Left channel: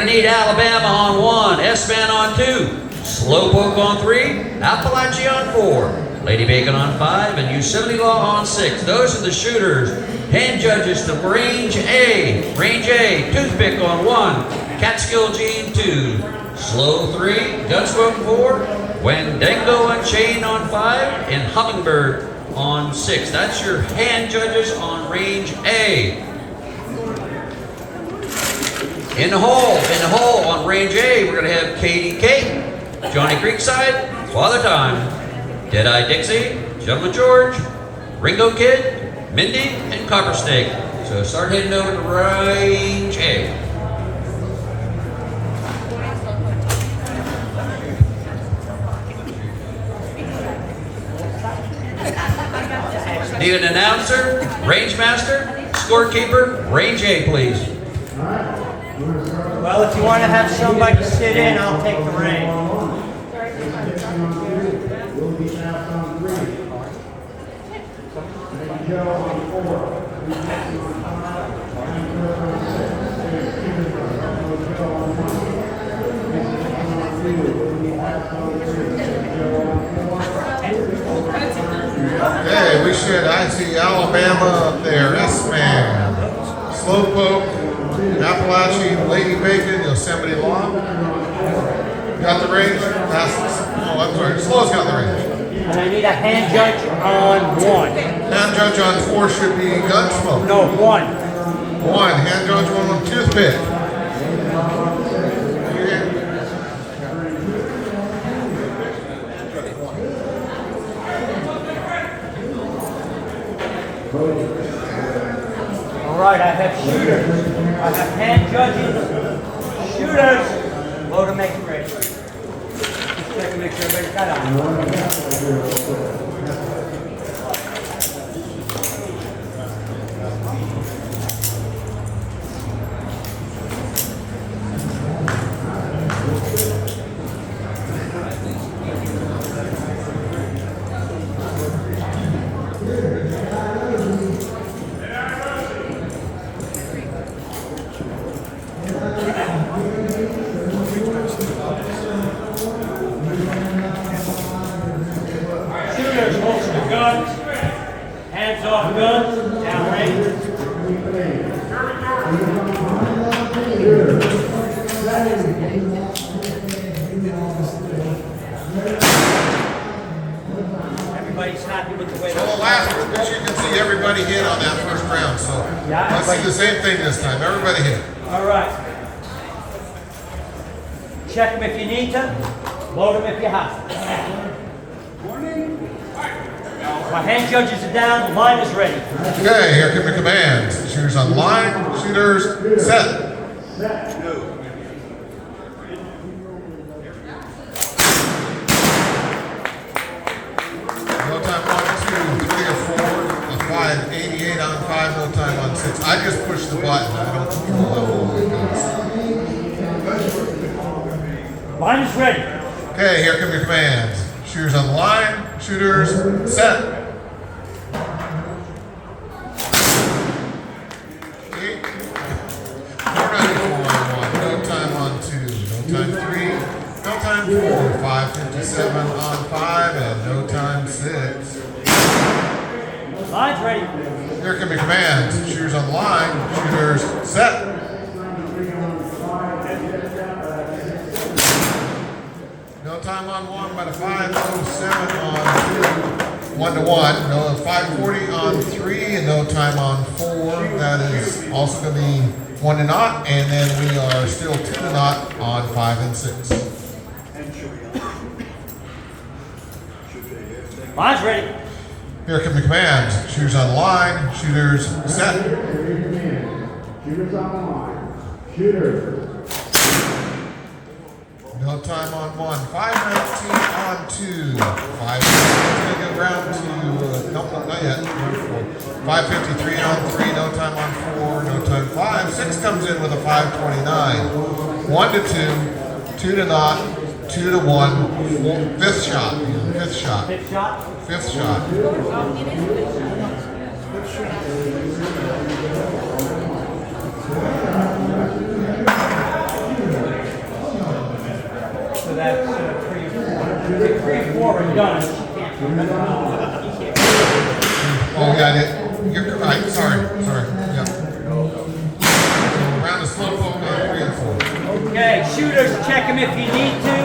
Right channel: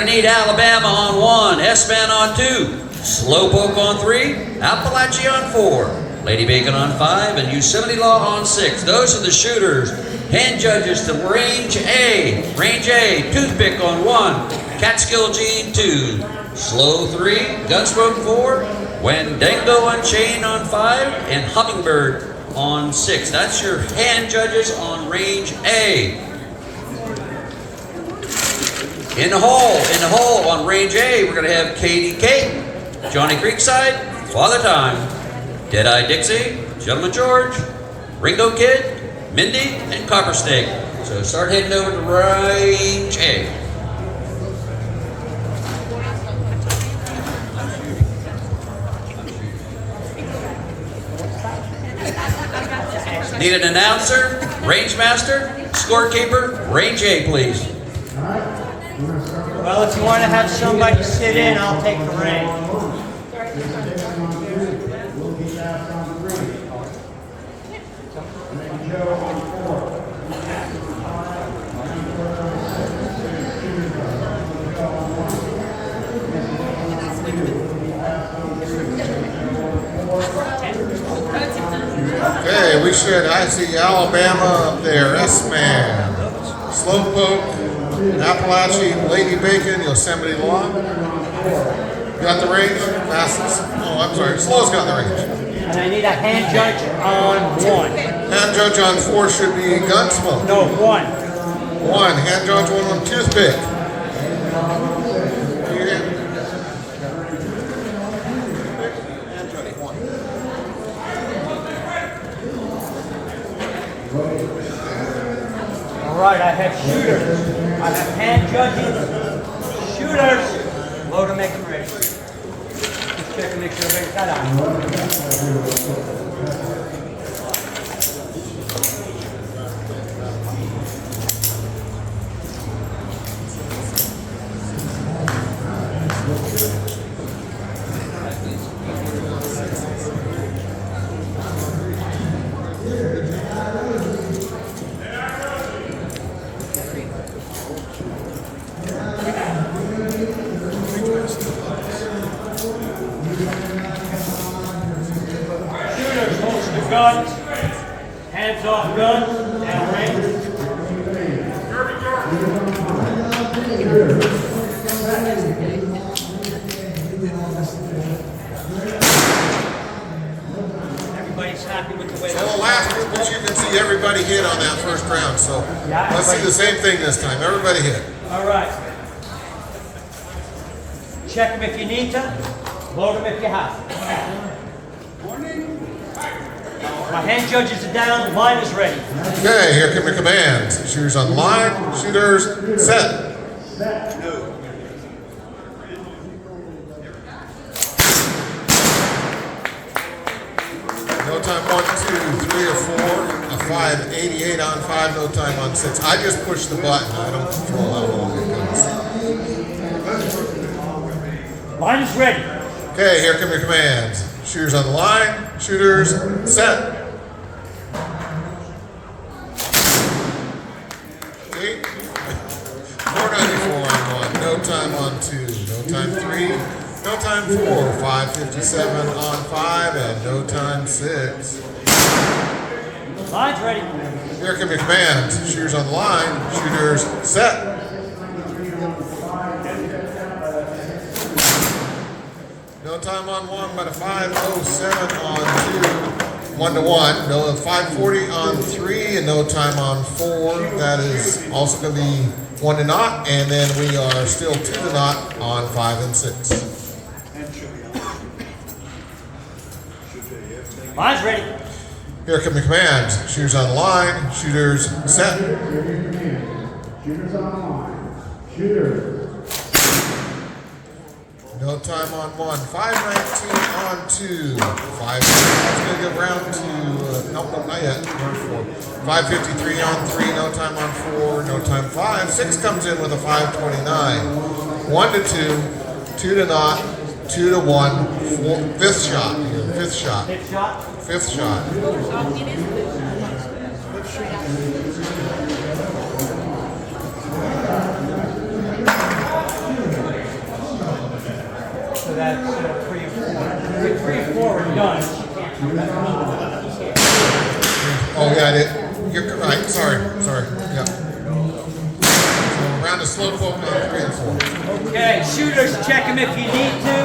going to need Alabama on 1, S-Man on 2, Slowpoke on 3, Appalachia on 4, Lady Bacon on 5, and Yosemite Law on 6. Those are the shooters. Hand judges to Range A. Range A, Toothpick on 1, Catskill Gene 2, Slow 3, Gunsmoke 4, Wendango Unchained on 5, and Hummingbird on 6. That's your hand judges on Range A. In the hole on Range A, we're going to have Katie Kate, Johnny Creekside, Father Time, Deadeye Dixie, Gentleman George, Ringo Kid, Mindy, and Copper Snake. So start heading over to Range A. Need an announcer, range master, scorekeeper, Range A, please. Well, if you want to have somebody sit in, I'll take the reins. Okay, we should. I see Alabama up there, S-Man, Slowpoke, Appalachia, Lady Bacon, Yosemite Law. Got the range? Fastest. Oh, I'm sorry. Slow's got the range. And I need a hand judge on 1. Hand judge on 4 should be Gunsmoke. No, 1. 1. Hand judge on Toothpick. All right, I have shooters. I have hand judges. Shooters. Load and make them ready. Just check and make sure everybody's got on. Shooters, holster the guns. Hands off guns. Down range. Everybody's happy with the way Well, last one, but you can see everybody hit on that first round, so Yeah, I see the same thing this time. Everybody hit. All right. Check them if you need to. Load them if you have to. My hand judges are down. Line is ready. Okay, here come the commands. Shooters on line. Shooters set. No time on 2, 3 or 4. A 588 on 5. No time on 6. I just push the button. I don't control how long it goes. Line is ready. Okay, here come the commands. Shooters on the line. Shooters set. 8. 494 on 1. No time on 2. No time 3. No time 4. 557 on 5. And no time 6. Line's ready. Here come your commands. Shooters on the line. Shooters set. No time on 1, but a 507 on 2. 1 to 1. No 540 on 3, and no time on 4. That is also going to be 1 to 0, and then we are still 2 to 0 on 5 and 6. Line's ready. Here come the commands. Shooters on the line. Shooters set. Shooters on the line. Shooters. No time on 1. 519 on 2. 5. Going to get round to, no, not yet. 553 on 3. No time on 4. No time 5. 6 comes in with a 529. 1 to 2. 2 to 0. 2 to 1. 5th shot. 5th shot. Hip shot. 5th shot. that's 3 and 4. 3 and 4 are done. Oh, got it. You're right. Sorry. Yeah. Round of slow poke on 3 and 4. Okay, shooters, check them if you need to.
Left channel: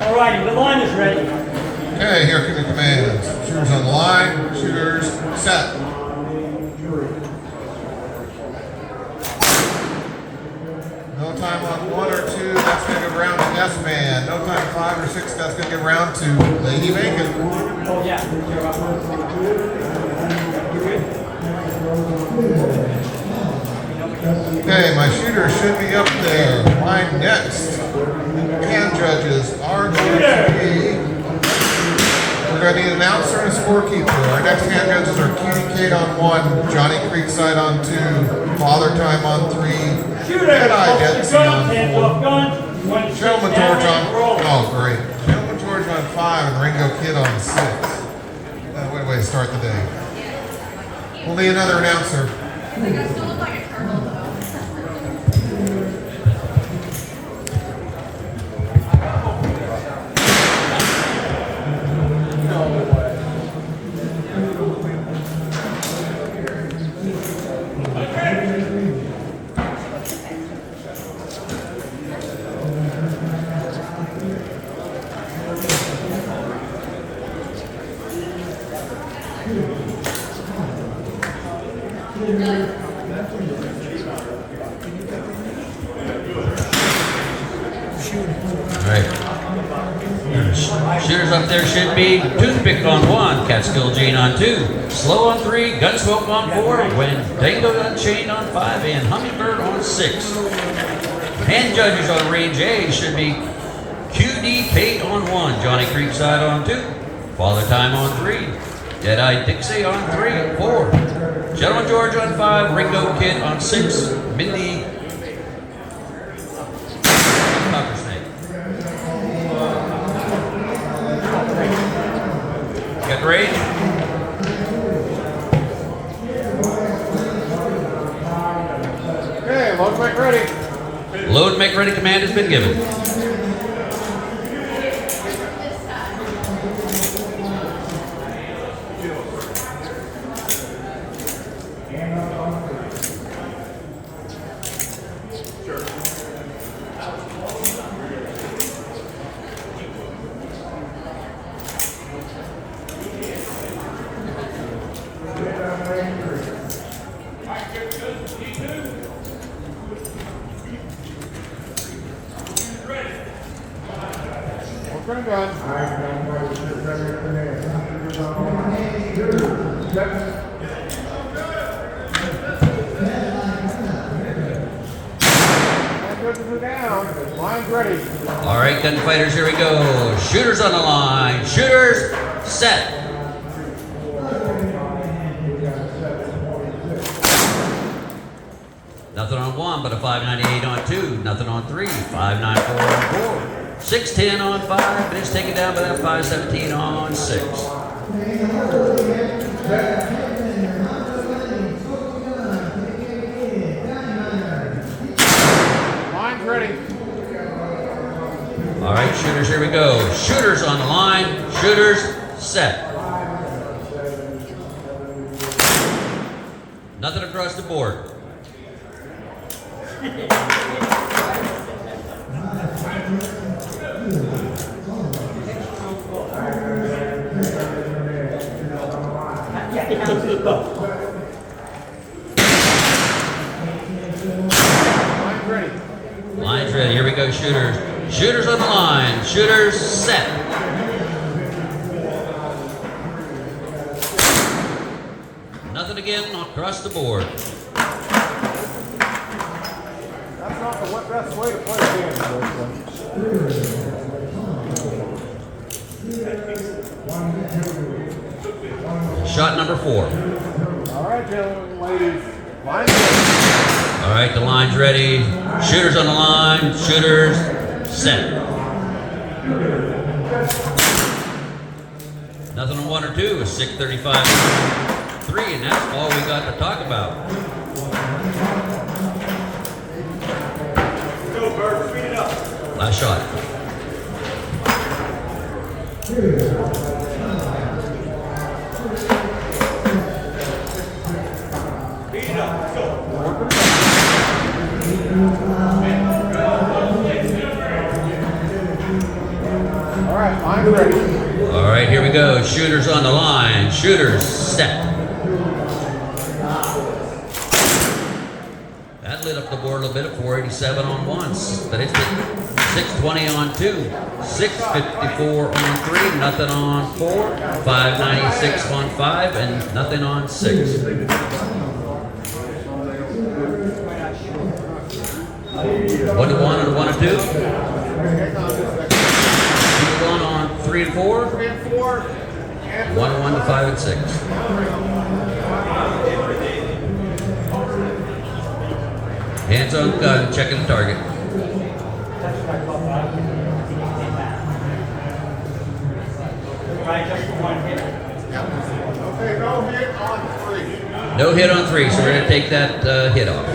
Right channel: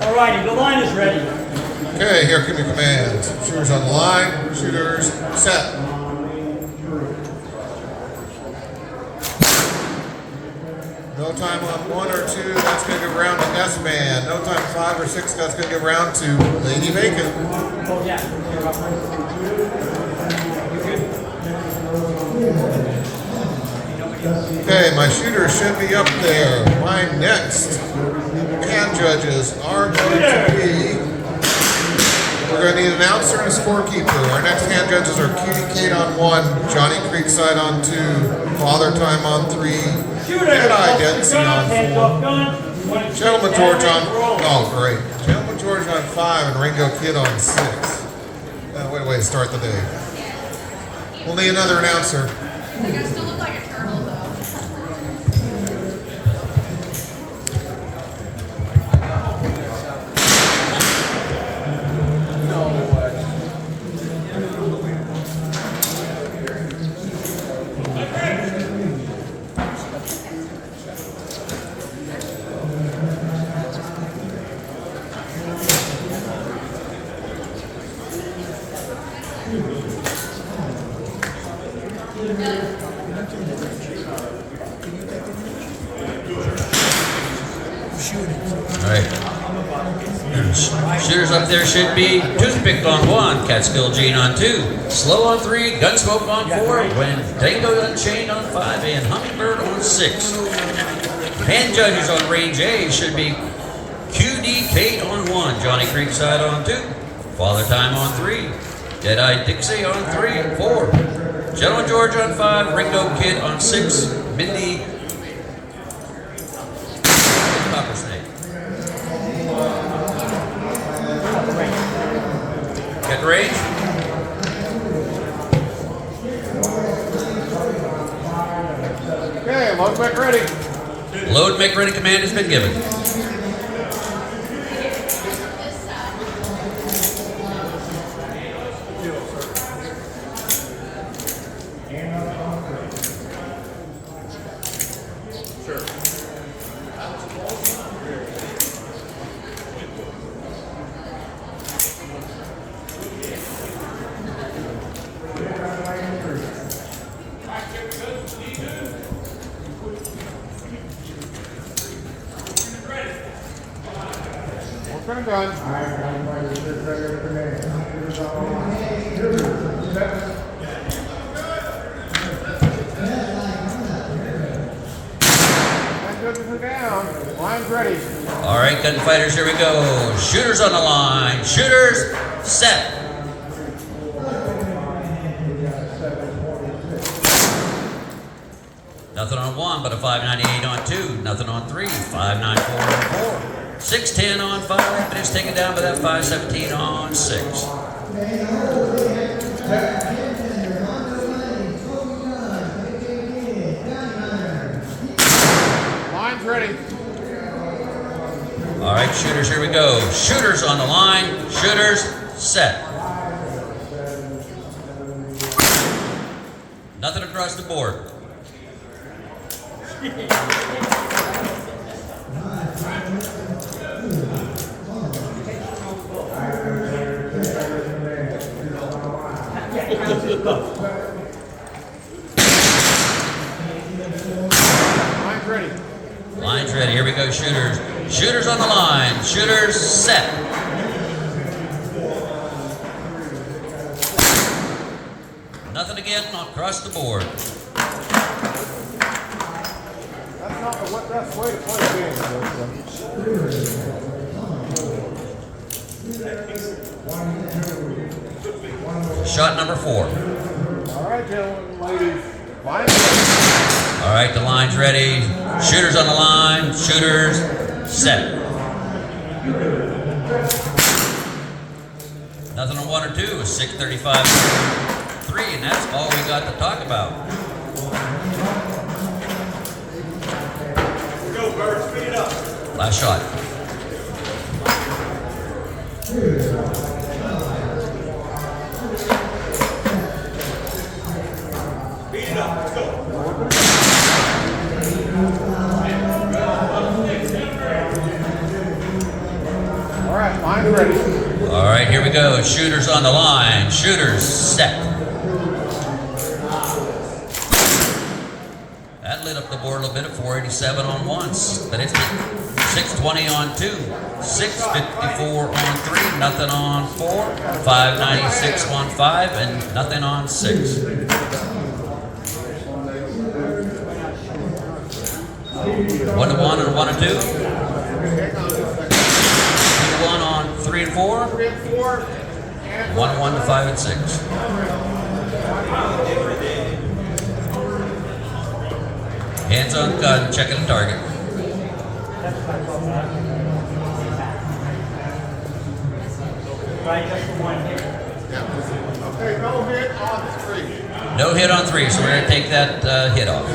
All righty, the line is ready. Okay, here come your commands. Shooters on the line. Shooters set. No time on 1 or 2. That's going to go round to S-Man. No time 5 or 6. That's going to get round to Lady Bacon. Oh, yeah. You're good. Okay, my shooter should be up there. My next hand judges are going to be. We're going to need an announcer and a scorekeeper. Our next hand judges are Cutie Kate on 1, Johnny Creekside on 2, Father Time on 3, Shooter, and I hold did the gun, hands off gun. Gentleman George on. Oh, great. Gentleman George on 5 and Ringo Kid on 6. What a way to start the day. We'll need another announcer. You guys still look like a turtle, though. No way. Shooters up there should be Toothpick on 1, Catskill Jane on 2, Slow on 3, Gunsmoke on 4, Wendango Unchained on 5, and Hummingbird on 6. Hand judges on range A should be QD Pate on 1, Johnny Creekside on 2, Father Time on 3, Deadeye Dixie on 3 and 4, Gentleman George on 5, Ringo Kid on 6, Mindy Got range. Okay, load back ready. Load make ready command has been given. Working a gun. Down. Line's ready. All right, gunfighters, here we go. Shooters on the line. Shooters, set. Nothing on 1, but a 598 on 2. Nothing on 3, 594 on 4. 610 on 5, and it's taken down to that 517 on 6. Line's ready. All right, shooters, here we go. Shooters on the line. Shooters, set. Nothing across the board. Line's ready. Line's ready. Here we go, shooters. Shooters on the line. Shooters, set. Nothing again across the board. That's not the best way to play a game. Shot number 4. All right, gentlemen, ladies. Line's ready. All right, the line's ready. Shooters on the line. Shooters, set. Nothing on 1 or 2. A 635 3, and that's all we got to talk about. All right, line ready. All right, here we go. Shooters on the line. Shooters set. That lit up the board a little bit at 487 on ones. But it's 620 on two. 654 on three. Nothing on four. 596 on five. And nothing on six. 1 to 1 and 1 to 2. Hang on just a second. 2 to 1 on 3 and 4. 3 and 4. And 1 to 1 to 5 and 6. Hands on gun, checking the target. That's what I thought, but I don't think it came back. Try just for one hit. okay, no hit on 3. No hit on 3, so we're going to take that hit off.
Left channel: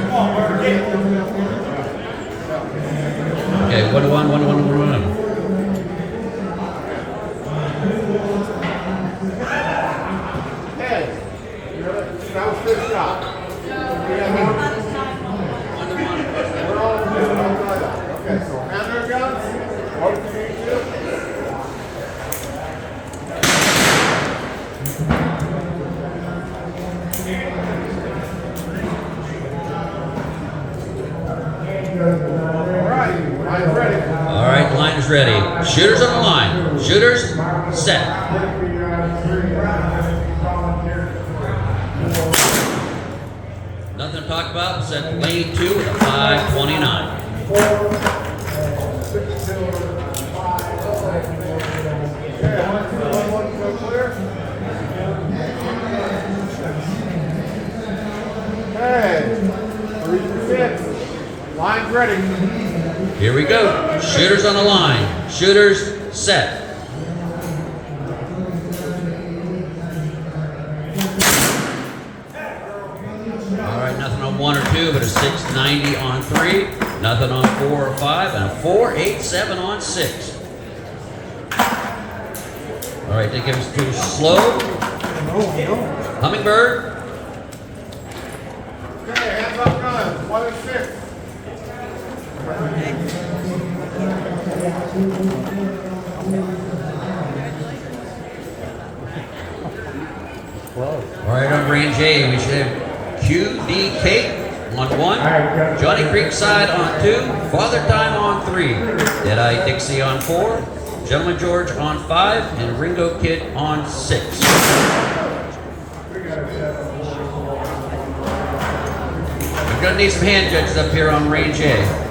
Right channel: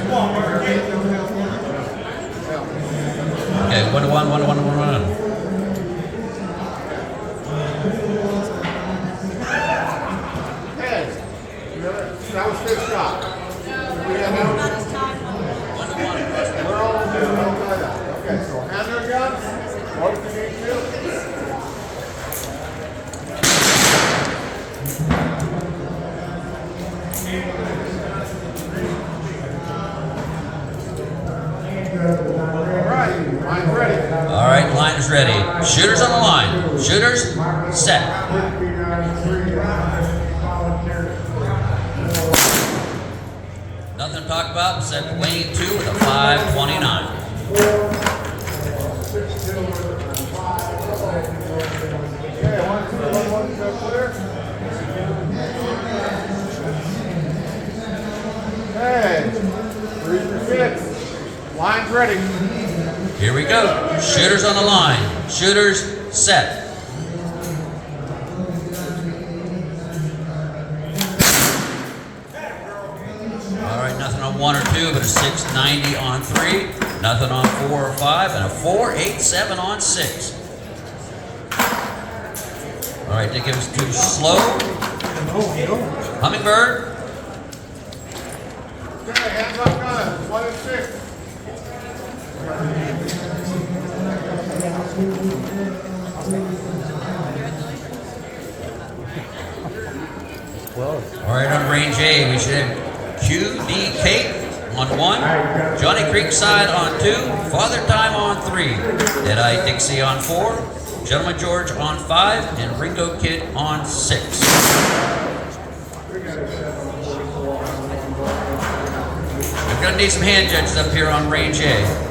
Okay, 1 to 1, 1 to 1 to 1. Hey, that was his shot. We're all tied up. Okay, so hand our guns. What do you need to do? All right, line's ready. All right, line is ready. Shooters on the line. Shooters, set. Nothing to talk about, second lane 2 with a 529. Okay, 1, 2, 1, 1, so clear. Hey, 3 through 6. Line's ready. Here we go. Shooters on the line. Shooters, set. All right, nothing on 1 or 2, but a 690 on 3. Nothing on 4 or 5, and a 487 on 6. All right, that gives us 2 slow. Hummingbird. Okay, hands up guns. 1 and 6. All right, on range A, we should have QD Cake on 1, Johnny Creekside on 2, Father Time on 3, Deadeye Dixie on 4, Gentleman George on 5, and Ringo Kid on 6. We're going to need some hand judges up here on range A.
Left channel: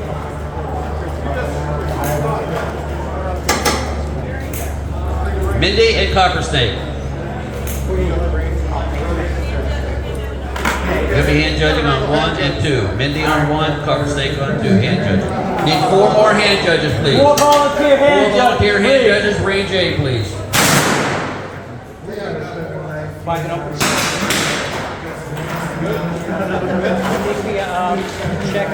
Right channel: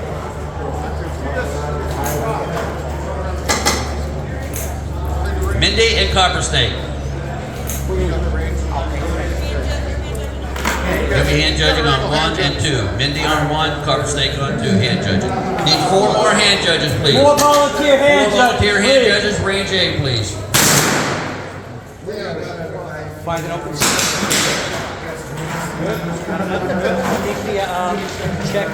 Mindy and Copper Snake. We'll be hand judging on 1 and 2. Mindy on 1, Copper Snake on 2. Hand judging. Need 4 more hand judges, please. 4 volunteer hand 4 volunteer judges, hand please. judges, range A, please. Find it up. Check.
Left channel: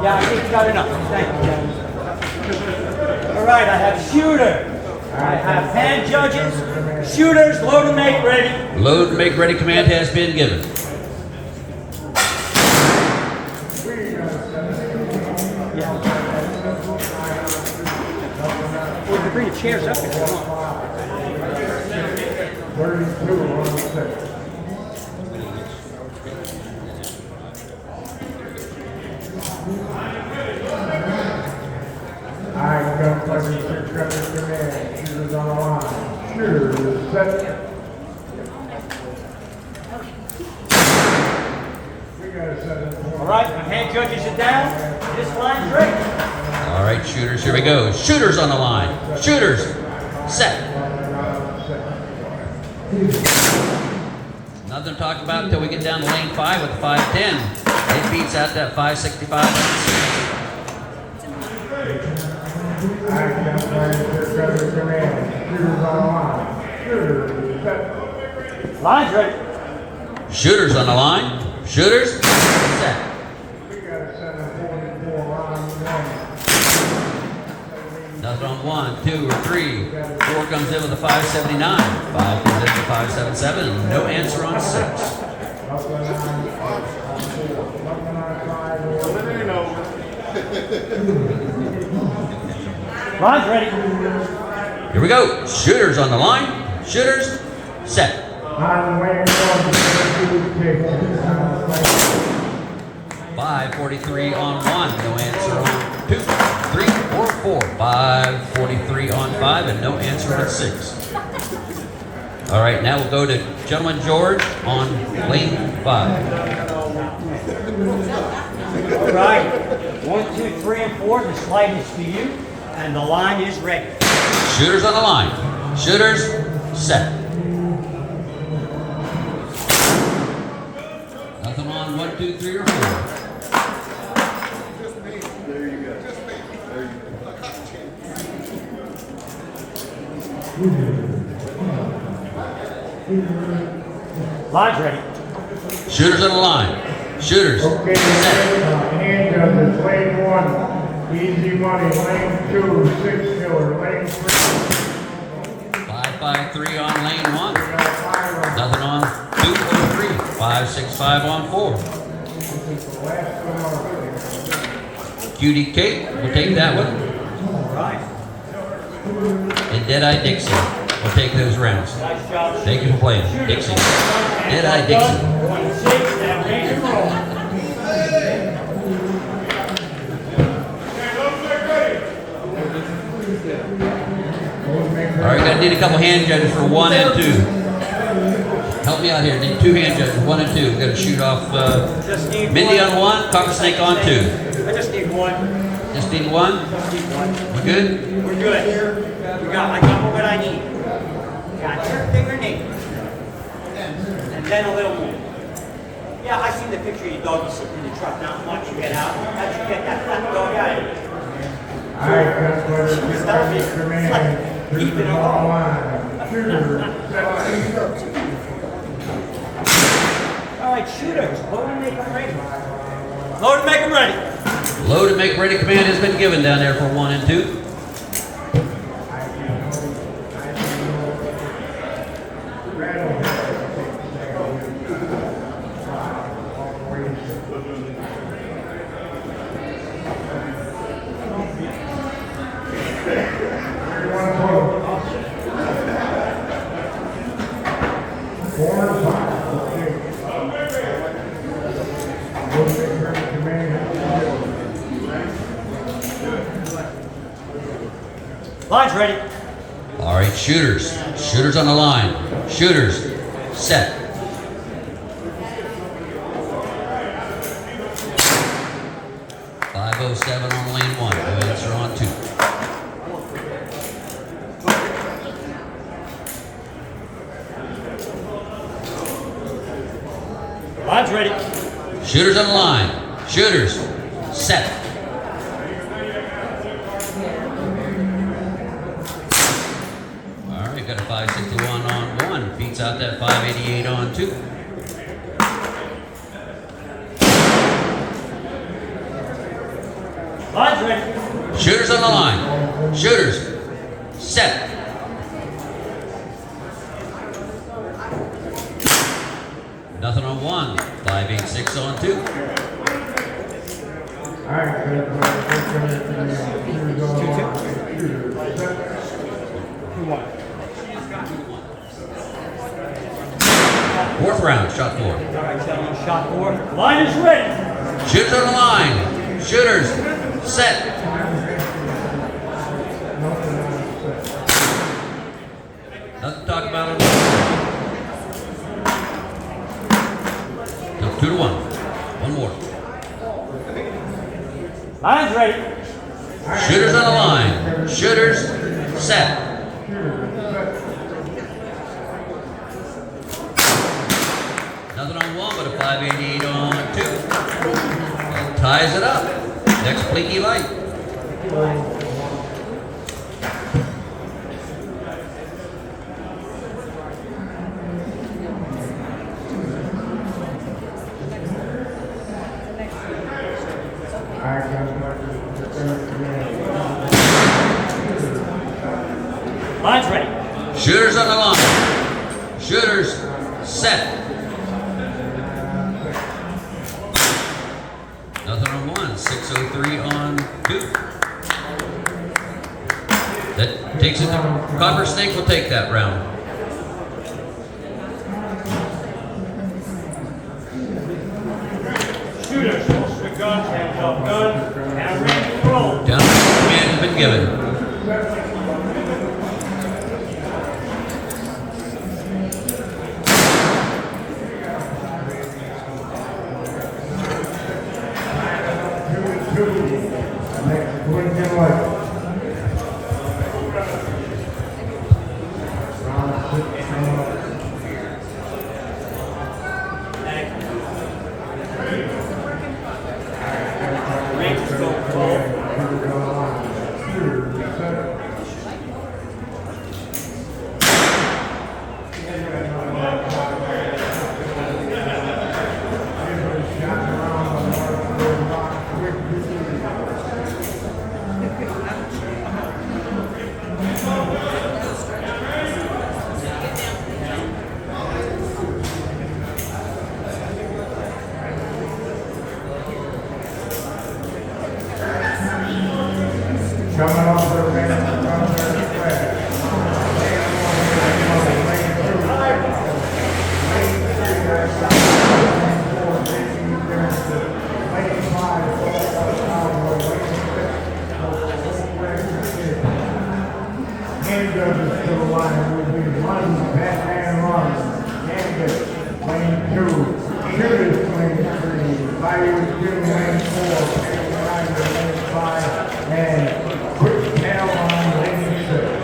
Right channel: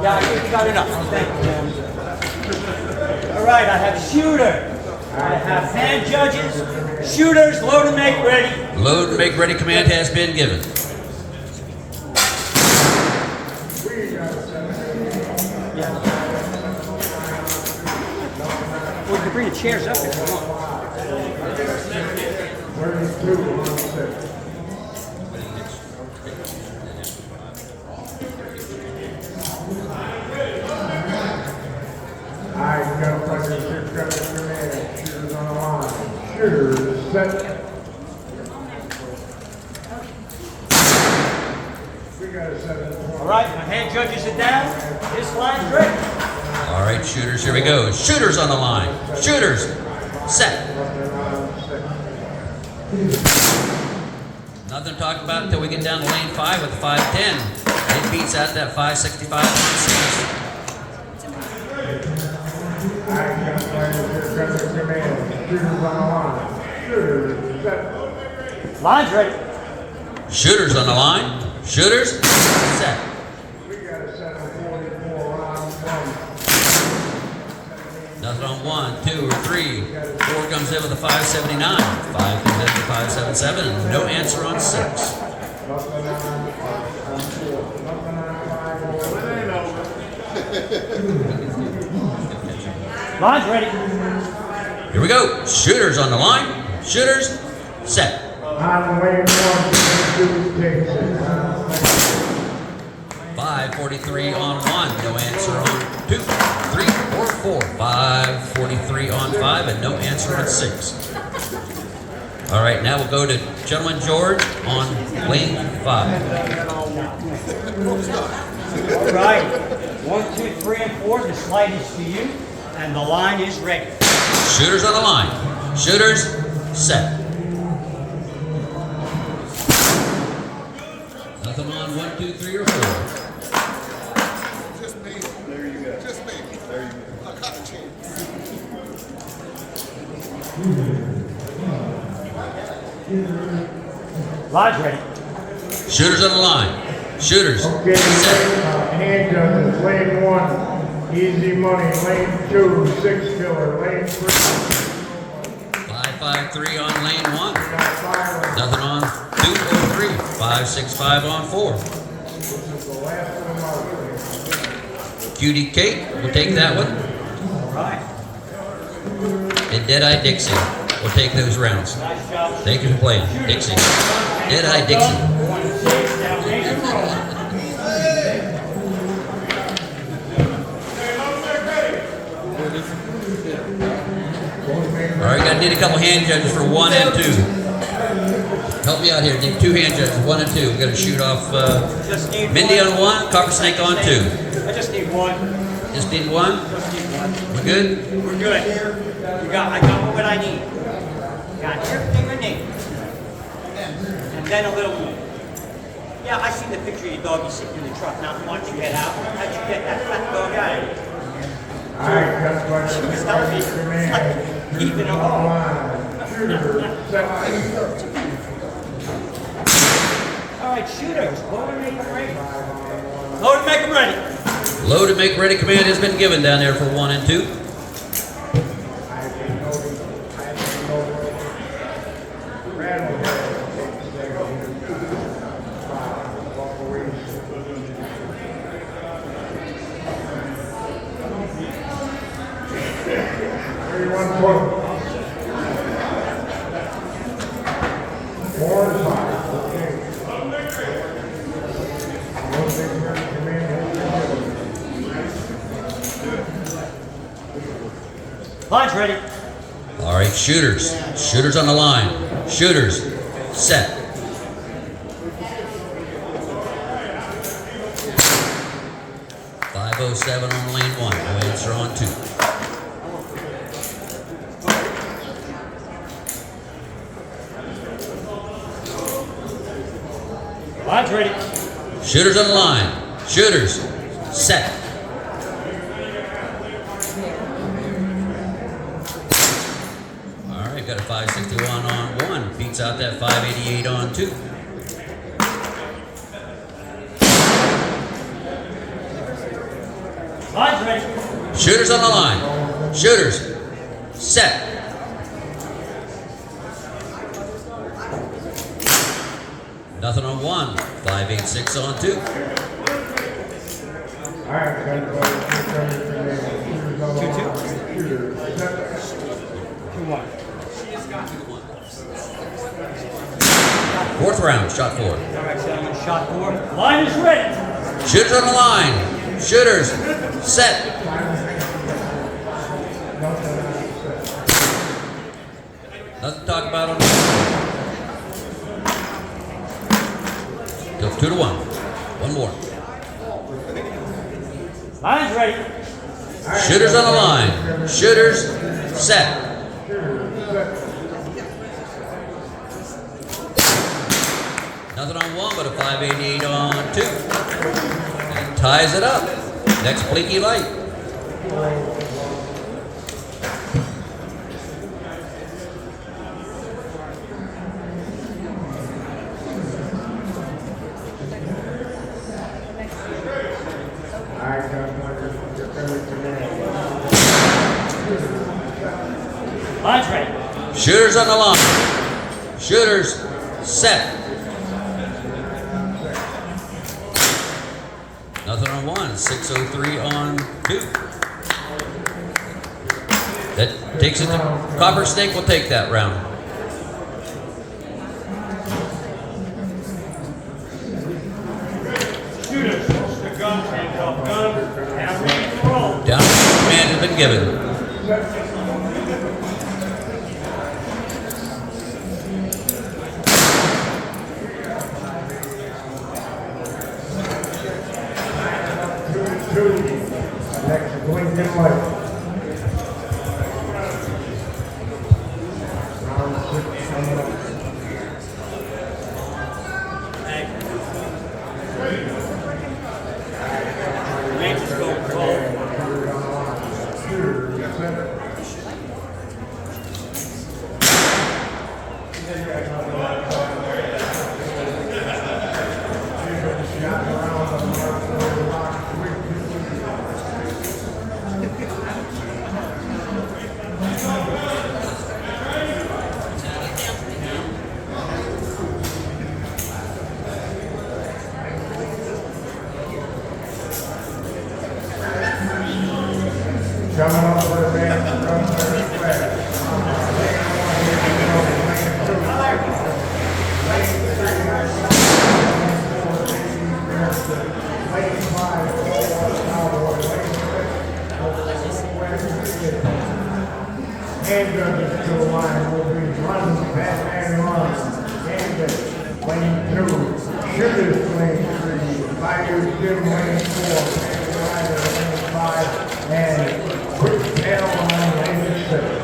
Yeah, I think you got enough. Thank you, John. All right, I have shooter. I have hand judges. Shooters, load and make ready. Load and make ready command has been given. Or you can bring the chairs up if you want. All right, my hand judges are down. This line's ready. All right, shooters, here we go. Shooters on the line. Shooters, set. Nothing to talk about until we get down to lane 5 with 510. It beats out that 565 on 6. Line's ready. Shooters on the line. Shooters, set. Nothing on 1, 2, or 3, 4, 4 comes in with a 579. 5 comes in with a 577. No answer on 6. Line's ready. Here we go. Shooters on the line. Shooters, set. On lane 1, 543 on 1. No answer on 2, 3, or 4. 543 on 5 and no answer on 6. All right, now we'll go to Gentleman George on lane 5. All right. 1, 2, 3, and 4. The slide is for you, and the line is ready. Shooters on the line. Shooters, set. Nothing on 1, 2, 3, or 4. Just me. There you go. Just me. There you go. Line's ready. Shooters on the line. Shooters, Okay, set. hand judges, lane 1, easy money, lane 2, 6 killer, lane 3. 553 on lane 1. Nothing on 2 or 3. 565 on 4. Cutie Kate will take that one. All right. And Deadeye Dixie will take those rounds. Nice job. They can play Dixie. Deadeye Dixie. 1 and 6. Now ready to roll. All right, gonna need a couple hand judges for 1 and 2. Help me out here. Need 2 hand judges, 1 and 2. We're gonna shoot off Just need Mindy one. on 1, Cocker Snake on 2. I just need one. Just need 1. Just need one. You good? We're good. I got what I need. Got everything I need. And then a little more. Yeah, I seen the picture of your doggy sitting in the truck not wanting to get out. How'd you get that fat dog out of here? She was telling me, it's like keeping along. All right, shooters, load and make them ready. Load and make them ready. Load and make ready command has been given down there for 1 and 2. Line's ready. All right, shooters. Shooters on the line. Shooters, set. .507 on lane 1. No answer on 2. Line's ready. Shooters on the line. Shooters, set. All right, got a 561 on 1. Beats out that 588 on 2. Line's ready. Shooters on the line. Shooters, set. Nothing on 1. 586 on 2. Fourth round, shot 4. All right, gentlemen, shot 4. Line is ready. Shooters on the line. Shooters, set. Nothing to talk about on this. It's 2 to 1. One more. Line's ready. Shooters on the line. Shooters, set. Nothing on 1 but a 588 on 2. And ties it up. Next blinky light. Line's ready. set. Nothing on 1, 603 on 2. That takes it to Copper Snake will take that round. Shooters, holster the gun, hands off gun, now ready to roll. Down command has been given. Next, Lincoln White. Range is going 12. Coming off the ramp, from third class. Handguns to the line will be one Batman one, and lane 2, shooters lane 3, fire 2 lane 4, and rider lane 5, and quick tail on lane 6.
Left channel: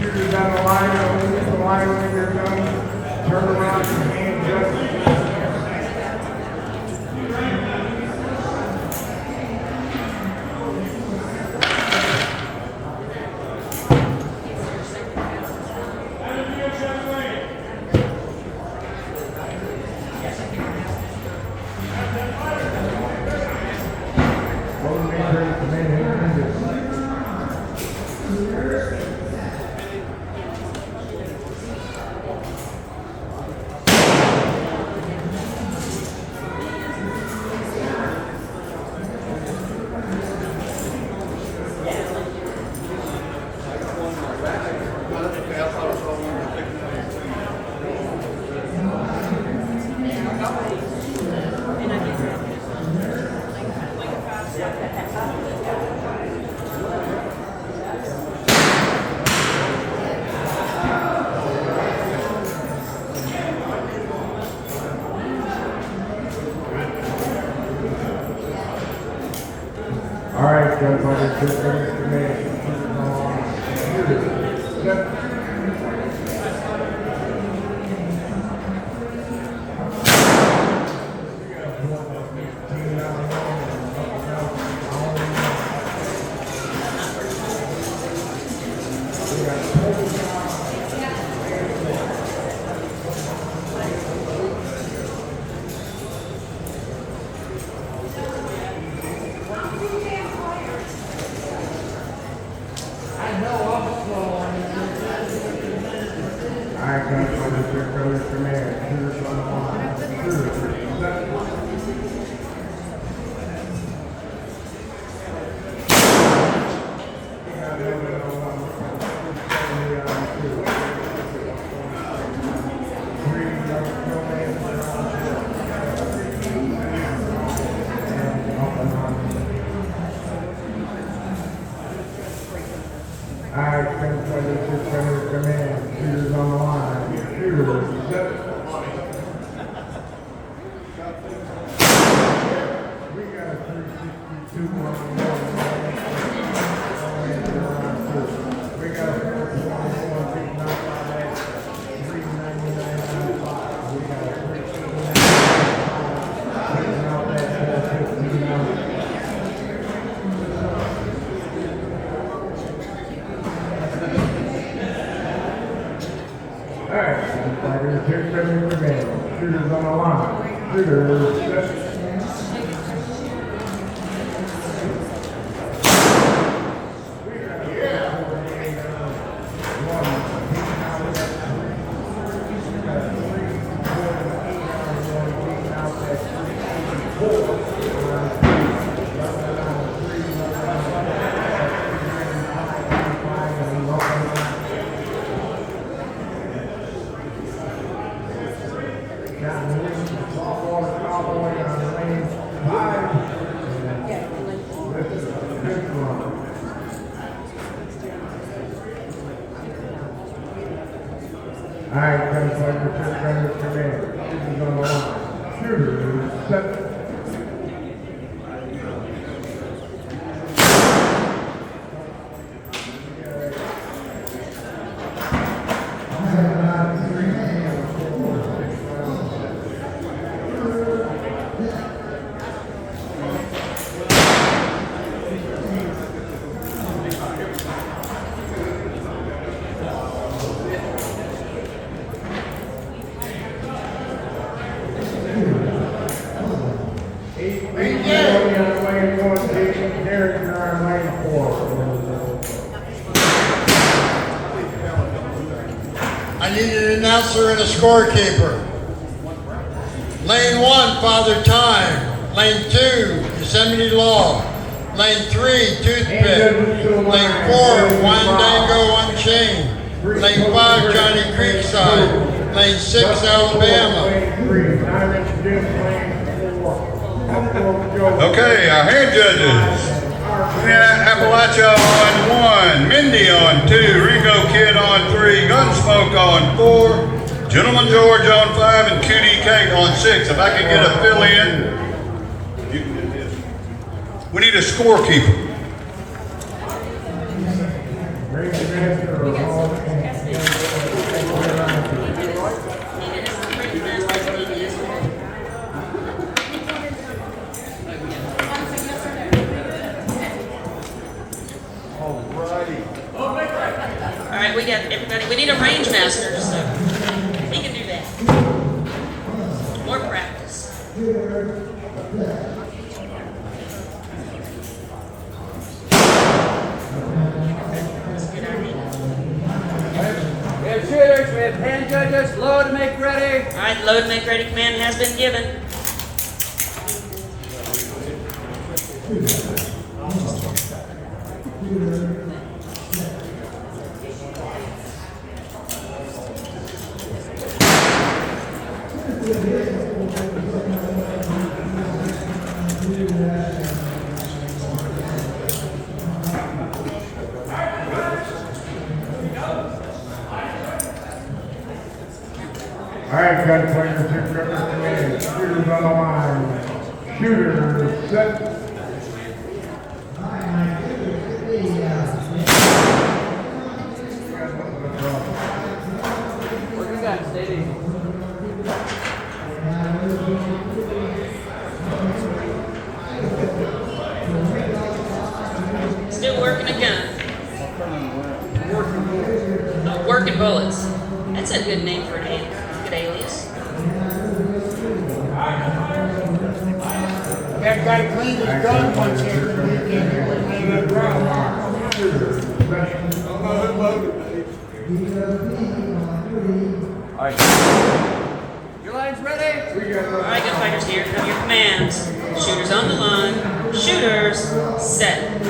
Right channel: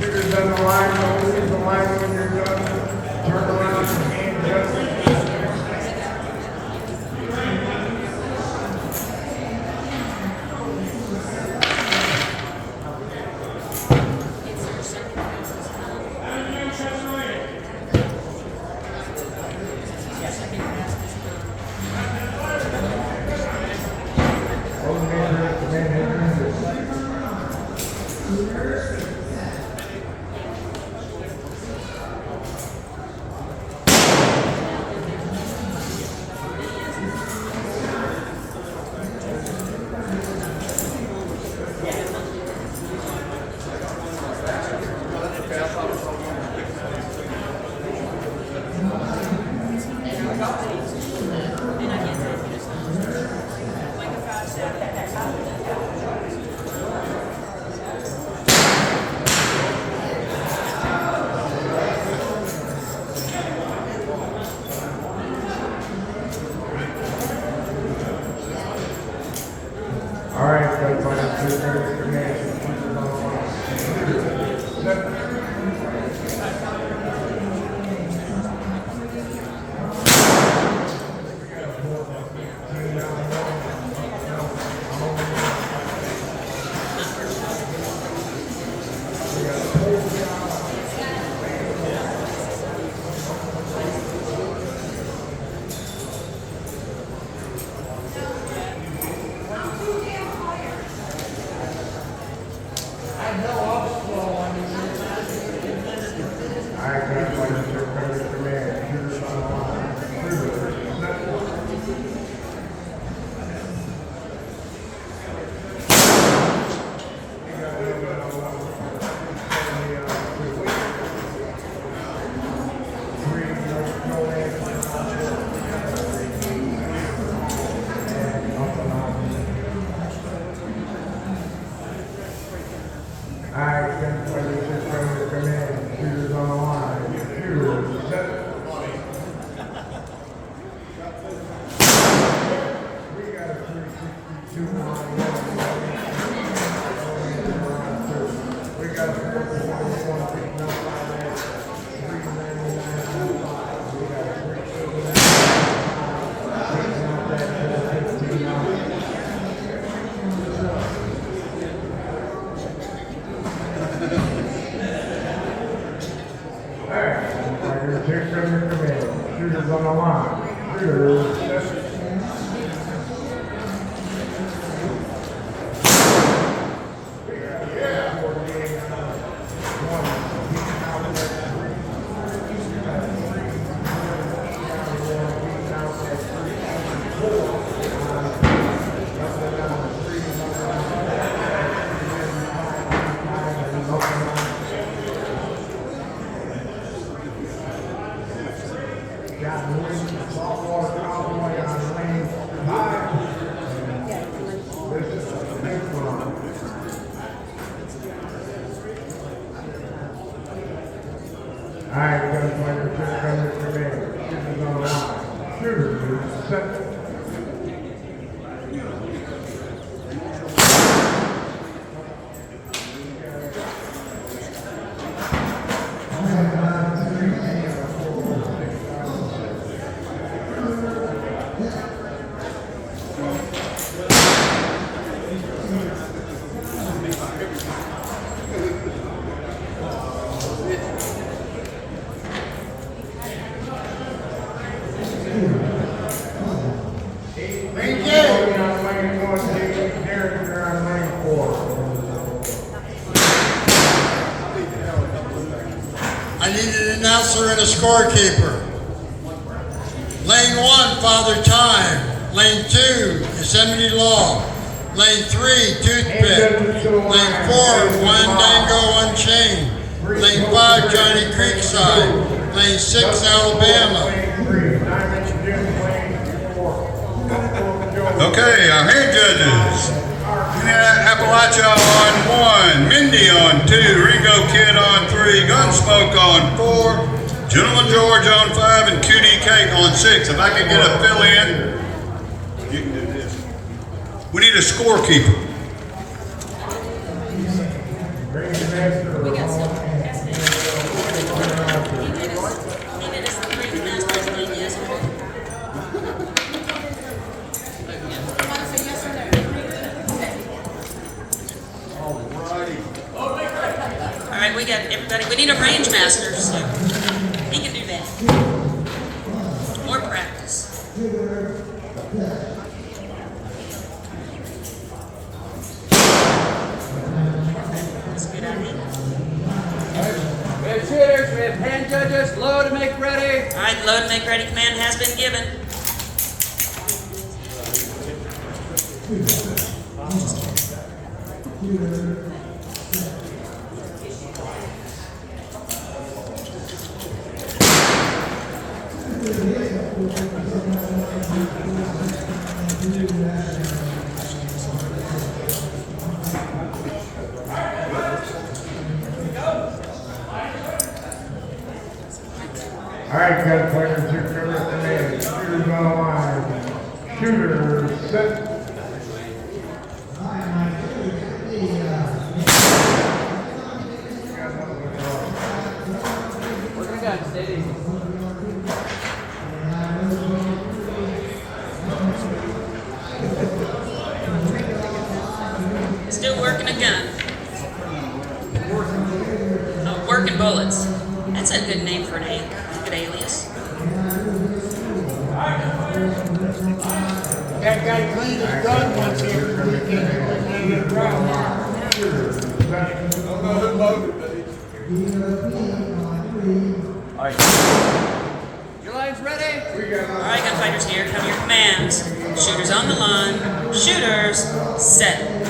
Shooters on the line, move the line when you're done. Turn around and hand up. All right, the scorekeeper. Lane 1, Father Time. Lane 2, Yosemite Law. Lane 3, Toothpick. Lane 4, Wandango Unchained. Lane 5, Johnny Creekside. Lane 6, Alabama. Okay, our hand judges. Appalachia on 1, Mindy on 2, Ringo Kid on 3, Gunsmoke on 4, Gentleman George on 5, and Cutie Kate on 6. If I could get a fill-in, you can do this. We need a scorekeeper. Alright, we got everybody. We need a range master, so he can do that. More practice. We have shooters, we have hand judges, load and make ready. Alright, load and make ready command has been given. All right, gunfighters, here comes the man. Shooters on the line. Shooters set. Working a gun, stay easy. Still working a gun. Working bullets. That's a good name for an good alias. That guy cleaned his gun once after he came in the ground. Alright. Your line's ready? Alright, gunfighters, here come your commands. Shooters on the line. Shooters, set.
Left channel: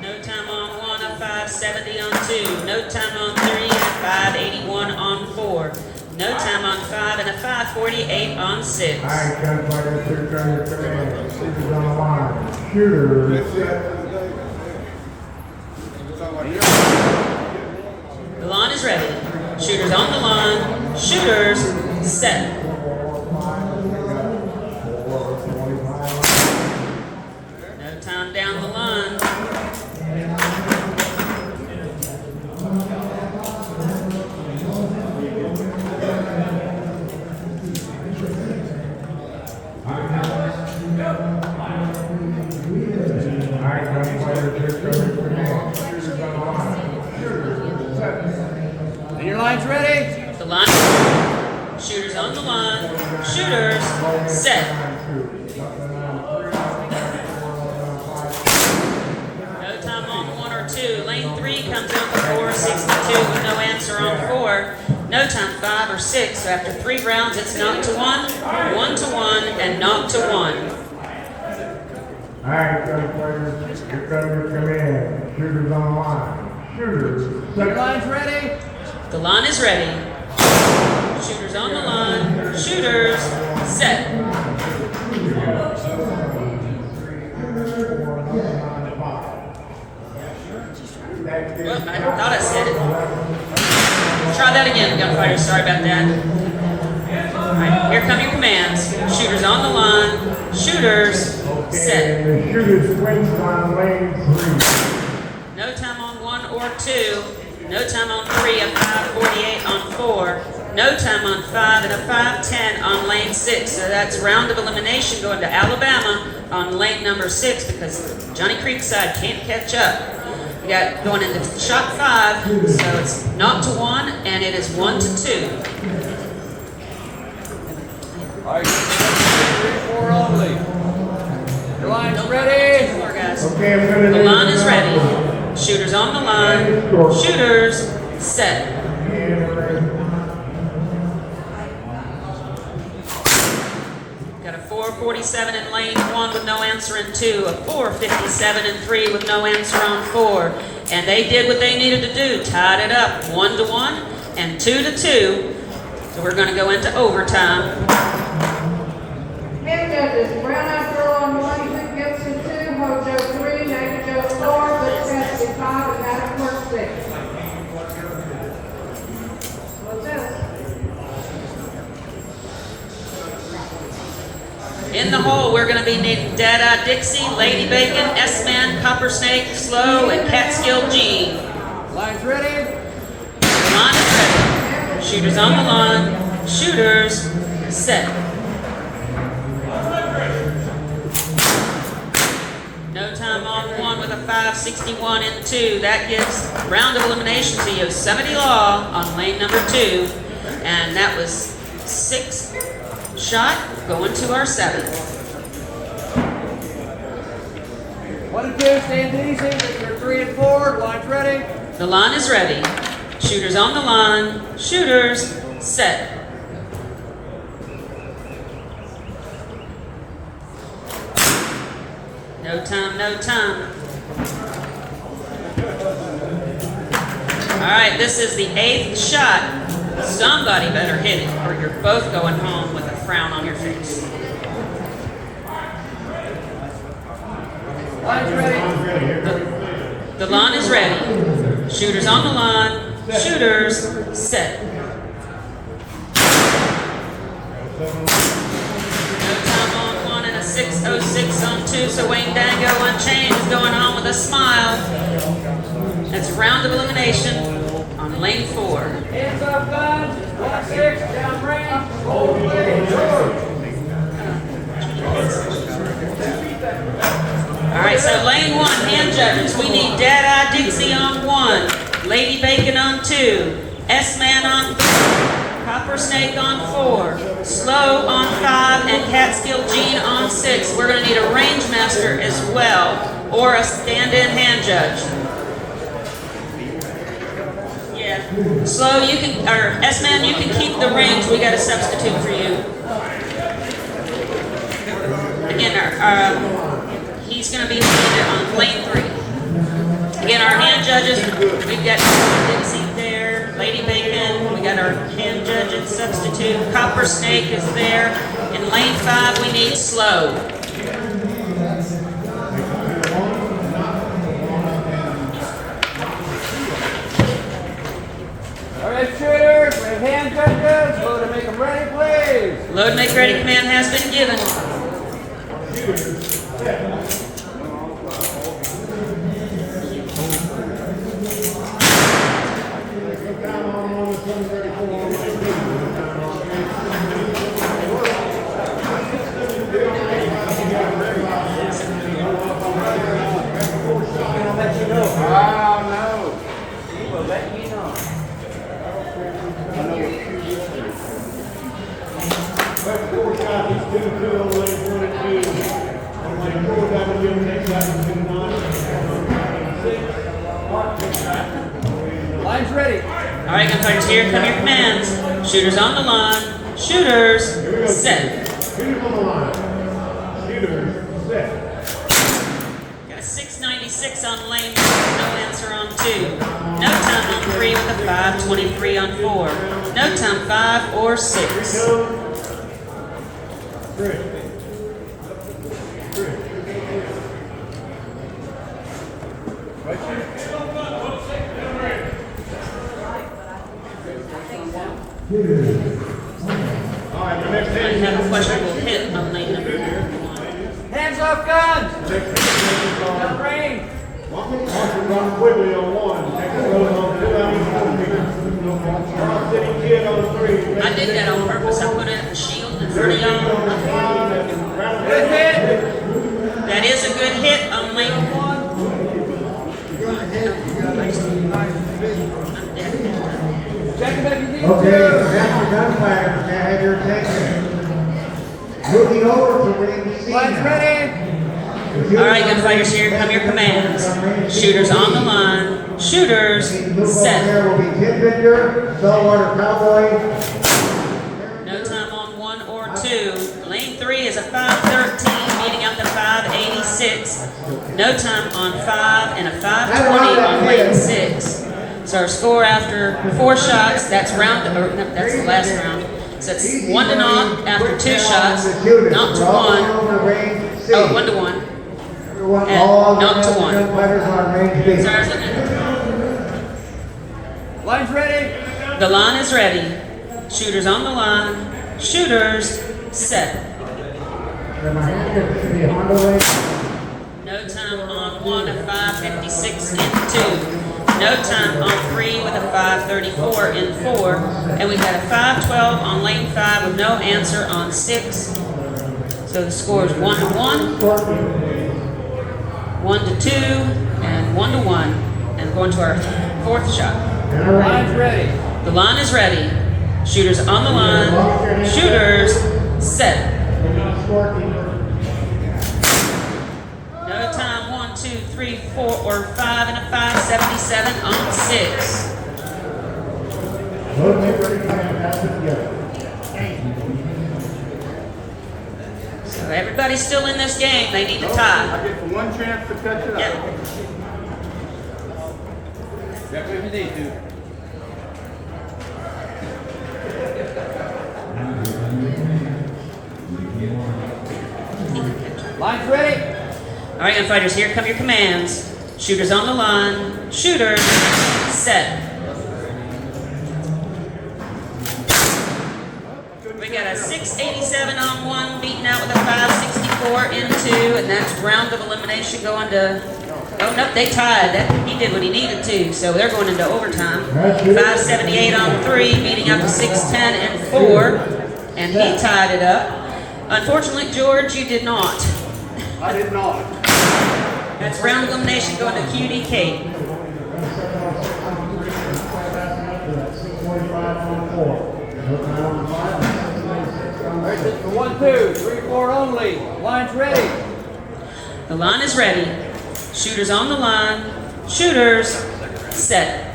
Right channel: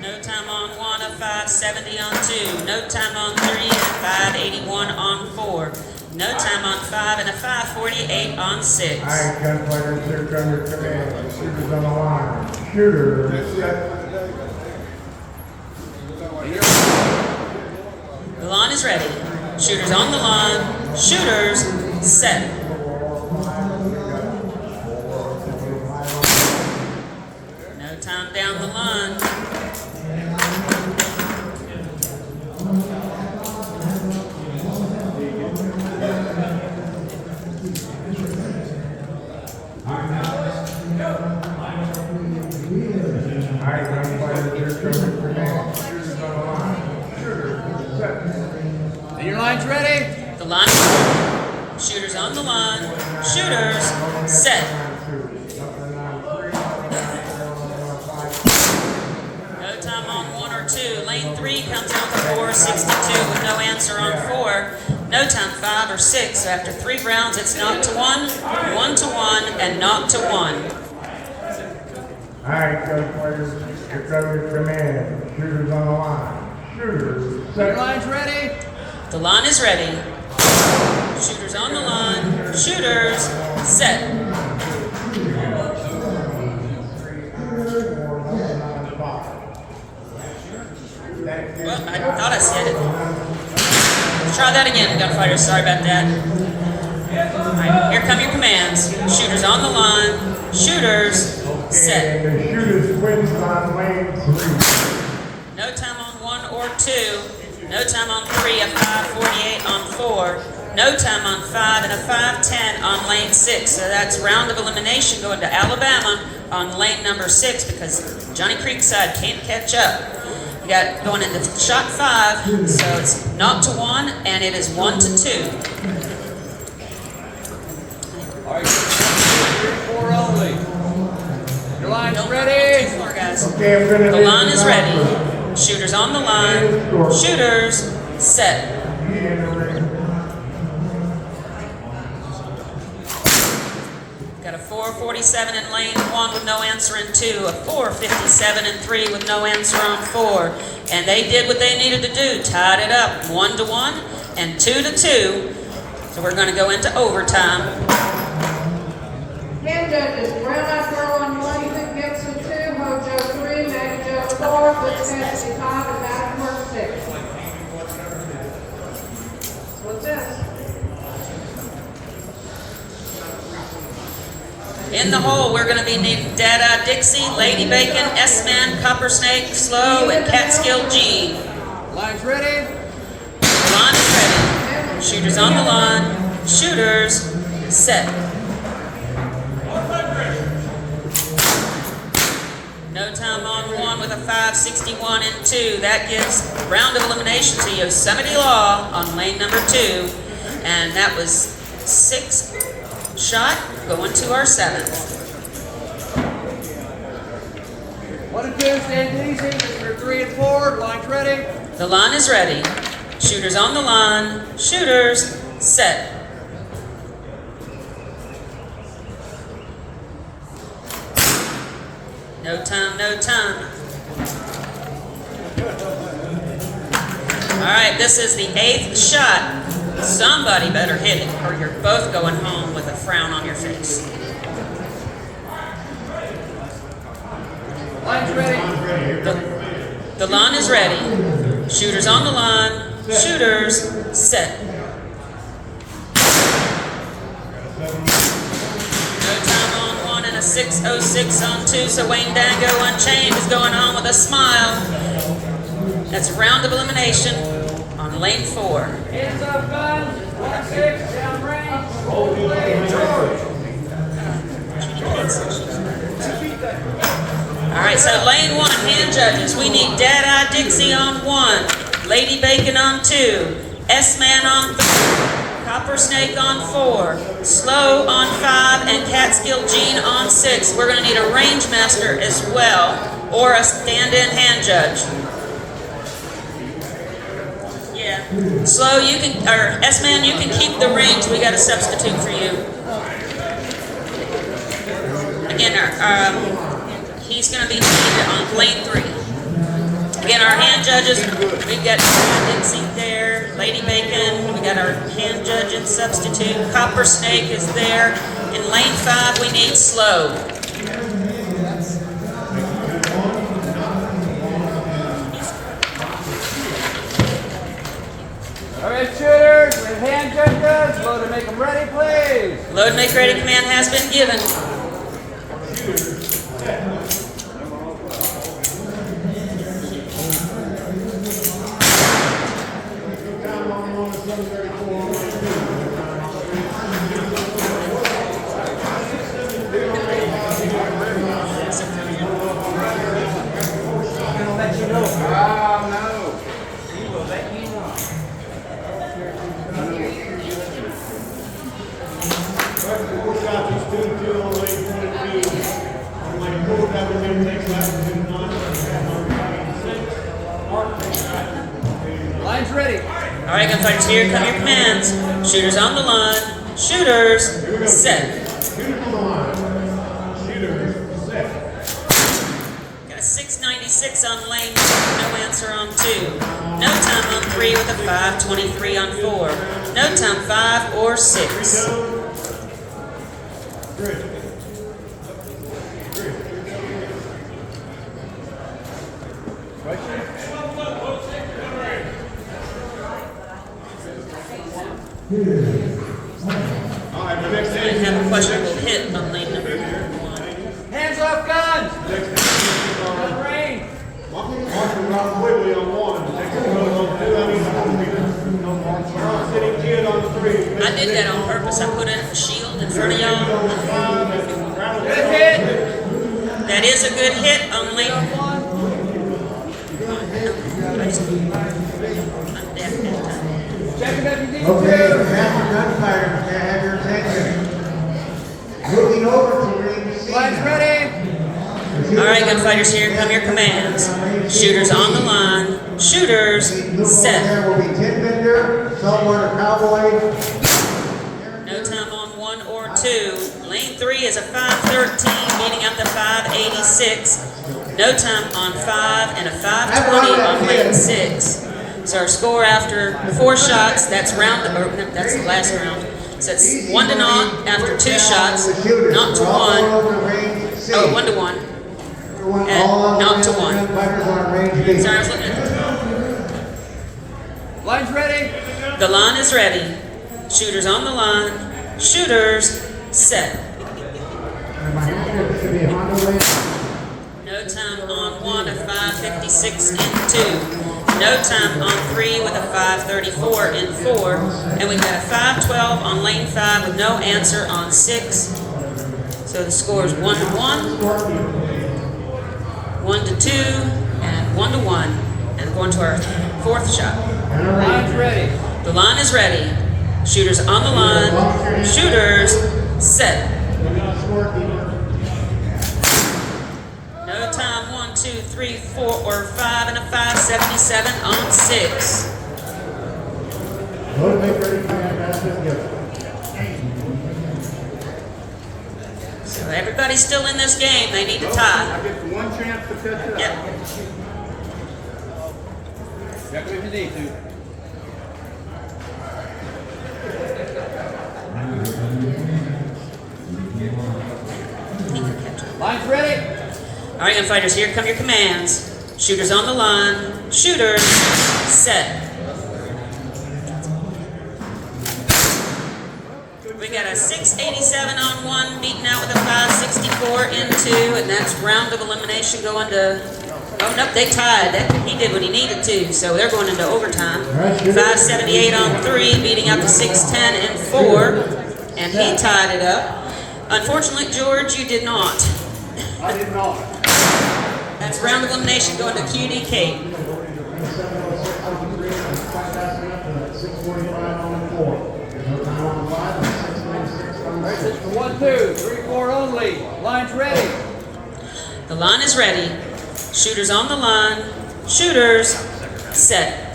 No time on 1, a 570 on 2. No time on 3, and a 581 on 4. No time on 5, and a 548 on 6. All right, gunfighters, here comes your command. Shooters on the line. Shooters set. The line is ready. Shooters on the line. Shooters, set. No time down the line. And your line's ready? The line. Shooters on the line. Shooters, set. No time on 1 or 2. Lane 3 comes out to 462 with no answer on 4. No time 5 or 6. So after 3 rounds, it's knocked to 1, 1 to 1, and knocked to 1. All right, gunfighters, here comes your command. Shooters on the line. Shooters And your set. line's ready? The line is ready. Shooters on the line. Shooters, set. Well, I thought I said it. Try that again, gunfighters. Sorry about that. All right, here come your commands. Shooters on the line. Shooters, set. And the shooters wins on lane 3. No time on 1 or 2. No time on 3, a 548 on 4. No time on 5 and a 510 on lane 6. So that's round of elimination going to Alabama on lane number 6 because Johnny Creekside can't catch up. We got going into shot 5, so it's knocked to 1 and it is 1 to 2. Alright, 3, 4 only. Your line's ready? Four guys. Okay, I'm gonna The line is ready. Shooters on the line. Shooters, set. Got a 447 in lane 1 with no answer in 2, a 457 in 3 with no answer on 4. And they did what they needed to do, tied it up 1-1 and 2-2. So we're going to go into overtime. Hand judges, Brown Eyed Girl on 1, Gibson 2, Mojo 3, Maggie Joe 4, Butch Cassidy 5, and Adam Work 6. What's this? In the hole, we're going to be needing Dada Dixie, Lady Bacon, S-Man, Copper Snake, Slow, and Catskill G. Lines ready. The line is ready. Shooters on the line. Shooters, set. No time on 1 with a 561 in 2. That gives round of elimination to Yosemite Law on lane number 2. And that was 6 shot going to our 7th. 1 and 2, stand easy. For 3 and 4, lines ready. The line is ready. Shooters on the line. Shooters, set. No time, no time. All right, this is the 8th shot. Somebody better hit it, or you're both going home with a frown on your face. Lines ready. The line is ready. Shooters on the line. Shooters, set. No time on 1 and a 606 on 2, so Wayne Dango Unchained is going on with a smile. That's round of elimination on lane 4. Hands up, guns. 1-6, down range. Roll play, George. All right, so lane 1, hand judges. We need Dada Dixie on 1, Lady Bacon on 2, S-Man on 3, Copper Snake on 4, Slow on 5, and Catskill Jean on 6. We're going to need a range master as well, or a stand-in hand judge. Yeah. Slow, you can, or S-Man, you can keep the range. We got a substitute for you. Again, he's going to be on lane 3. Again, our hand judges, we've got Dixie there, Lady Bacon, we got our hand judge and substitute, Copper Snake is there. In lane 5, we need Slow. All right, shooters, we have hand judges. Load to make them ready, please. Load make ready command has been given. Line's ready. All right, gunfighters, here come your commands. Shooters on the line. Shooters, set. Got a 696 on lane 1, no answer on 2. No time on 3 with a 523 on 4. No time 5 or 6. I have a questionable hit on lane number 1. Hands up, guns. Down range. I did that on purpose. I put a shield in front of y'all. Good hit. That is a good hit on lane 1. Check it if you need Okay, to. gunfire, can I have your attention? Moving over to ring C. Line's ready. All right, gunfighters, here come your commands. Shooters on the line. shooters, set. Will be Tin Bender, Saltwater Cowboy. No time on 1 or 2. Lane 3 is a 5:13, beating up to 5:86. No time on 5 and a 5:20 on lane 6. So our score after 4 shots, that's the last round. So it's 1 to 0 after 2 shots, not to 1. Oh, 1 to 1. And not to 1. Sorry, I was looking at Line's ready. the line is ready. Shooters on the line. Shooters set. No time on 1 of 5:56 in 2. No time on 3 with a 5:34 in 4. And we've got a 5:12 on lane 5 with no answer on 6. So the score is 1 to 1, 1 to 2, and 1 to 1. And we're going to our 4th shot. Line's ready. The line is ready. Shooters on the line. Shooters set. No time 1, 2, 3, 4, or 5 and a 5:77 on 6. So everybody's still in this game. They need to tie. I get the one chance to catch it up. Yep. Check if you need to. Line's ready. All right, gunfighters, here come your commands. Shooters on the line. Shooters set. We got a 687 on 1, beaten out with a 564 in 2, and that's round of elimination going to. Oh no, they tied. He did what he needed to, so they're going into overtime. 578 on 3, beating out the 610 and 4, and he tied it up. Unfortunately, George, you did not. I did not. That's round of elimination going to QD Kate. Alright, this for 1, 2, 3, 4 only. Line's ready. The line is ready. Shooters on the line. Shooters set.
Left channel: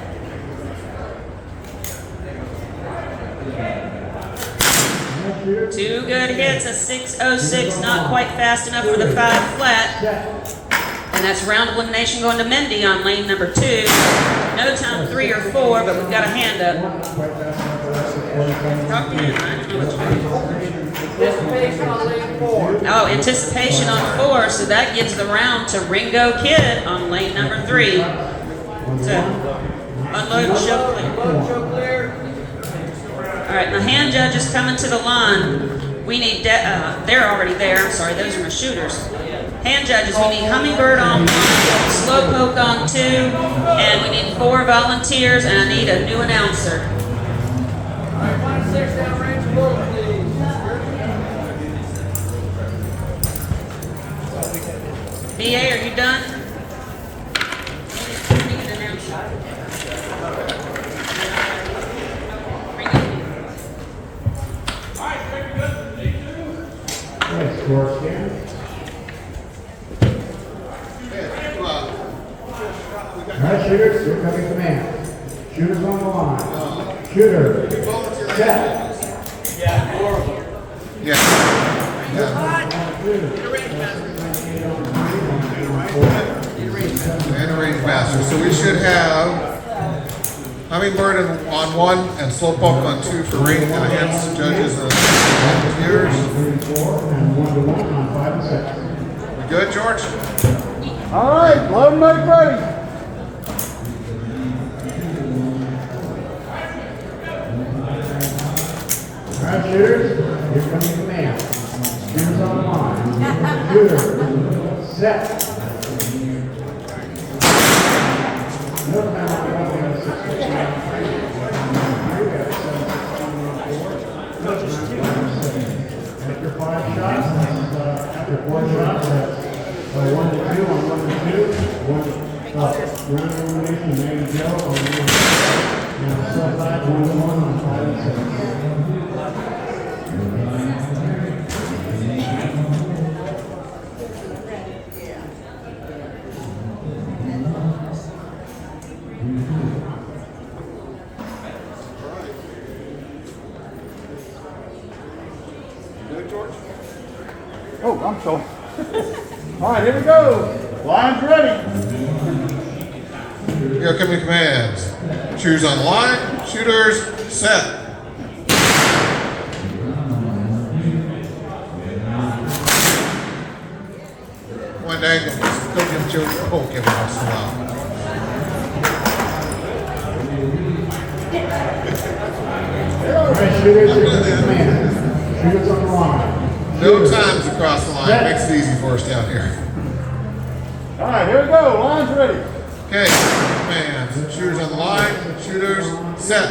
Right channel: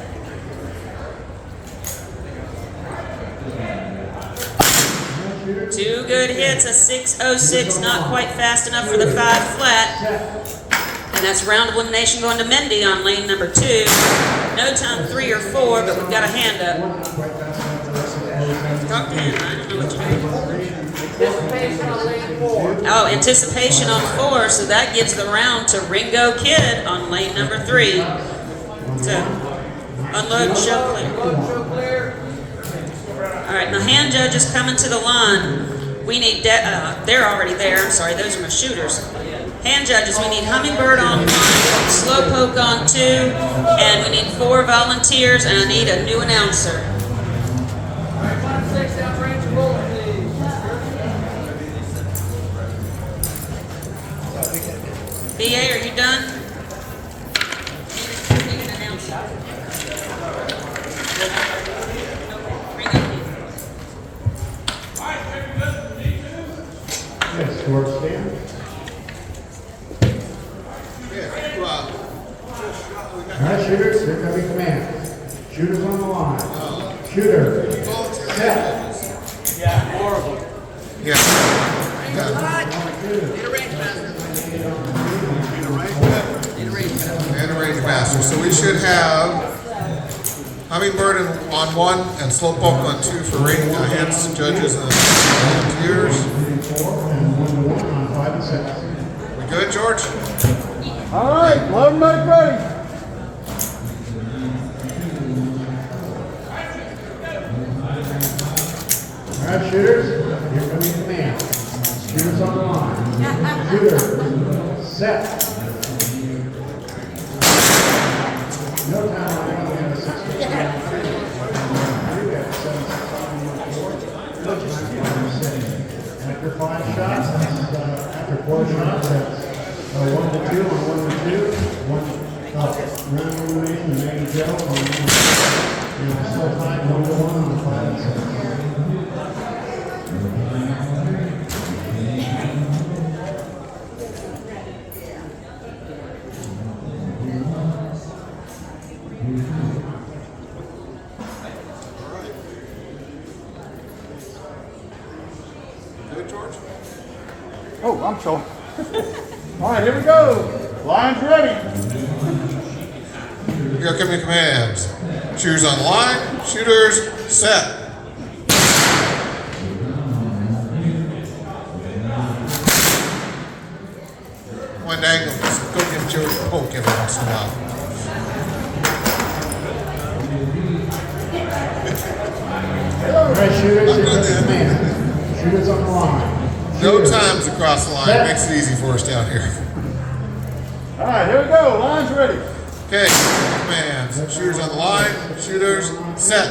Two good hits, a 606, not quite fast enough for the 5 flat. And that's round of elimination going to Mendy on lane number 2. No time 3 or 4, but we've got a hand up. Talk to him. Anticipation on lane 4. Oh, anticipation on 4, so that gives the round to Ringo Kid on lane number 3. So, unload, show clear. Unload, show clear. All right, the hand judge is coming to the line. We need, they're already there, I'm sorry, those are my shooters. Hand judges, we need Hummingbird on 1, Slowpoke on 2, and we need 4 volunteers, and I need a new announcer. Alright, line 6, downrange bullet, please. BA, are you done? We need an announcer. George stand. All right, shooters, here comes your command. Shooters on the line. Shooter. Set. Yeah, 4 of them. Yeah. And a range master. So we should have Hummingbird on 1 and Slowpoke on 2 for rating hands, judges, and volunteers. We good, George? Alright, load and make ready. All right, shooters, here comes your command. Shooters on the line. Shooter. Set. No time on the 6. After 5 shots, after 4 shots, that's 1 to 2 on 1 to 2. Round elimination, main Joe on main Joe. And still 5 1 to 1 on 5 and 6. Oh, I'm sorry. All right, here we go. Line's ready. Here come your commands. Shooters on the line. Shooters set. One dang it. Go get your poke every once in a while. All right, shooters, here comes the command. Shooters on the line. No times across the line. Makes it easy for us down here. All right, here we go. Line's ready. Okay, commands. Shooters on the line. Shooters set.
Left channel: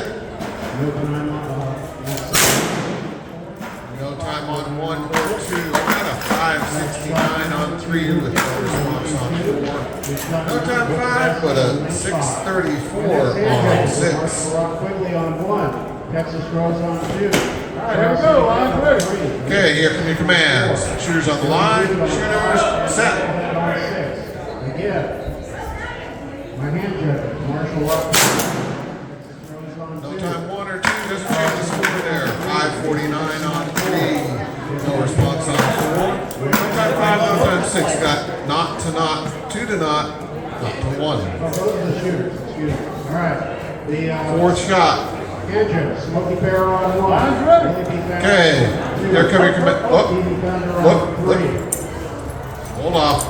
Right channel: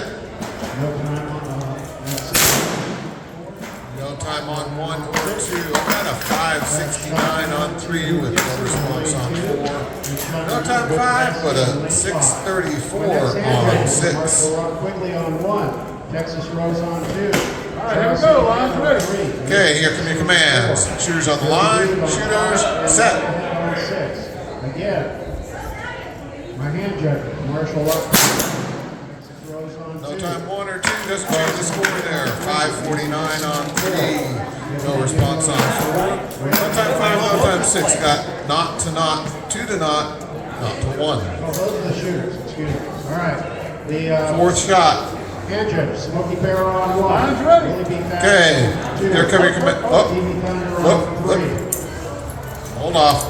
No time on 1 or 2. And a 5.69 on 3 with the response on 4. No time 5, but a 6.34 on 6. Quickly on 1. Texas Rose on 2. All right, here we go. Line's ready. Okay, here come your commands. Shooters on the line. Shooters set. Again. My hand judge, Marshall up. No time 1 or 2 doesn't change the score there. 5.49 on 3. No response on 4. No time 5, no time 6. Got not to not, 2 to not to 1. Oh, those are the shooters, excuse me. All right. The Fourth shot. hand judge, Smoky Bear on 1. Line's ready. Okay, here come your command. Look. Hold off.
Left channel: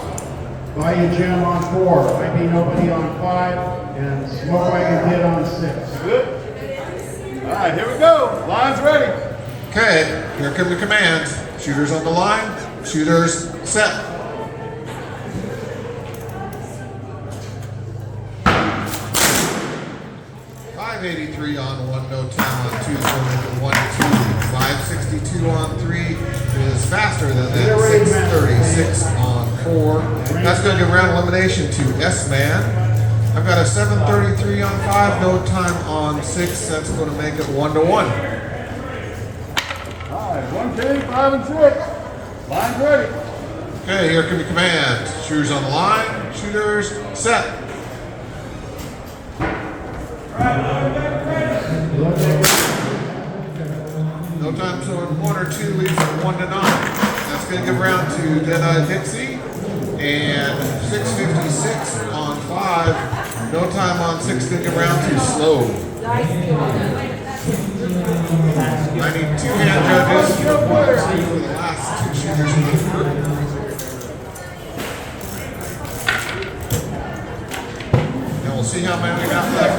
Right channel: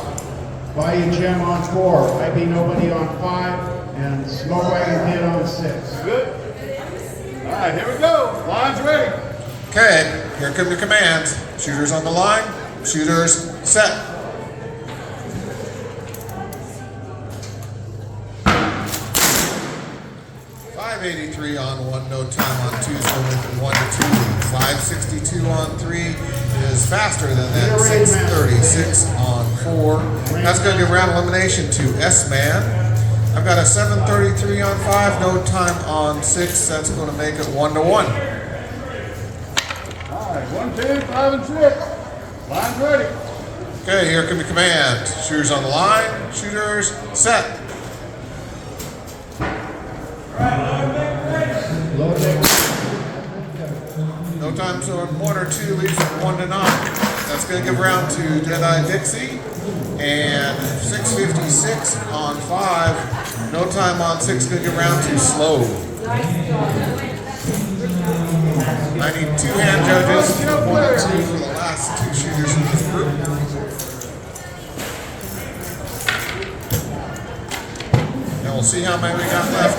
Bayou Jim on 4. IP Nobody on 5. And Smoke Wagon Kid on 6. Good. All right, here we go. Line's ready. Okay, here come the commands. Shooters on the line. Shooters set. .583 on 1, no time on 2, so 1 to 2. 5.62 on 3 is faster than that. 6.36 on 4. That's going to give round elimination to S-Man. I've got a 7.33 on 5, no time on 6. That's going to make it 1 to 1. All right, 1, 2, 5, and 6. Line's ready. Okay, here come the commands. Shooters on the line. Shooters set. No time zone 1 or 2 leaves it 1 to 9. That's going to give round to Deadeye Dixie. And 6.56 on 5. No time on 6 going to give round to Slow. I need 2 hand judges. 1 or 2 for the last 2 shooters in this group. And we'll see how many we got left.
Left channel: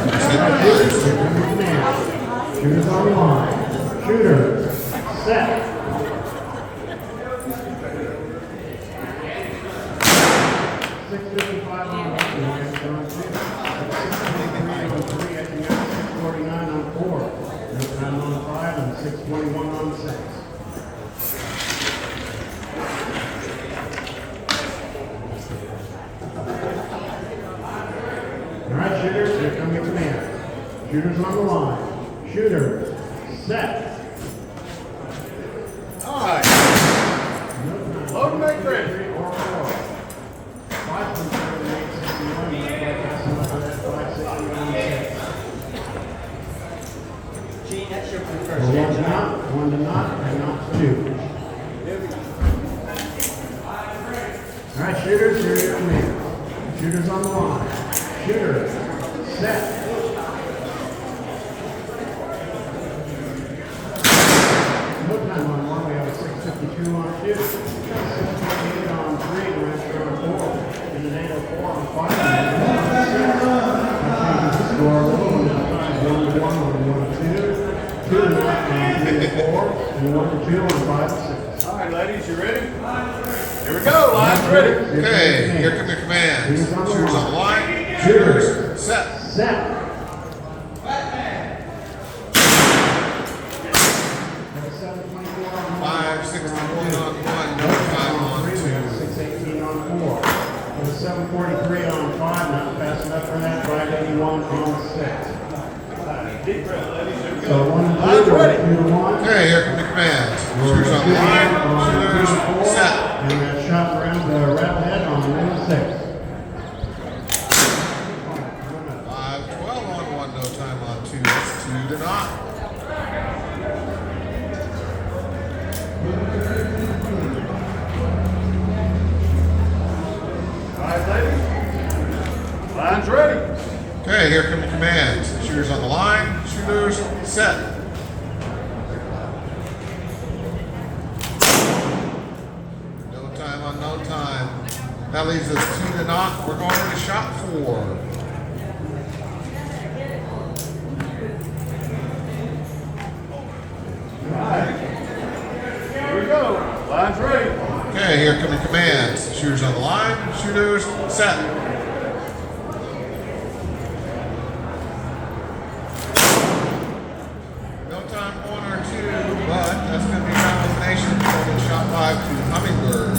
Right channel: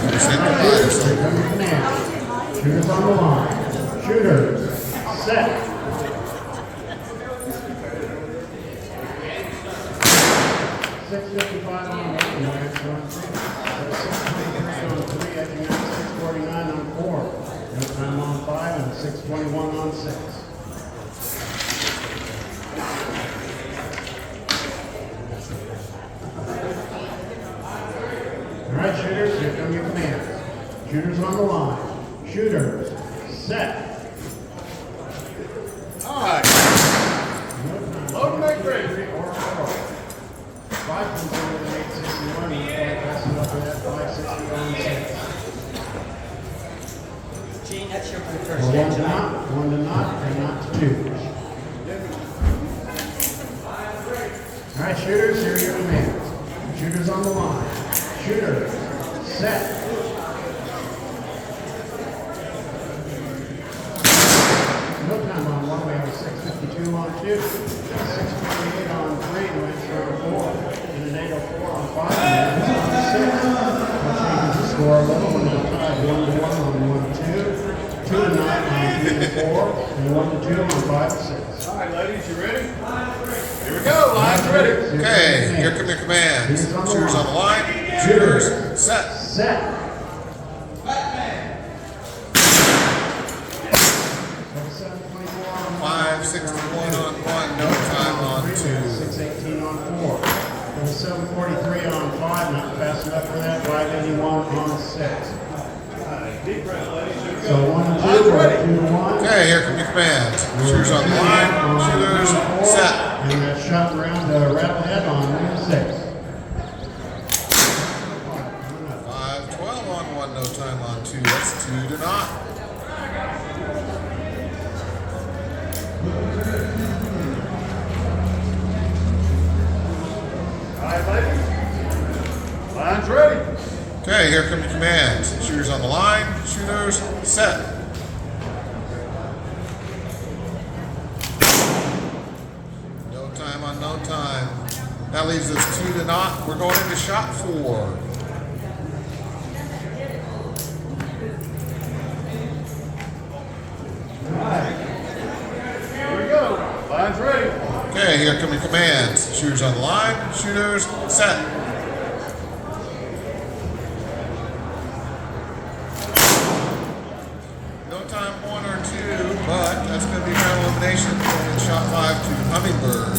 Shooters on the line. Shooter. Set. Alright, shooters, here come your command. Shooters on the line. Shooter. Set. All right. Load and make ready. Gene, that's your first One to not, and not to 2. Alright, shooters, here are your commands. Shooters on the line. Shooter. Set. No time on 1, we have a 6.52 on 2. 6.58 on 3, and we're asking for 4. In the name of 4 on 5, and 6. That changes the score. 1 to 1 on 1 to 2. 2 to 9 on 3 and 4, and 1 to 2 on 5 and 6. All right, ladies, you ready? Here we go. Line's ready. Okay, here come your commands. Shooters on the line. Shooters set. Set. 5.61 on 1, no time on 2. 6.18 on 4. 7.43 on 5, not fast enough for that. 5.81 on 6. Deep breath, ladies. Here we So go. 1 to 2, 2 to 1. Okay, here come your commands. Shooters on the line. Shooters set. And we're shot around to the red head on 1 to 6. 5.12 on 1, no time on 2. That's 2 to not. Okay, here come the commands. Shooters on the line. Shooters set. No time on no time. That leaves us 2 to naught. We're going into shot 4. Here we go. Line's ready. Okay, here come your commands. Shooters on the line. Shooters set. No time 1 or 2, but that's going to be an elimination from shot 5 to Hummingbird.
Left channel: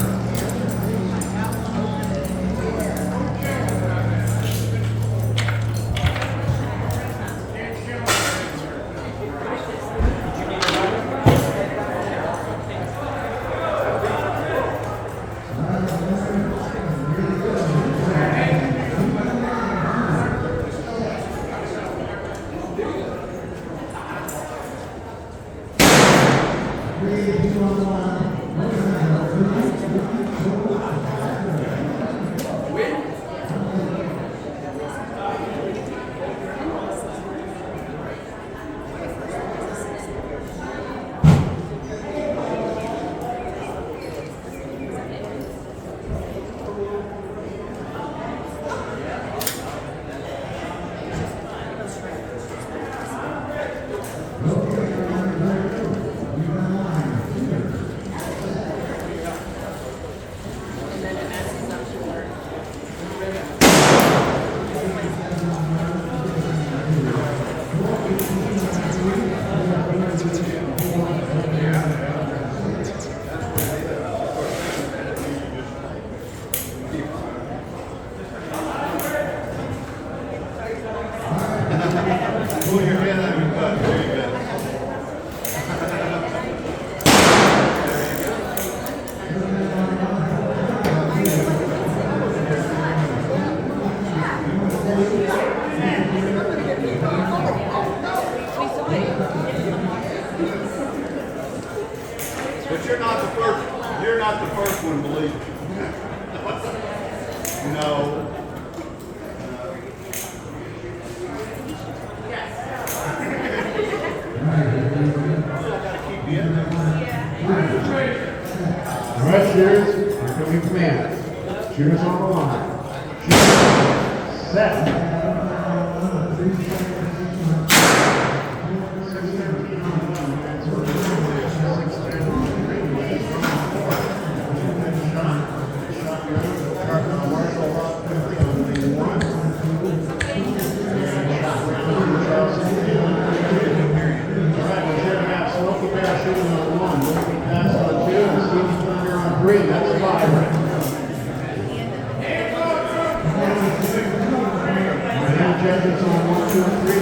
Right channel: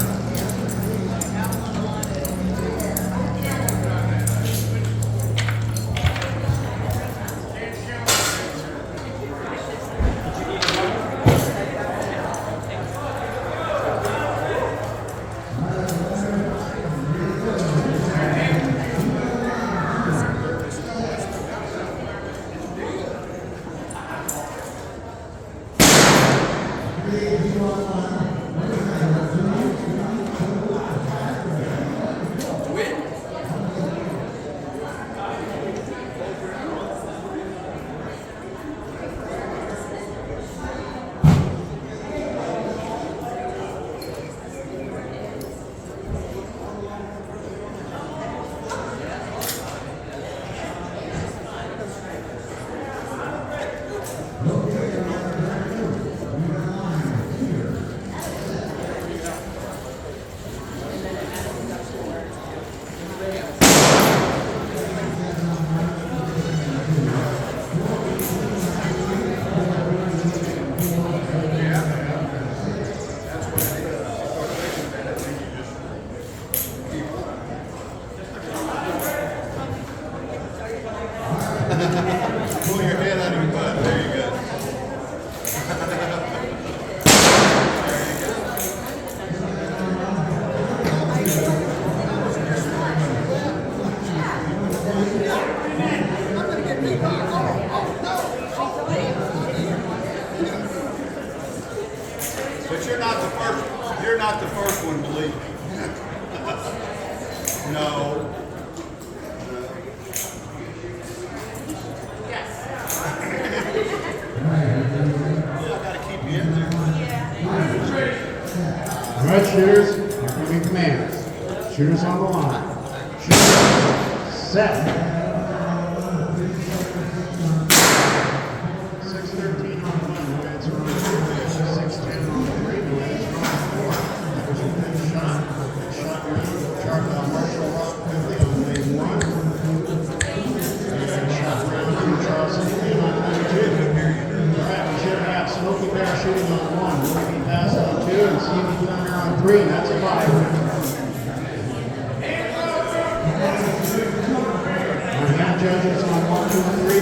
Pull your head out of your butt. There you go. But you're not the first. You're not the first one to leave. No. All right, shooters, here come your commands. Shooters on the line. Shooters set. 6:13 on 1. 6:10 on 3. Smokey Bear shooting on 1. Looking pass on 2. And Stephen Thunder on 3. That's a wide. Now judges on 1, 2, 3.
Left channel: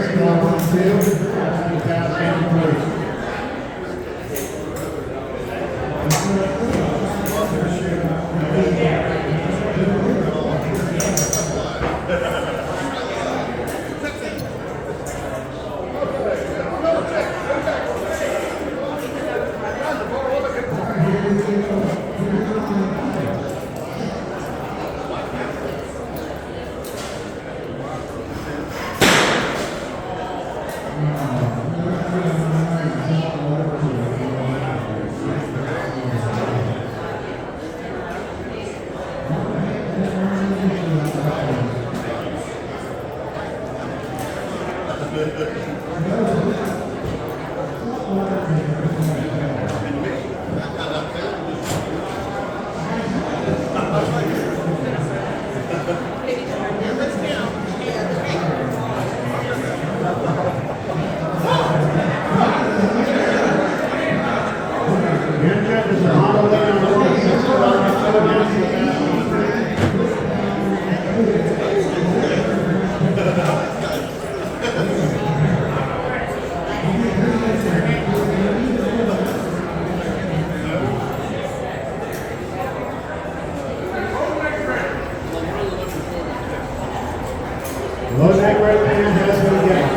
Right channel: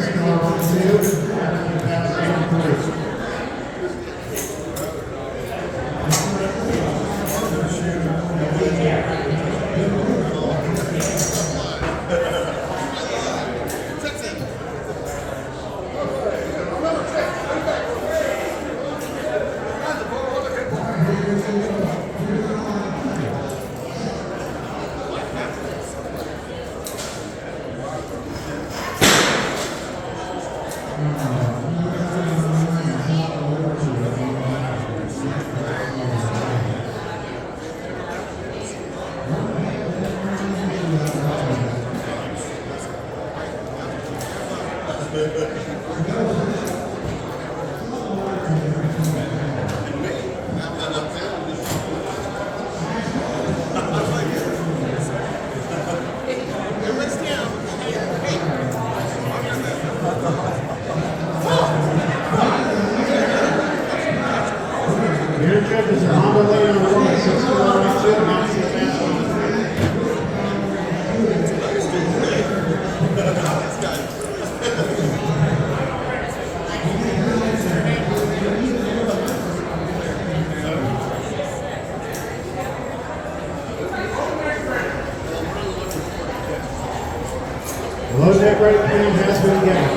Score on 2. Looking pass on 3. Your judges are on the way on the 6 to 1. Low deck right hand has been given.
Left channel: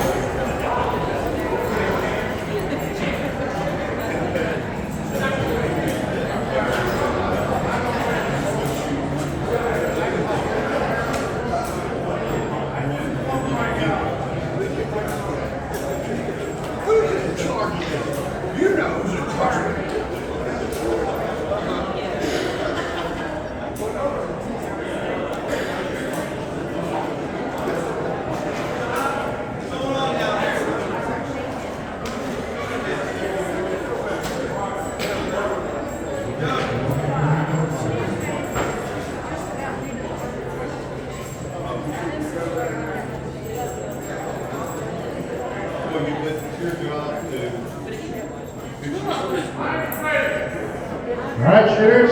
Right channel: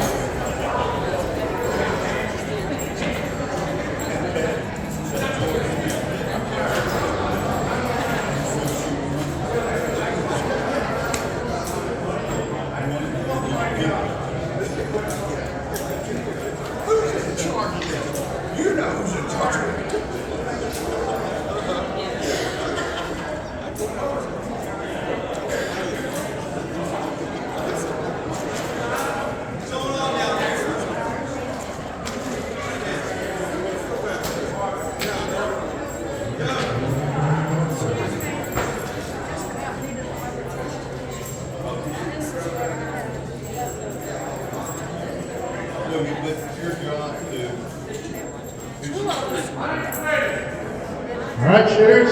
All right, shooters,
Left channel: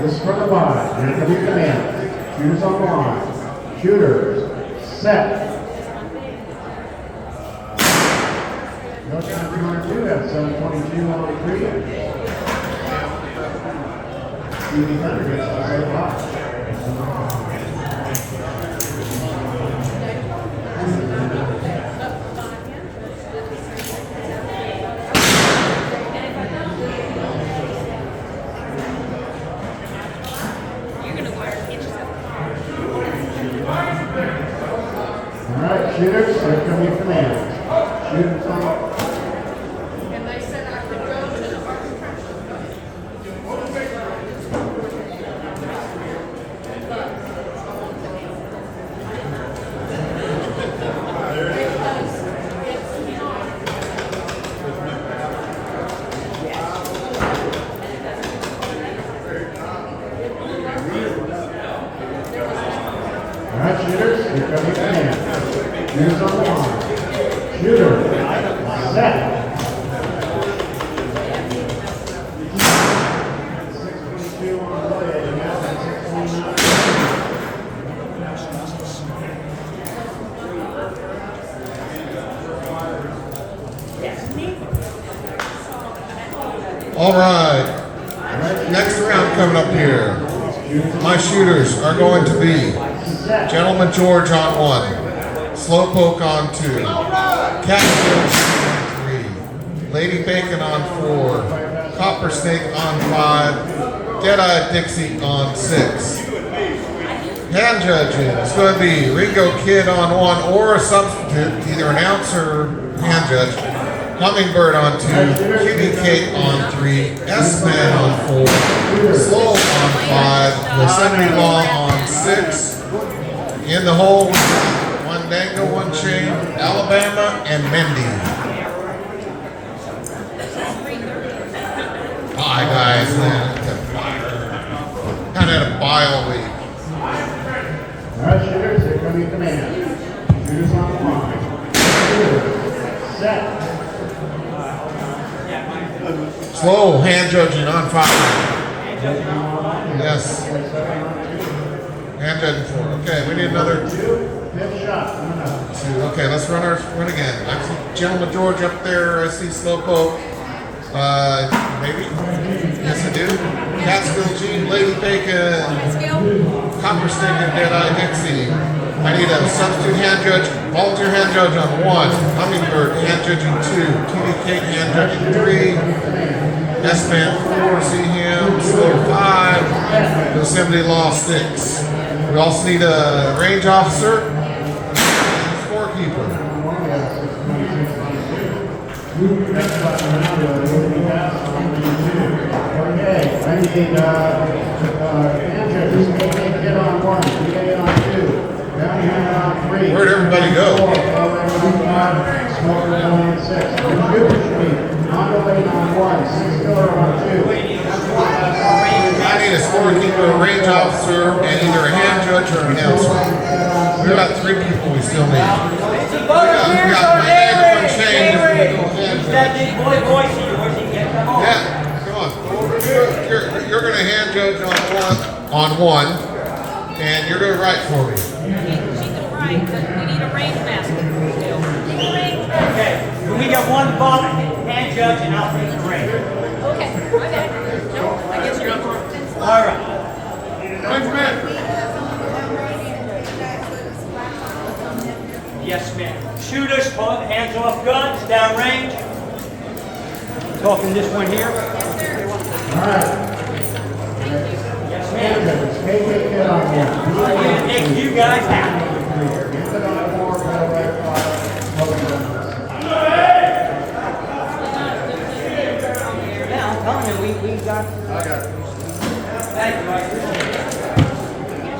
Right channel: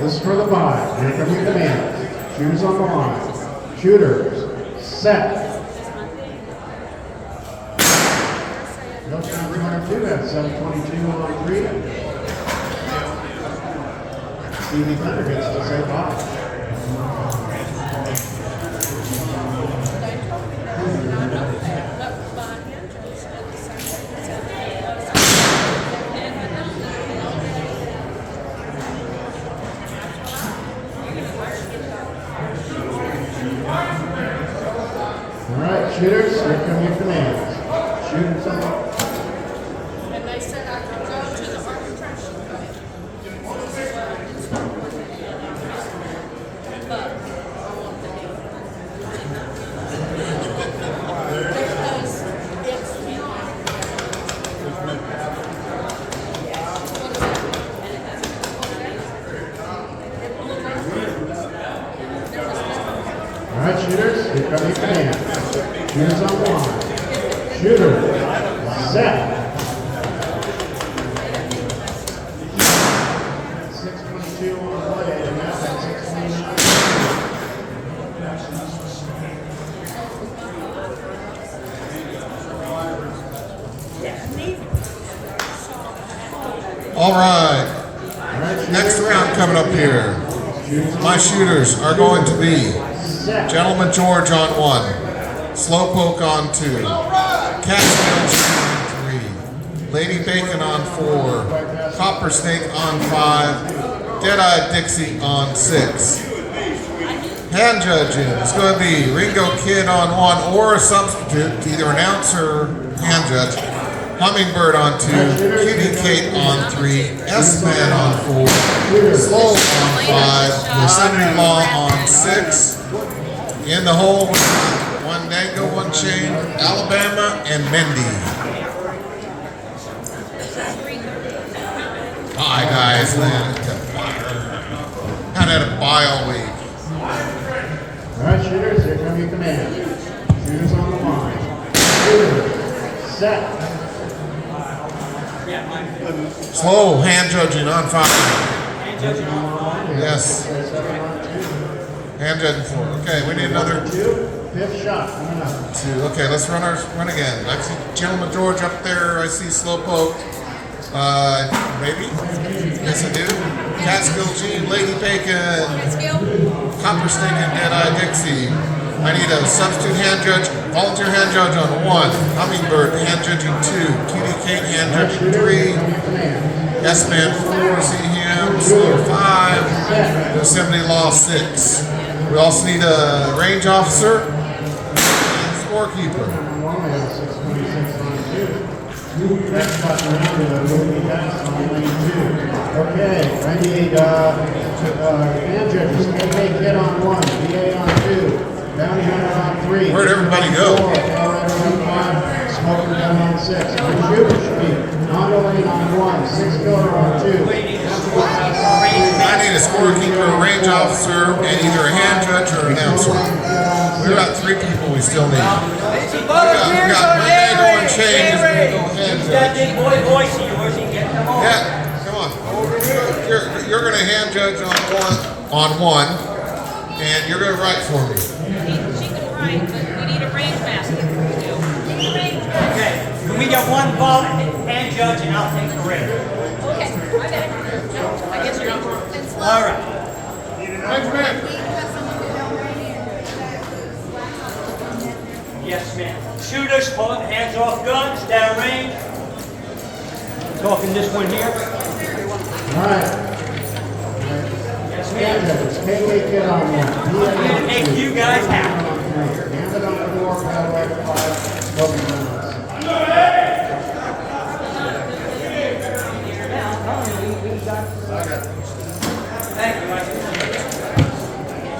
this is for the buy. Here come your commands. Shooters on the line. Shooters, set. No time for 2 at 7:22 on retreat. Stevie Thunder gets to say bye. Shooters, here come your commands. Shooters on. And they said I could go to the fire truck. All right, shooters, here come your commands. Shooters on the line. Shooter, set. 6:22 on the way. Now at 6:29. All right. Next round coming up here. My shooters are going to be Gentleman George on 1, Slowpoke on 2, Catskill on 3, Lady Bacon on 4, Copper Snake on 5, Dead-Eye Dixie on 6. Hand judging is going to be Ringo Kid on 1 or a substitute, either an ounce or hand judge. Hummingbird on 2, Cutie Kate on 3, S-Man on 4, Slow on 5, Yosemite Law on 6. In the hole, 1 Dango, 1 Chain, Alabama, and Mindy. Hi guys, man. Kind of had a bile week. All right, shooters, here come your commands. Shooters on the line. Shooters, set. Slow hand judging on 5. Yes. Hand judging 4. Okay, we need another 2. Fifth shot. 2. Okay, let's run again. I see Gentleman George up there. I see Slowpoke. Maybe? Yes, I do. Catskill G, Lady Bacon, Copper Snake, and Dead-Eye Dixie. I need a substitute hand judge, volunteer hand judge on 1, Hummingbird hand judging 2, Cutie Kate hand judging 3, S-Man 4, see him, Slow 5, Yosemite Law 6. We also need a range officer, scorekeeper. Okay, I need hand judges. Kid on 1, PA on 2. Where'd everybody go? Smoker on 6. Shooters speed. Hondo 8 on 1. 6 killer on 2. I need a scorekeeper, a range officer, and either a hand judge or an MC. We've got 3 people we still need. It's a volunteers on that big boy voice of yours and get them on. Yeah, come on. You're going to hand judge on one, and you're going to write for me. Right, but we need a rain basket. Okay, we got 1 vote, hand judge, and I'll take the ring. Okay. All right. Yes, ma'am. Shooters, pulling hands off guns, downrange. Talking this one here. Yes, ma'am. I'm gonna make you guys happy.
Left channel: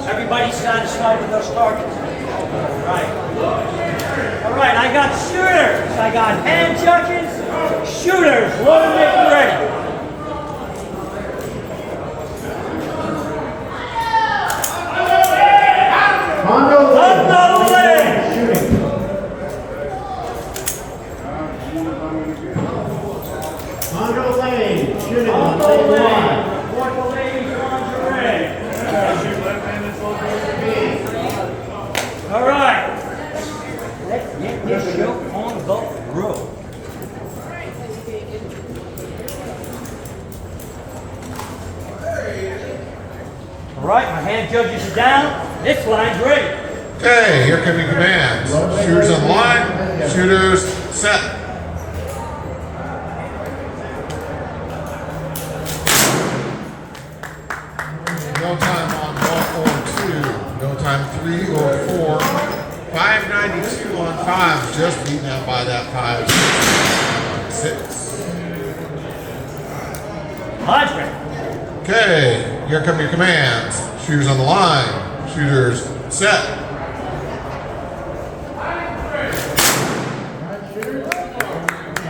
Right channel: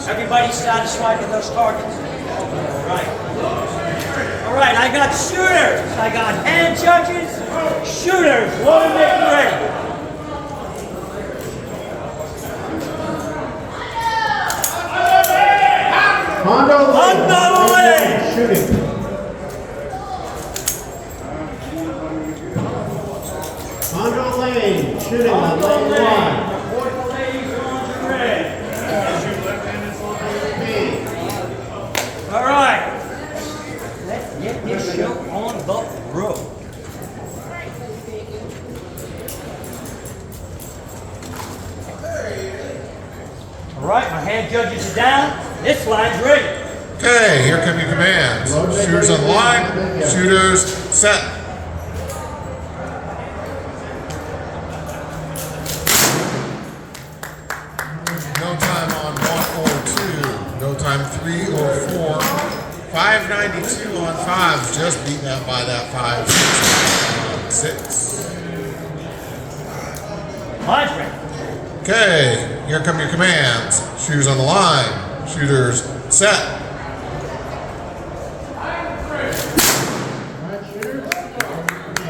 Everybody satisfied with those targets? All right, I got shooters. I got hand judges. Shooters, load and make ready. Hondo Lane, shooting on lane 1. All right, my hand judges are down. This line's ready. Okay, here come your commands. Shooters on the line. Shooters set. No time on 1 or 2. No time 3 or 4. 592 on 5s. Just beaten out by that 5. 6. Line's ready. Okay, here come your commands. Shooters on the line. Shooters set.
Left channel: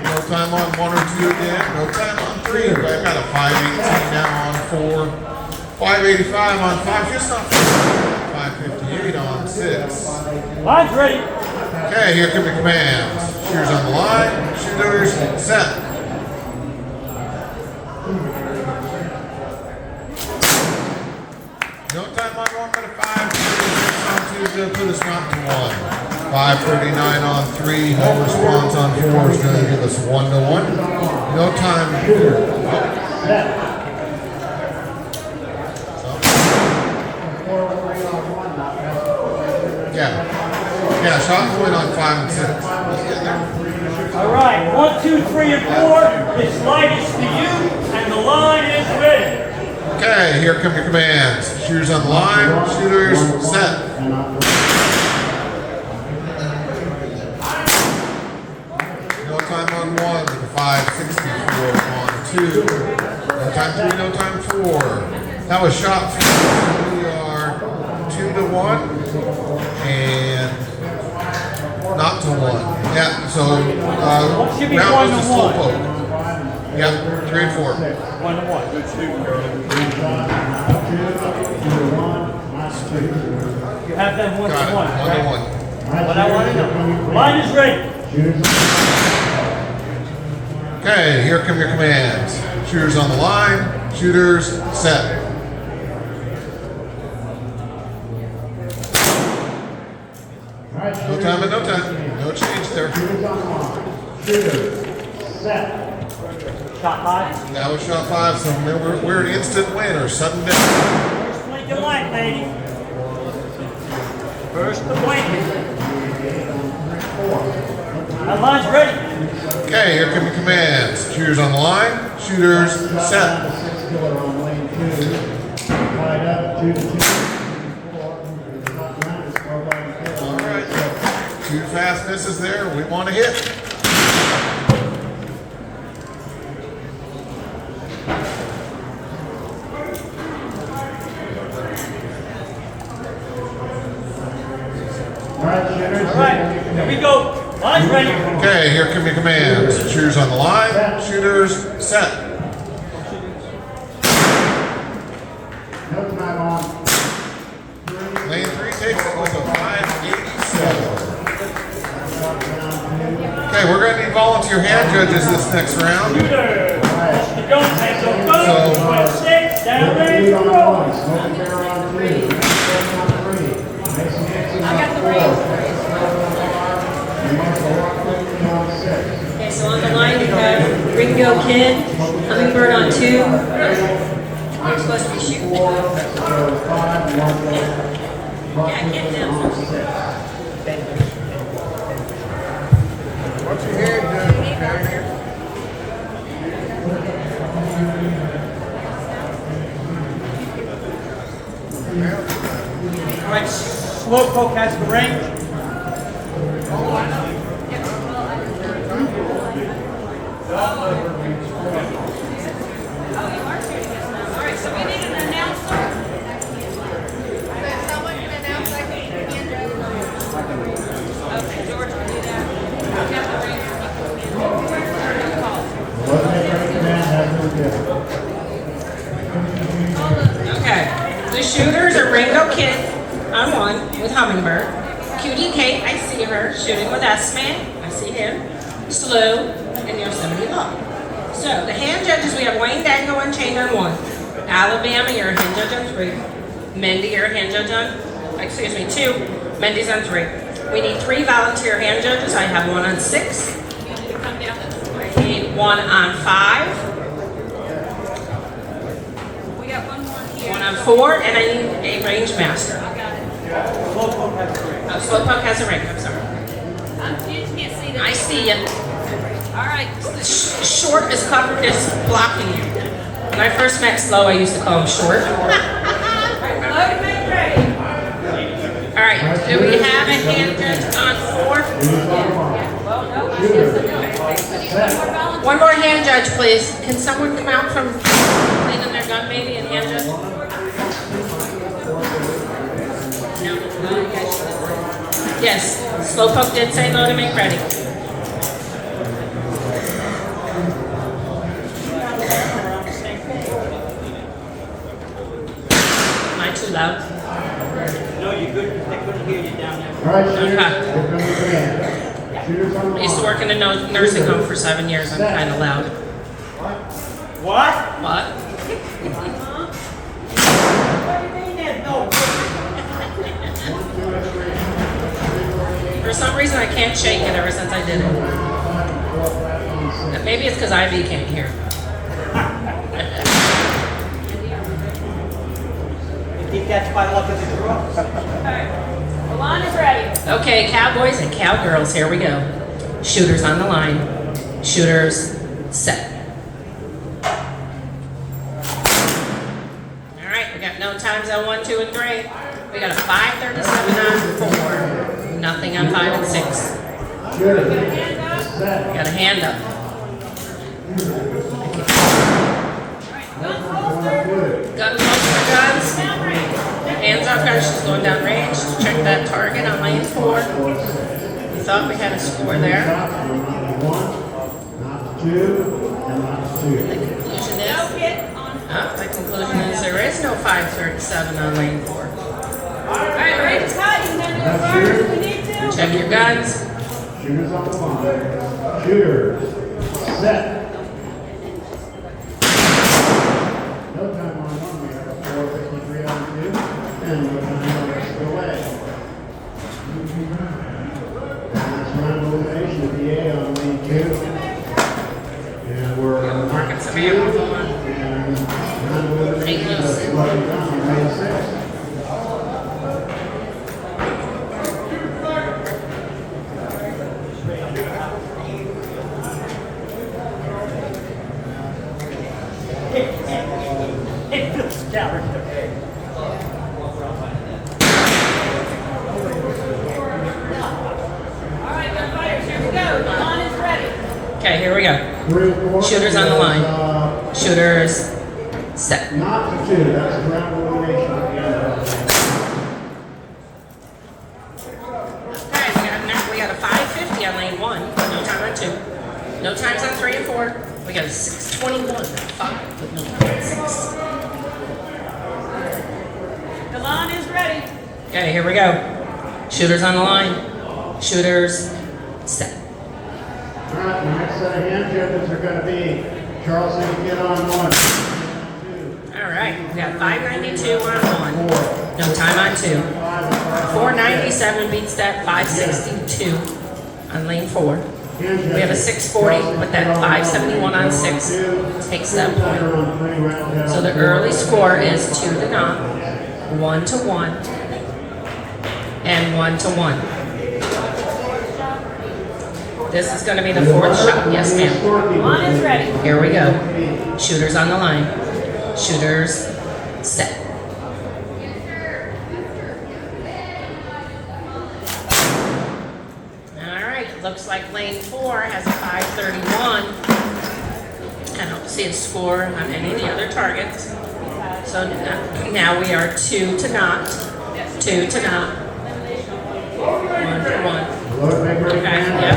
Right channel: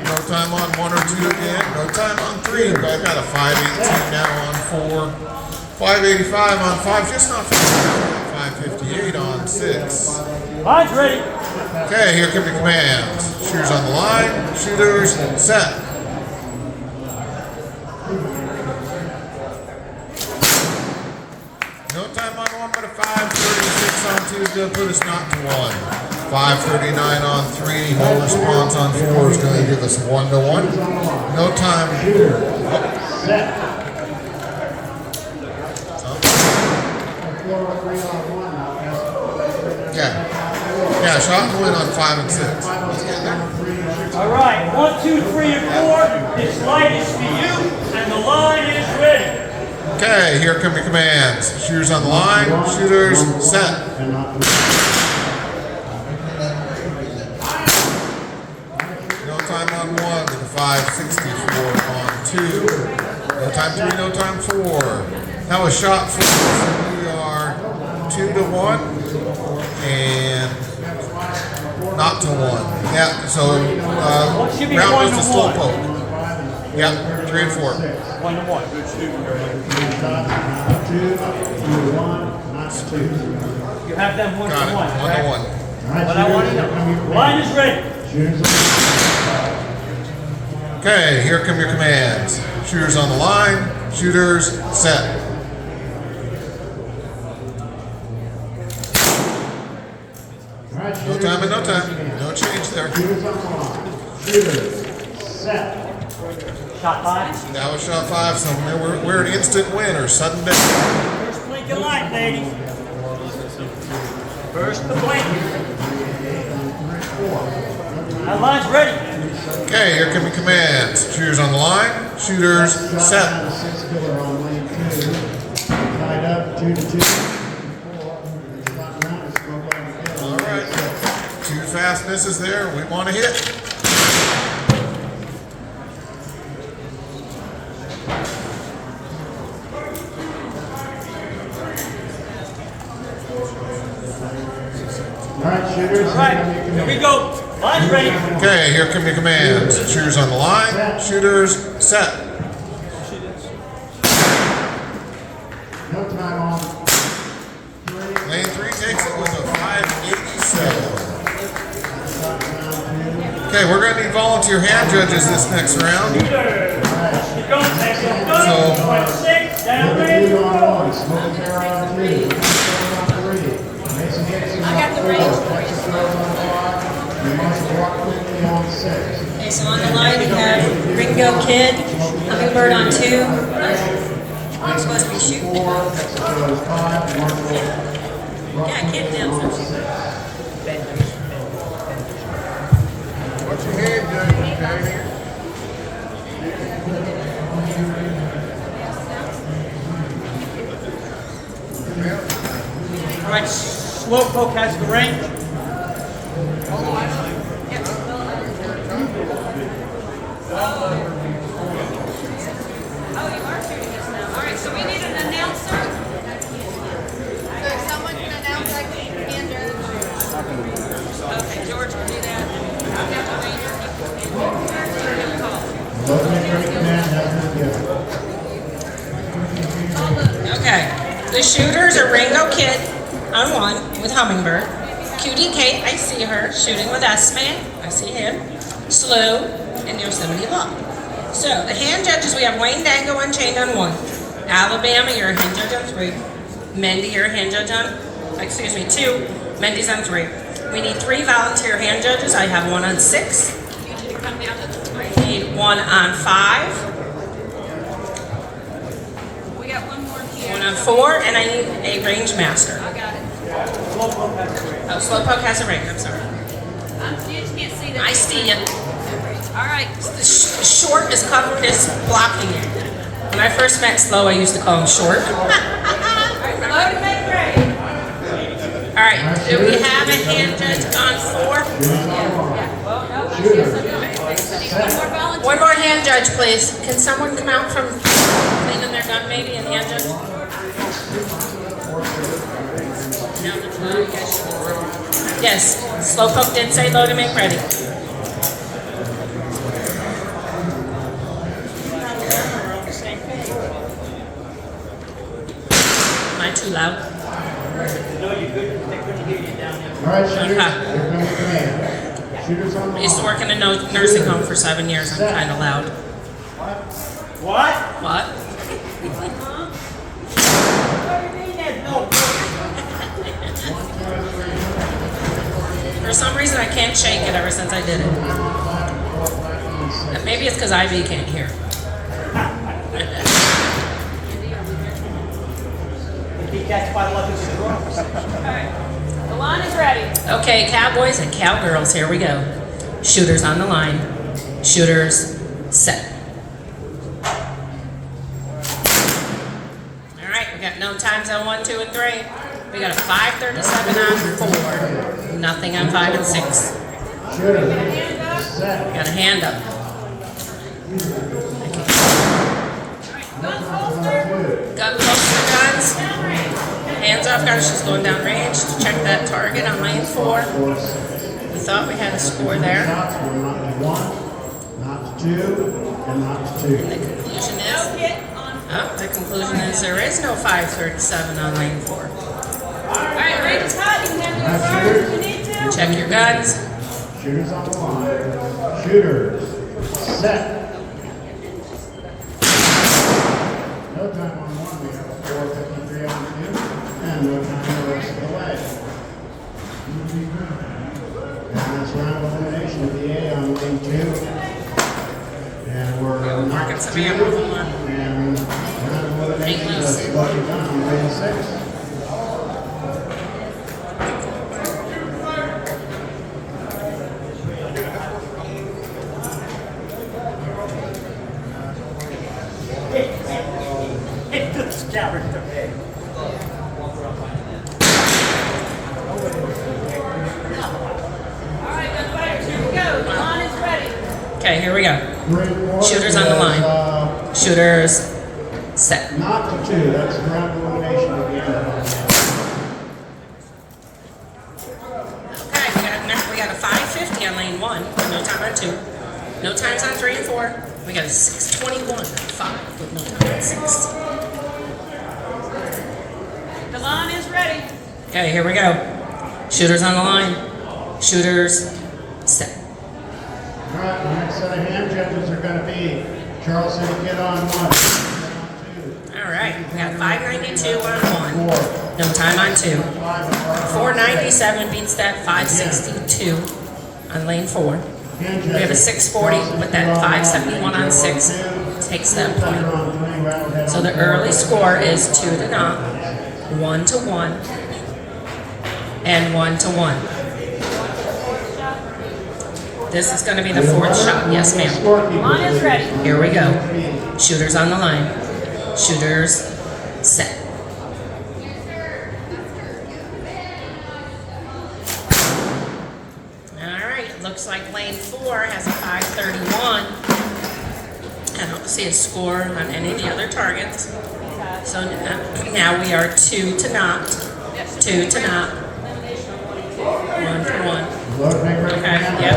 No time on 1 or 2 again. No time on 3. I've got a 518 now on 4. 585 on 5. Just not 4. 558 on 6. Line's ready. Okay, here come your commands. Shooters on the line. Shooters set. No time on 1 but a 536 on 2 is going to put us not to 1. 539 on 3. No response on 4 is going to give us 1 to 1. No time. Yeah, shot win on 5 and 6. Let's get there. All right, 1, 2, 3, and 4. This light is for you, and the line is ready. Okay, here come your commands. Shooters on the line. Shooters set. No time on 1 with a 564 on 2. No time 3, no time 4. That was shot 4. So we are 2 to 1 and not to 1. Yeah, so What should be that 1 was to the slow 1? poke. Yeah, 3 and 4. 1 to 1. You have them 1 to 1, Got it. right? 1 to 1. What I want to know. Line is ready. Okay, here come your commands. Shooters on the line. Shooters set. No time and no time. No change there. Shot 5. That was shot 5, so we're an instant win or sudden death. First blink of light, ladies. First the blink. That line's ready. Okay, here come your commands. Shooters on the line. Shooters set. All right. 2 fast misses there. We want to hit. All right, here we go. Line's ready. Okay, here come your commands. Shooters on the line. Shooters set. Lane 3 takes it with a 587. Okay, we're going to need volunteer hand judges this next round. Shooters. You don't take so good. 12-6. Down range. Go. I got the range. Okay, so on the line you have Ringo Kid, Hummingbird on 2. I'm supposed to be shooting. Yeah, get down. What's your head judge? All right, Slowpoke has the range. Alright, so we need an announcer. Someone can announce that we begin to. Okay, George will do that. Okay, the shooters are Ringo Kid on 1 with Hummingbird. Cutie Kate, I see her shooting with S-Man. I see him. Slow and Yosemite Law. So the hand judges, we have Wayne Dango and Chain on 1. Alabama, you're a hand judge on 3. Mindy, you're a hand judge on, 2. Mindy's on 3. We need 3 volunteer hand judges. I have 1 on 6. You need to come down to 3. We need 1 on 5. We got one more here. One on 4, and I need a range master. I got it. Oh, Slowpoke has a ring, I'm sorry. You just can't see that. I see you. All right. The short is covered as blocking you. When I first met Slow, I used to call him short. Load, make ready. All right, do we have a hand judge on 4? Well, no, I guess I don't. One more volunteer. One more hand judge, please. Can someone come out from cleaning their gun maybe and hand judge? No, you guys should. Yes, Slowpoke did say load and make ready. Am I too loud? No, you're good, because they couldn't hear you down there. All right, shooters, here comes the command. Shooters on the I used to line. work in a nursing home for 7 years. I'm kind of loud. What? What? What do you mean there's no? For some reason, I can't shake it ever since I did it. Maybe it's because Ivy can't hear. If he catch by luck, it's a draw. The line is ready. Okay, cowboys and cowgirls, here we go. Shooters on the line. Shooters set. All right, we got no times on 1, 2, and 3. We got a 5:37 on 4. Nothing on 5 and 6. Shooters, We set. got a hand up. Guns holster. Gun holster guns. Hands off her, she's going down range. Check that target on lane 4. We thought we had a score there. Not 1, not 2, and not 2. Conclusion is, No hit on. the conclusion is there is no 537 on lane 4. All right, range is hot. You can hand me a fire if you need to. Check your guns. Shooters on the line. Shooters, set. No time on 1, we have 4:53 on 2, and no time on the rest of the way. And that's round elimination at the A on lane 2. And we're Marking some 2, ammo. and round elimination is level down on lane 6. All right, gunfighters, here we go. The line is ready. Okay, here we go. 3 and 4 Shooters on the is, line. Shooters set. Not to 2, that's the round elimination at the end. Okay, we got a 550 on lane 1. No time on 2. No times on 3 and 4. We got a 621 on 5 with no time on 6. The line is ready. Okay, here we go. Shooters on the line. Shooters set. All right, the next set of hand judges are going to be Charles City Kid on 1. All right, we got 592 on 1. No time on 2. 497 beats that 562 on lane 4. We have a 640, but that 571 on 6 takes that point. So the early score is 2-0, 1-1, and 1-1. This is going to be the 4th shot. Yes, ma'am. Line is ready. Here we go. Shooters on the line. Shooters set. All right. It looks like lane 4 has a 531. I don't see a score on any of the other targets. So now we are 2-0. 2-0. 1-1. Okay, yep.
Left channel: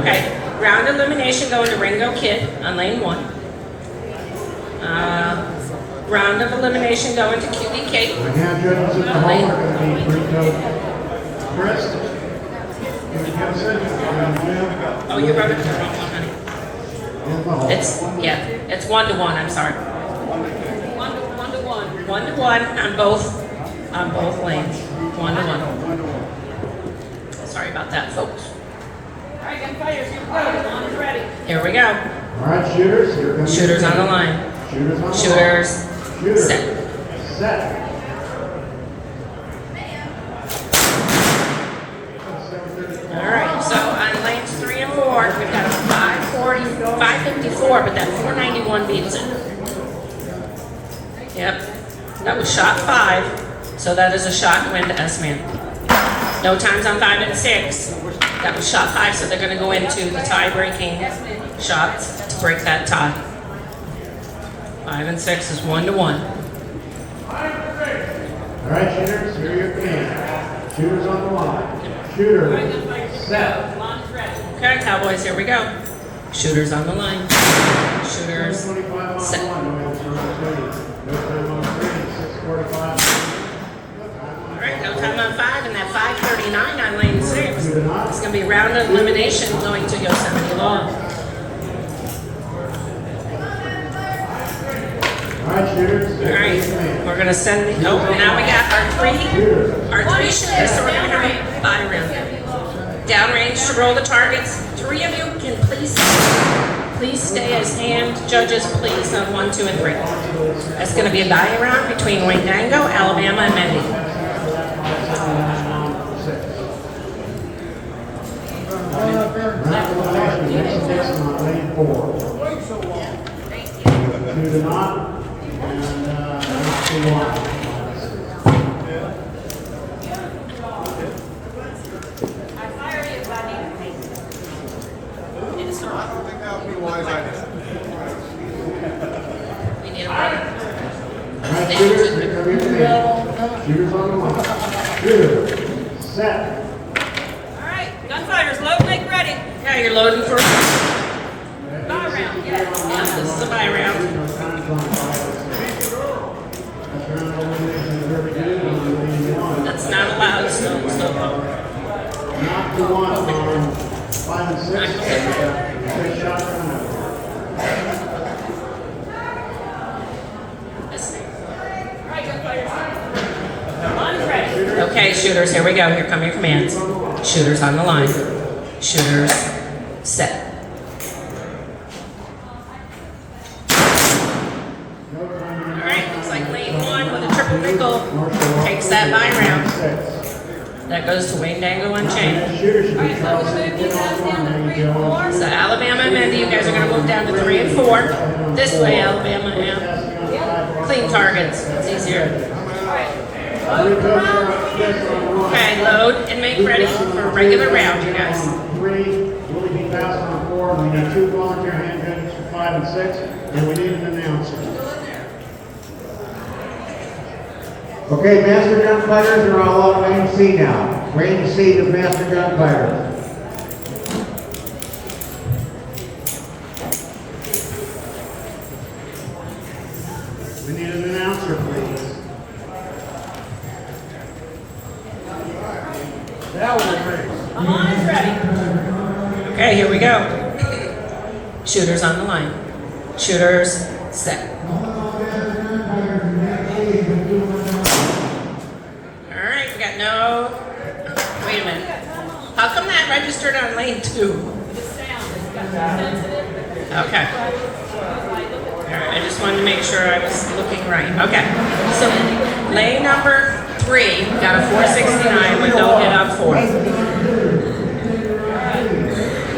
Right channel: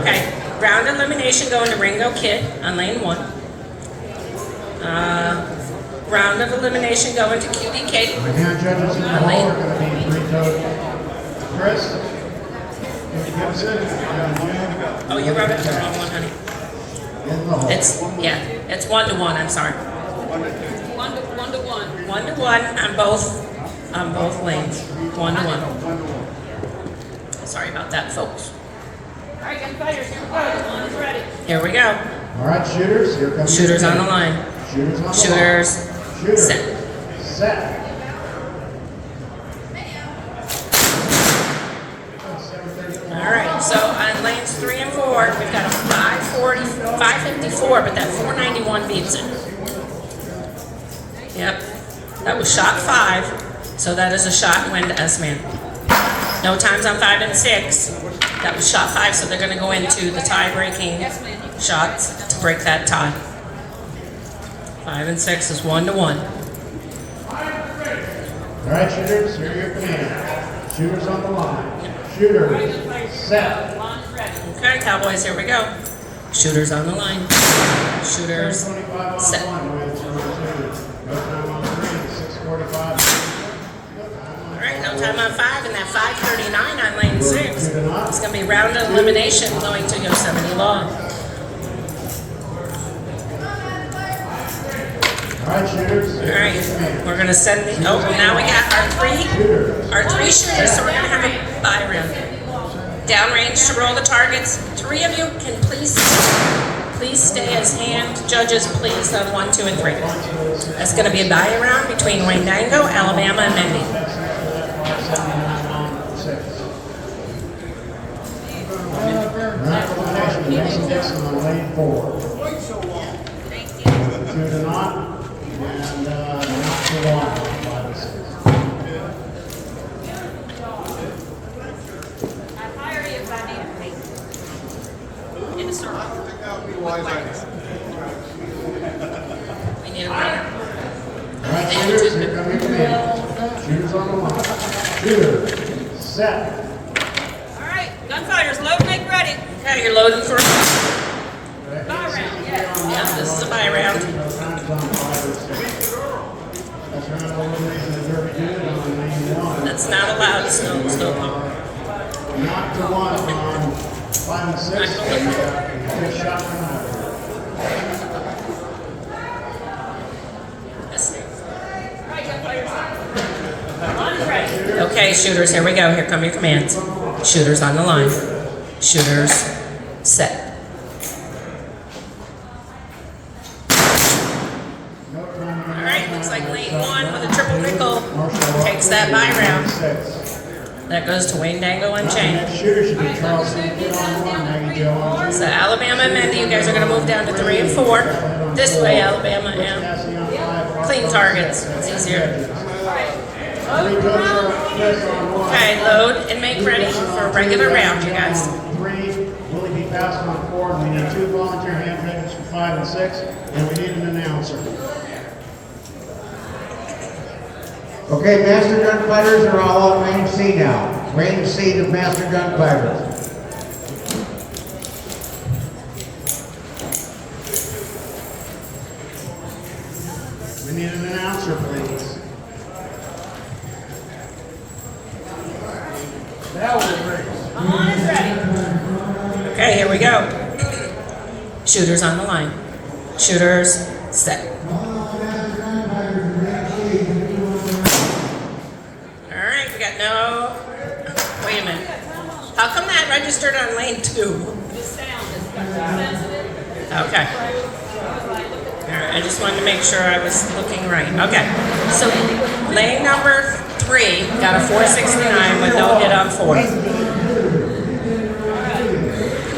Okay. Round elimination going to Ringo Kid on lane 1. Round of elimination going to QB Kate. The hand judges in the hall are going to be Rico Chris. Gibson, Oh, you wrote it down, honey. in the hall. It's 1-1. I'm sorry. 1-1. 1-1 on both lanes. 1-1. Sorry about that, folks. All right, gunfighters, here we go. The line is ready. Here we go. All right, shooters, here comes Shooters on the line. Shooters on the line. Shooters set. Set. All right, so on lanes 3 and 4, we've got a 554, but that 491 beats it. Yep, that was shot 5, so that is a shot win to S-Man. No times on 5 and 6. That was shot 5, so they're going to go into the tie-breaking shots to break that tie. 5 and 6 is 1-1. All right, shooters, here are your commands. Shooters on the line. Shooters, set. Okay, Cowboys, here we go. Shooters on the line. Shooters, set. All right, no time on 5, and that 539 on lane 6. It's going to be round of elimination going to Yosemite Lawn. All right, shooters. All right, we're going to send the, oh, now we got our three shooters, so we're going to have a bye round. Downrange to roll the targets. 3 of you can please stay as hand judges, please, no 1, 2, and 3. That's going to be a bye round between Wandango, Alabama, and Mendy. Lane 4. Thank you. To the knot and not too long. In a circle. We need a winner. All right, shooters, here come your command. Shooters on the line. Shooters, set. All right, gunfighters, load, make ready. Yeah, you're loading for Bye round, yes. yeah, this is a bye round. That's not allowed, so Not to one on 5 and 6. Good shot from All right, gunfighters. Line is ready. okay, shooters, here we go. Here come your commands. Shooters on the line. Shooters, set. All right, looks like lane 1 with a triple nickel takes that bye round. That goes to Wandango and Chain. Shooter should be Charleston. So Alabama and Mendy, you guys are going to move down to 3 and 4. This way, Alabama, and clean targets. It's easier. All right, load for round. Okay, load and make ready for a regular round, you guys. 3, will be passed on 4. We need 2 volunteer hand judges for 5 and 6, and we need an announcer. Okay, Master Gunfighters are all on Lane C now. Lane C to Master Gunfighters. We need an announcer, please. That will race. Line is ready. Okay, here we go. Shooters on the line. Shooters, set. All right, we got no, wait a minute. How come that registered on lane 2? The sound is sensitive. Okay. All right, I just wanted to make sure I was looking right. Okay, so lane number 3 got a 469 with no hit on 4.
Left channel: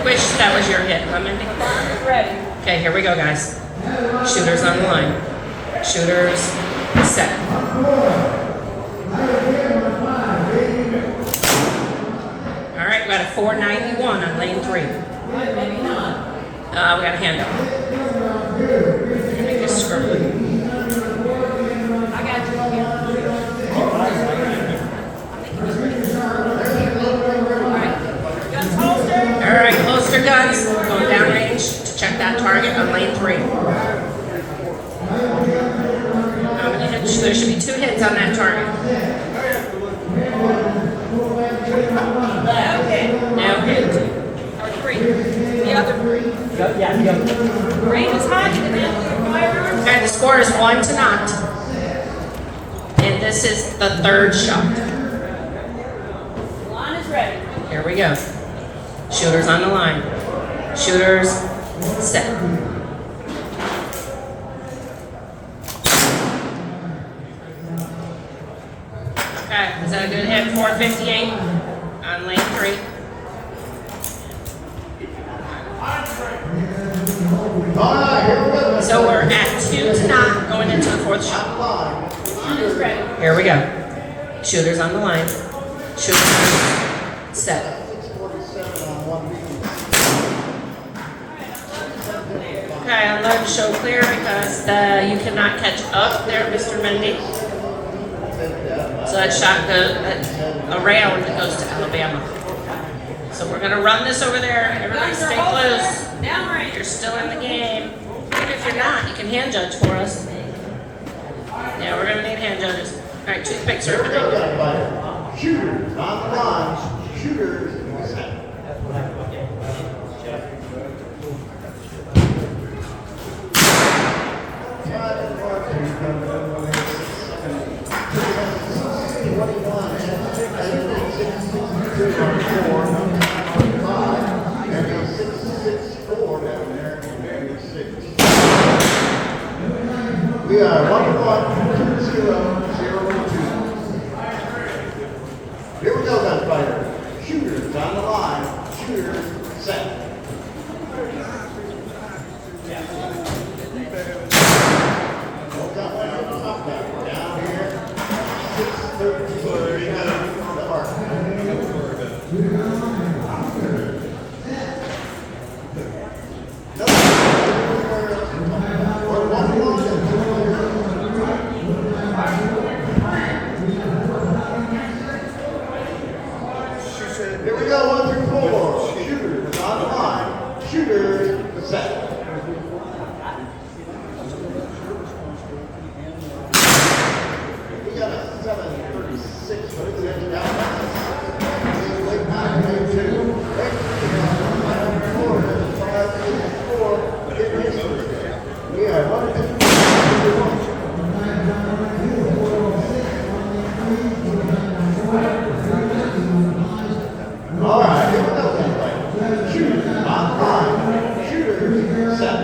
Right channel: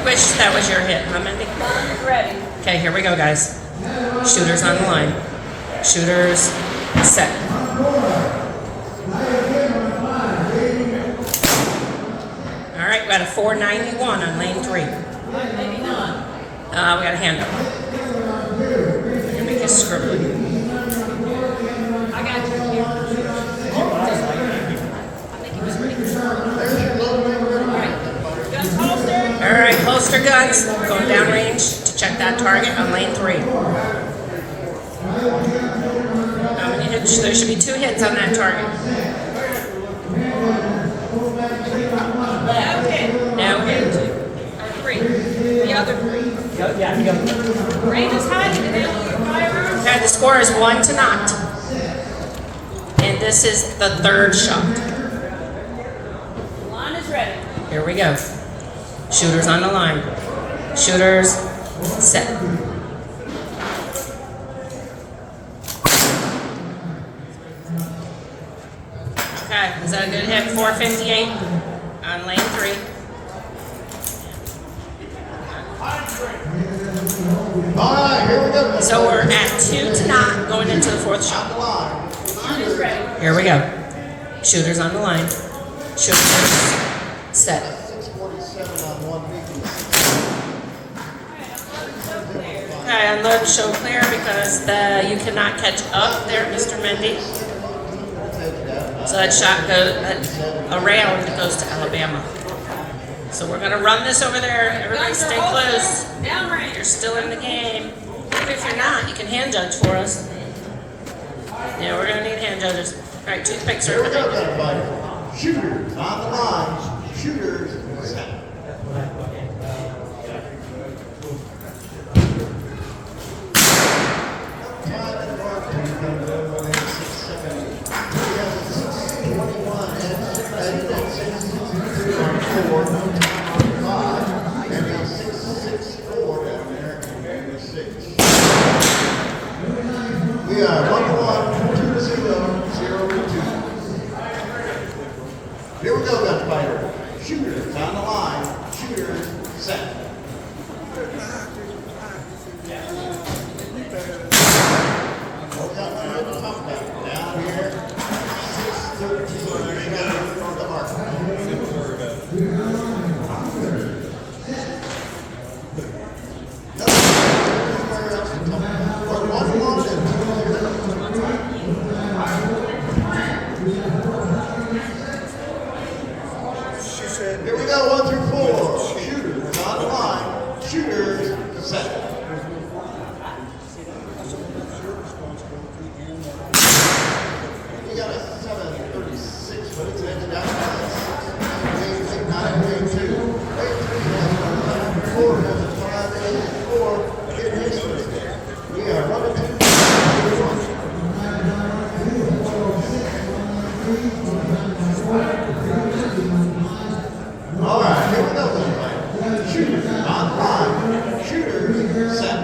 Wish that was your hit, huh, Mindy? Line is ready. Okay, here we go, guys. Shooters on the line. Shooters, set. All right, we got a 491 on lane 3. All right, maybe not. We got a hand up. Make a scribble. I got you. Guns holstered. All right, holster guns. Going downrange to check that target on lane 3. How many hits? There should be 2 hits on that target. No hit. No hit. Or 3. The other 3. Range is high. You can handle your firearms. Okay, the score is 1-0. And this is the 3rd shot. Line is ready. Here we go. Shooters on the line. Shooters, set. Okay, is that a good hit? 458 on lane 3. All right, here we go. So we're at 2 to 9 going into the 4th shot. Line is ready. Here we go. Shooters on the line. Shooters set. Okay, unload and show clear because you cannot catch up there, Mr. Mendy. So that shot around goes to Alabama. So we're gonna run this over there. Everybody stay close. Downrange. You're still in the game. Even if you're not, you can hand judge for us. Yeah, we're gonna need hand judges. All right, toothpicks are coming. Shooters on the line. Shooters set. We are 1-1-2-0-0-2. Here we go, gunfighter. Shooters on the line. Shooters set. Down here. 6-13. So there you go. Here we go, 1 through 4. Shooters on the line. Shooters set. We got a 736 for the down. 8, we are 1 2. All right, here we go. Shooters on the line. Shooters set.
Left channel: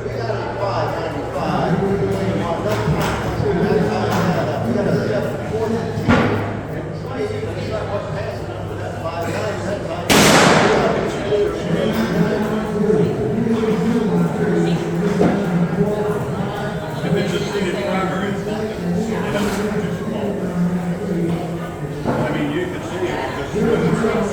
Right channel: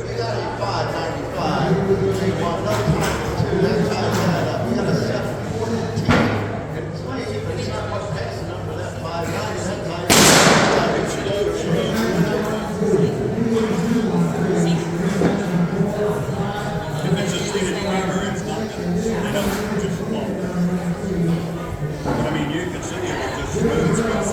We got a 595. We got a 714. And 20, but it's not much passing over that 590. If it's a seated driver, it's not. I know it's just small. I mean, you can see it because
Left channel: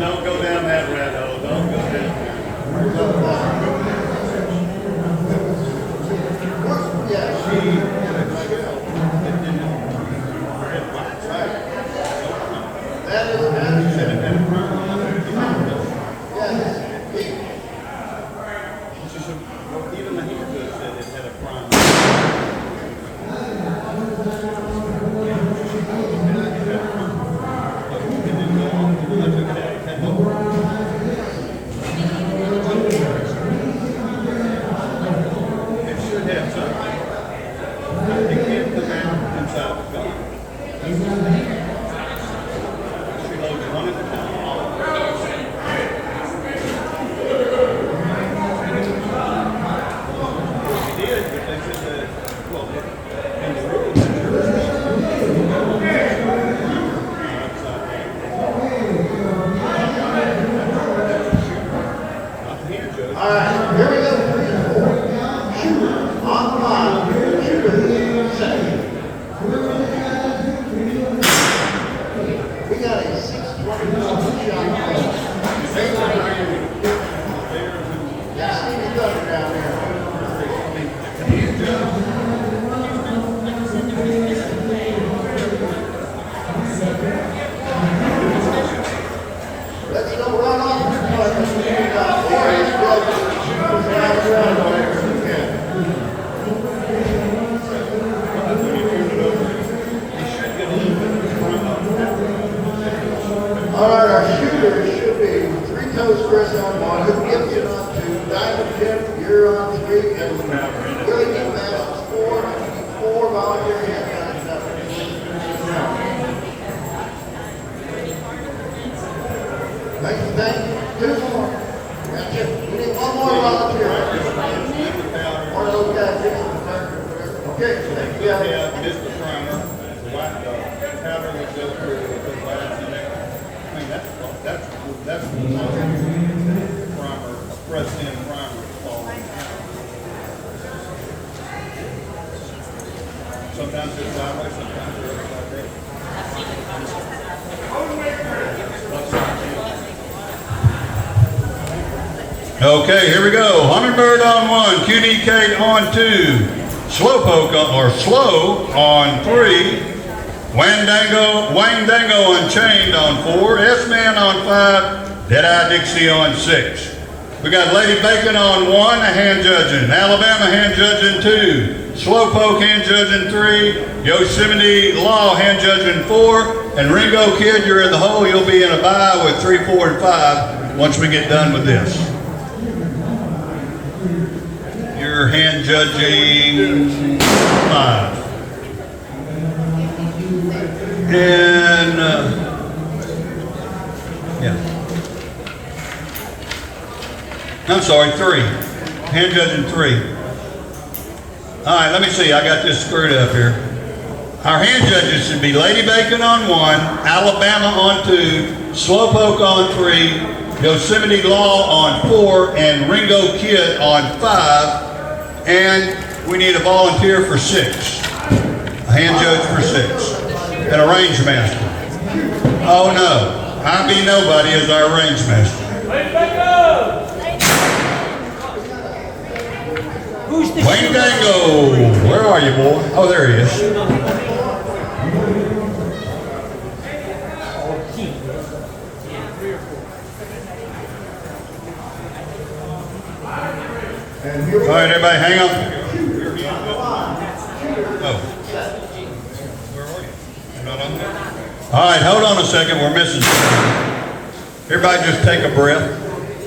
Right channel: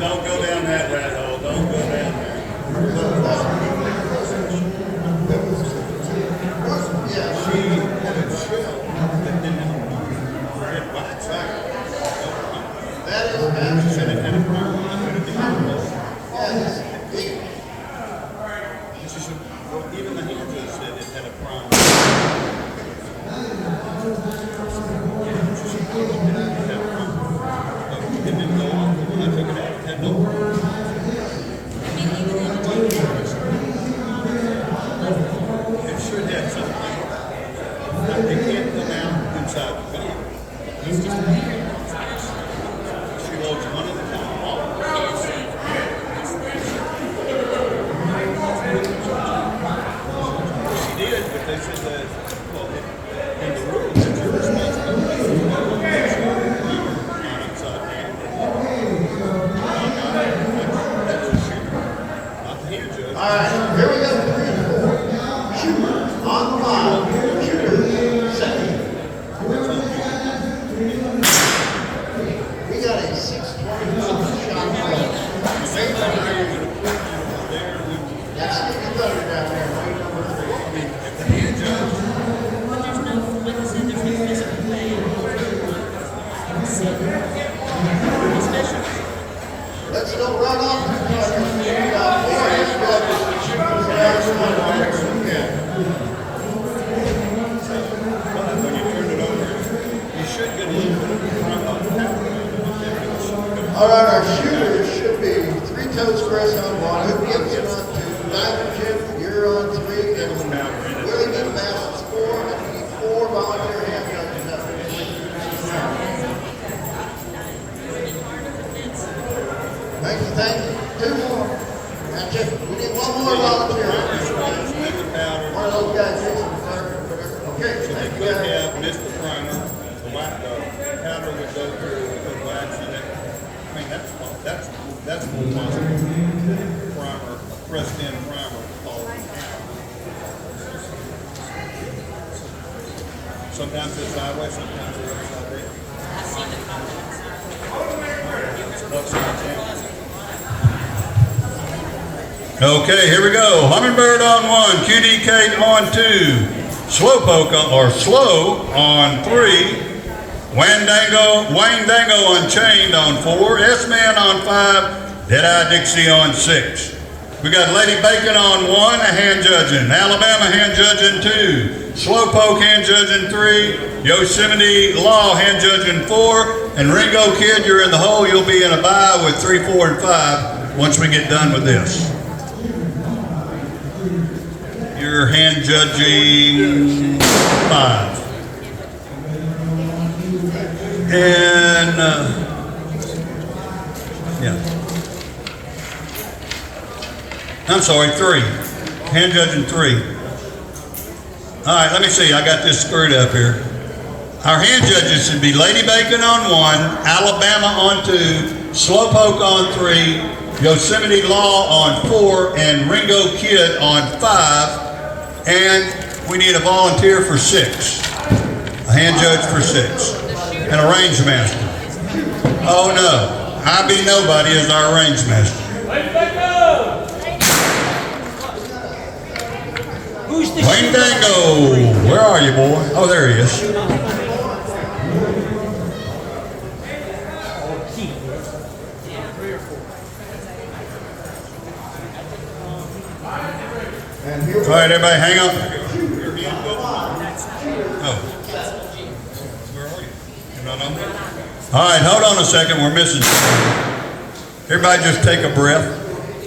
don't go down that rat hole. Don't go down there. That is Even the hand judge said it had a problem. It should have something. They can't go around inside the car. She loads 100 She did, but they said that, well, in the rules. all right, here we go. 3 and 4. Shooters on the line. Shooters set. We got a 621 shot. That's Stevie Thunder down there. Let's go right on. All right, our shooters should be 3 toes press on 1. Who gives it on 2? Diamond Jim, you're on 3. And Willie G. Bass is 4. And we need 4 volunteer hand guns. Thank you, thank you. Two more. Gotcha. We need one more volunteer. One of those guys fixing the circuit, whatever. Okay, thank you. Mr. Primer, the pattern that goes through with the last name. I mean, that's the primer, pressed in primer. Sometimes it's sideways, sometimes it's straight. Okay, here we go. Hummingbird on 1, QDK on 2, Slowpoke or Slow on 3, Wayne Dango Unchained on 4, S-Man on 5, Deadeye Dixie on 6. We got Lady Bacon on 1, a hand judging, Alabama hand judging 2, Slowpoke hand judging 3, Yosemite Law hand judging 4, and Ringo Kid, you're in the hole. You'll be in a bye with 3, 4, and 5 once we get done with this. You're hand judging 5. And, yeah. I'm sorry, 3. Hand judging 3. All right, let me see. I got this screwed up here. Our hand judges should be Lady Bacon on 1, Alabama on 2, Slowpoke on 3, Yosemite Law on 4, and Ringo Kid on 5. And we need a volunteer for 6. A hand judge for 6. And a range master. Oh no, I be nobody as our range master. Who's the Wayne Dango, where are you, boy? Oh, there he is. All right, everybody, hang on. Oh. All right, hold on a second. We're missing something. Everybody just take a breath.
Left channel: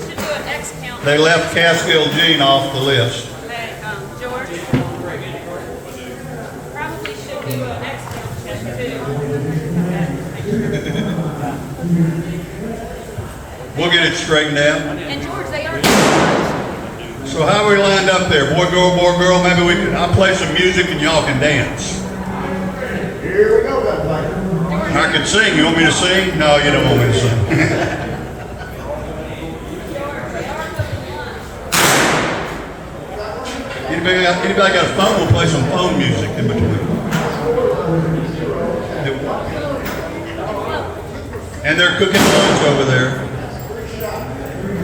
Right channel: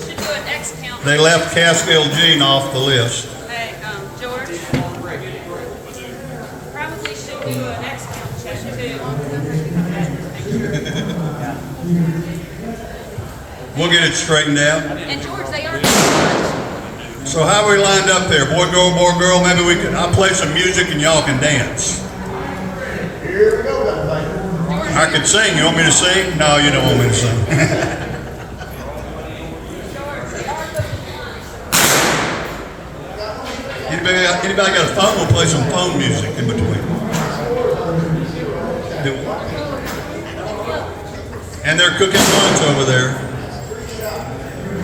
Should do an X count. They left Cassville Jean off the list. Hey, George. Probably should do an X count check too. We'll get it straightened out. And George, they are too much. So how are we lined up there? Boy, girl, maybe we can, I'll play some music and y'all can dance. Here we go, everybody. George, I could sing. You want me to sing? No, you don't want me to sing. Anybody got a phone? We'll play some phone music in between. And they're cooking lunch over there.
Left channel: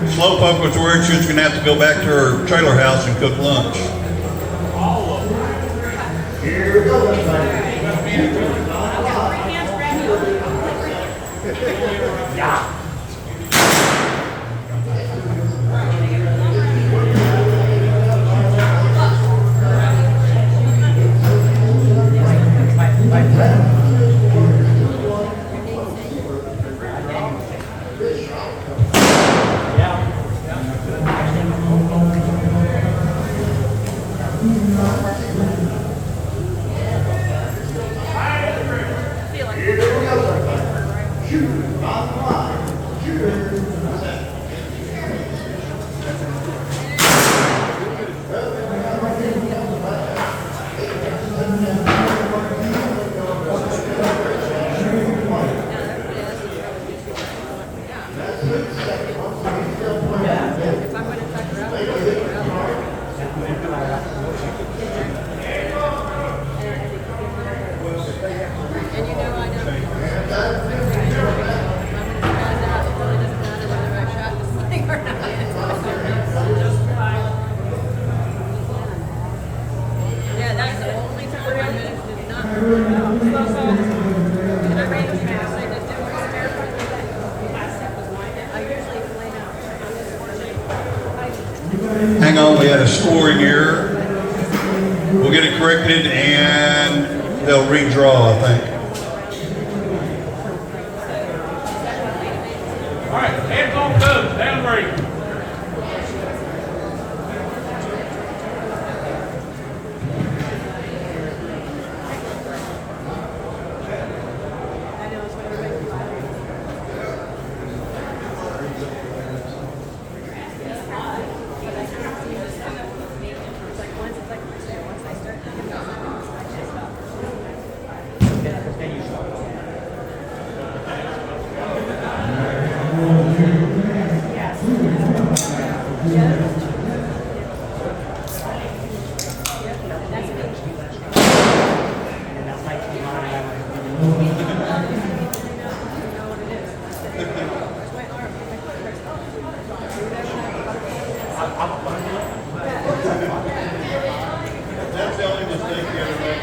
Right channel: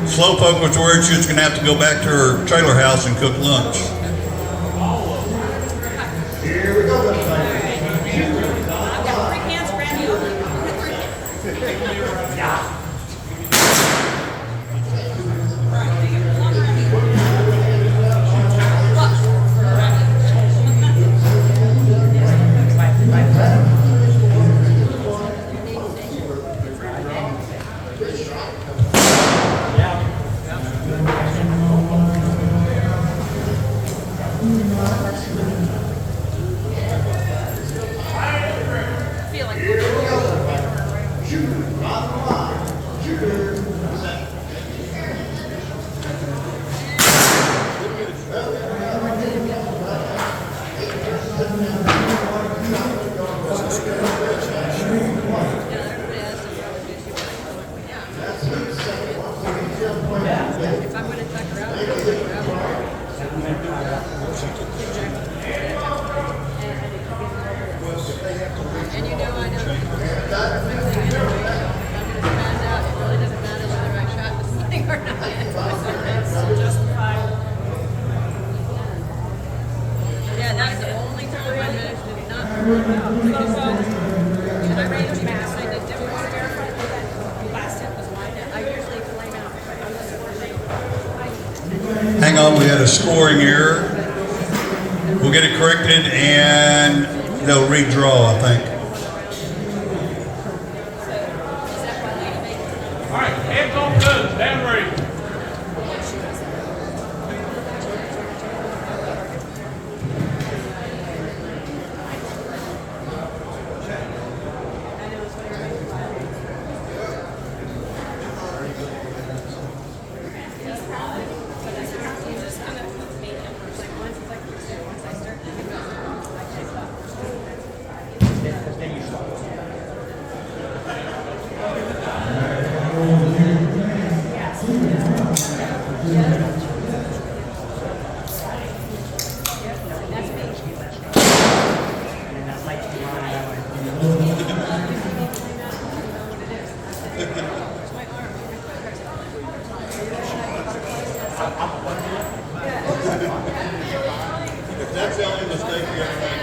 Slowpoke was worried she was going to have to go back to her trailer house and cook lunch. Here we go, everybody. Yeah. Hang on, we had a scoring error. We'll get it corrected and they'll redraw, I think. All right, hands on those, down break. That's the only mistake you ever make.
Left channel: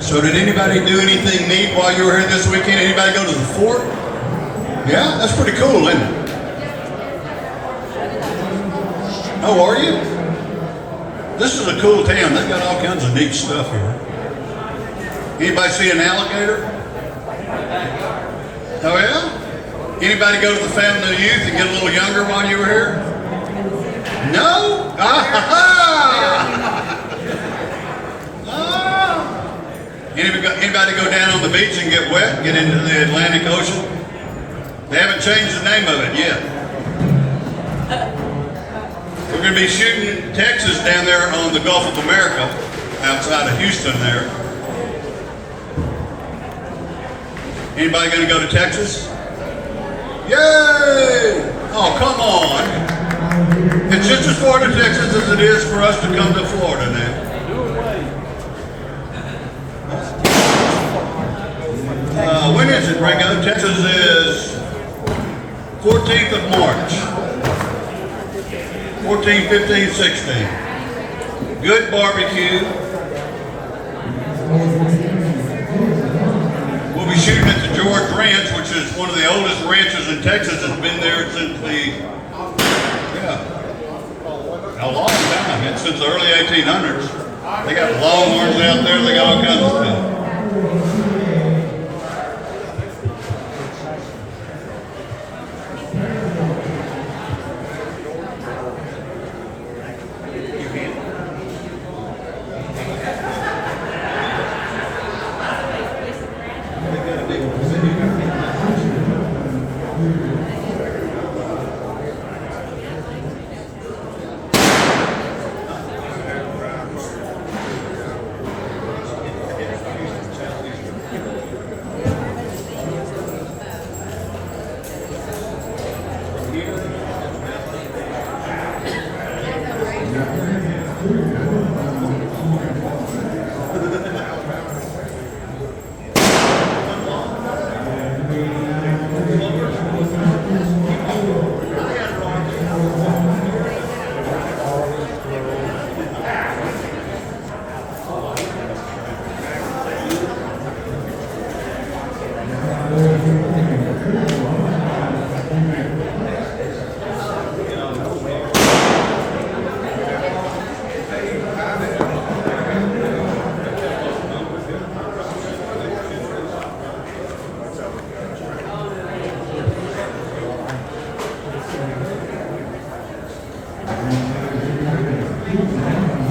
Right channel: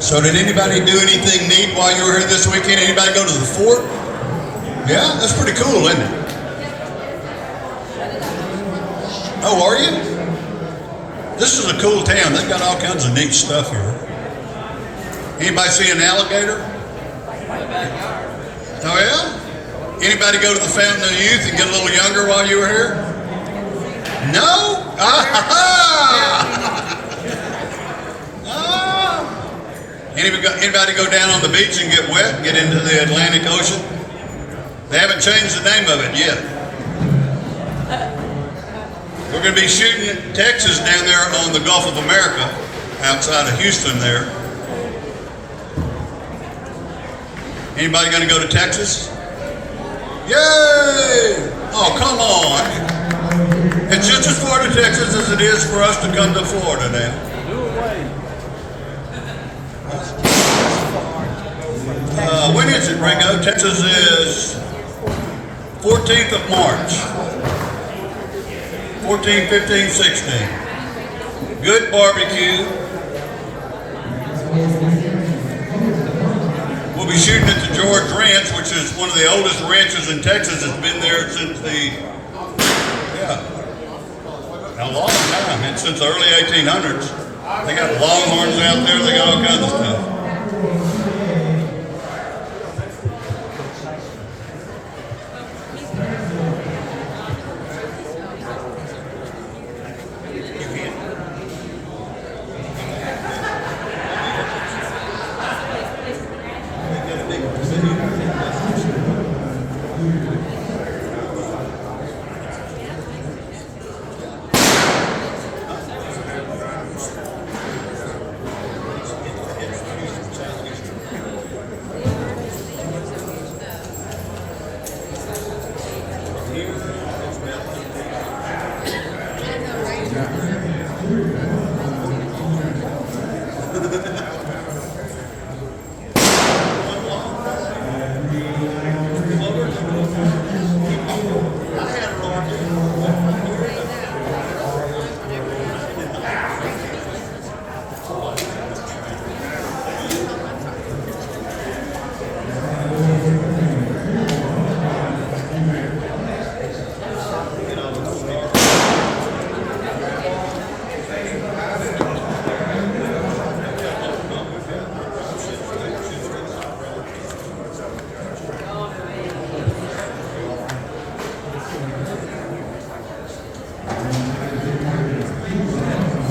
So did anybody do anything neat while you were here this weekend? Anybody go to the fort? Yeah, that's pretty cool, isn't it? Oh, are you? This is a cool town. They've got all kinds of neat stuff here. Anybody see an alligator? Oh, yeah? Anybody go to the Fountain of Youth and get a little younger while you were here? No? Anybody go down on the beach and get wet, get into the Atlantic Ocean? They haven't changed the name of it yet. We're going to be shooting Texas down there on the Gulf of America, outside of Houston there. Anybody going to go to Texas? Yay! Oh, come on. It's just as far to Texas as it is for us to come to Florida now. When is it, Ringo? Texas is 14th of March. 14, 15, 16. Good barbecue. We'll be shooting at the George Ranch, which is one of the oldest ranches in Texas. It's been there since a long time. It's since the early 1800s. They got longhorns out there. They got all kinds of stuff.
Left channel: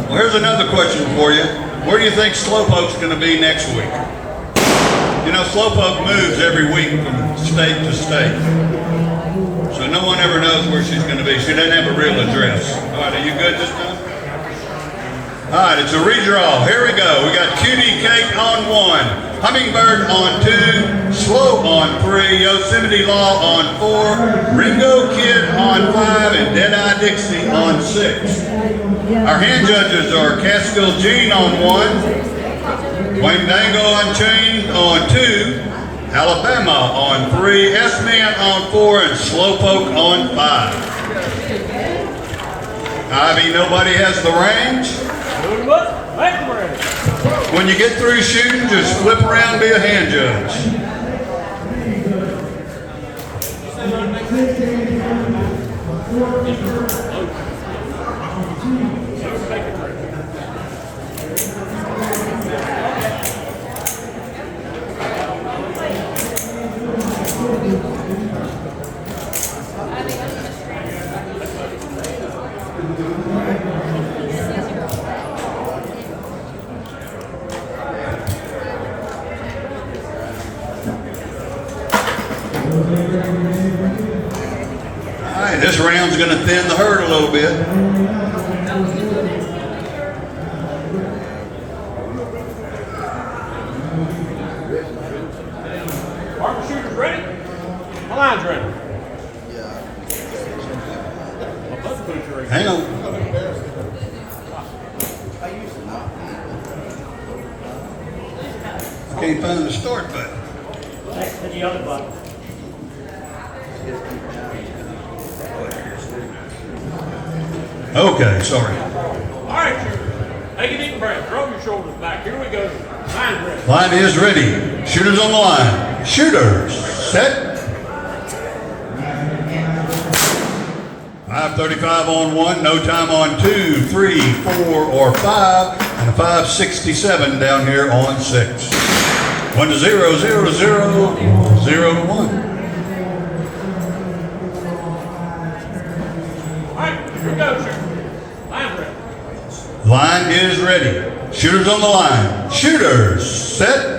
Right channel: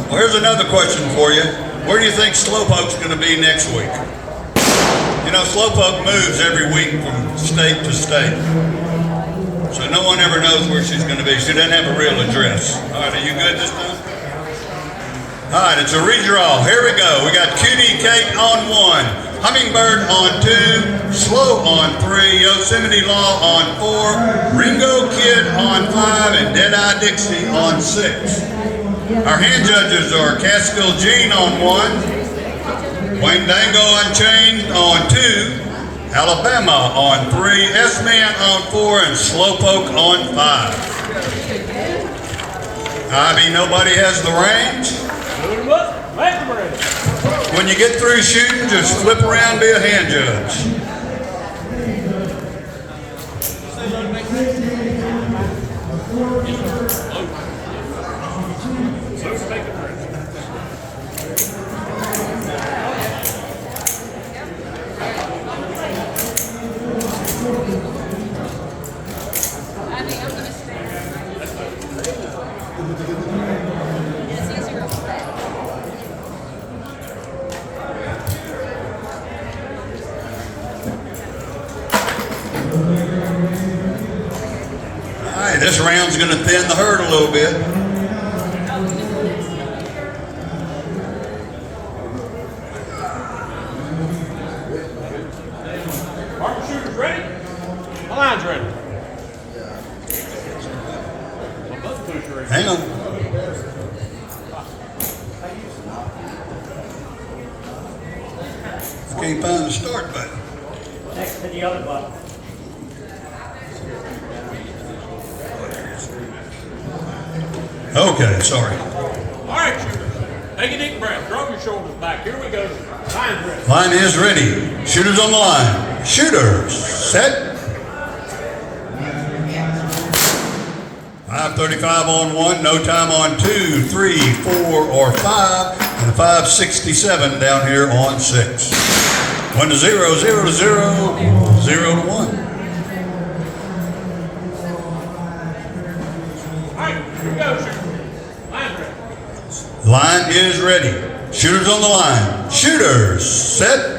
Here's another question for you. Where do you think Slowpoke's going to be next week? You know, Slowpoke moves every week from state to state. So no one ever knows where she's going to be. She doesn't have a real address. All right, are you good this time? All right, it's a redraw. Here we go. We got Cutie Cake on 1, Hummingbird on 2, Slow on 3, Yosemite Law on 4, Ringo Kid on 5, and Deadeye Dixie on 6. Our hand judges are Catskill Gene on 1, Wayne Dango Unchained on 2, Alabama on 3, S-Man on 4, and Slowpoke on 5. Ivy, nobody has the range. When you get through shooting, just flip around and be a hand judge. This round's going to thin the herd a little bit. Marker shooters ready? line's ready. Hang on. I can't find the start button. Next to the other button. Okay, sorry. All right, shooters. Take a deep breath. Drop your shoulders back. Here we go. Line's ready. Line is ready. Shooters on the line. Shooters, set. 5:35 on 1, no time on 2, 3, 4, or 5, and 5:67 down here on 6. 1 to 0, 0 to 0, 0 to 1. All right, here we go, shooters. Line's ready. Line is ready. Shooters on the line. Shooters, set.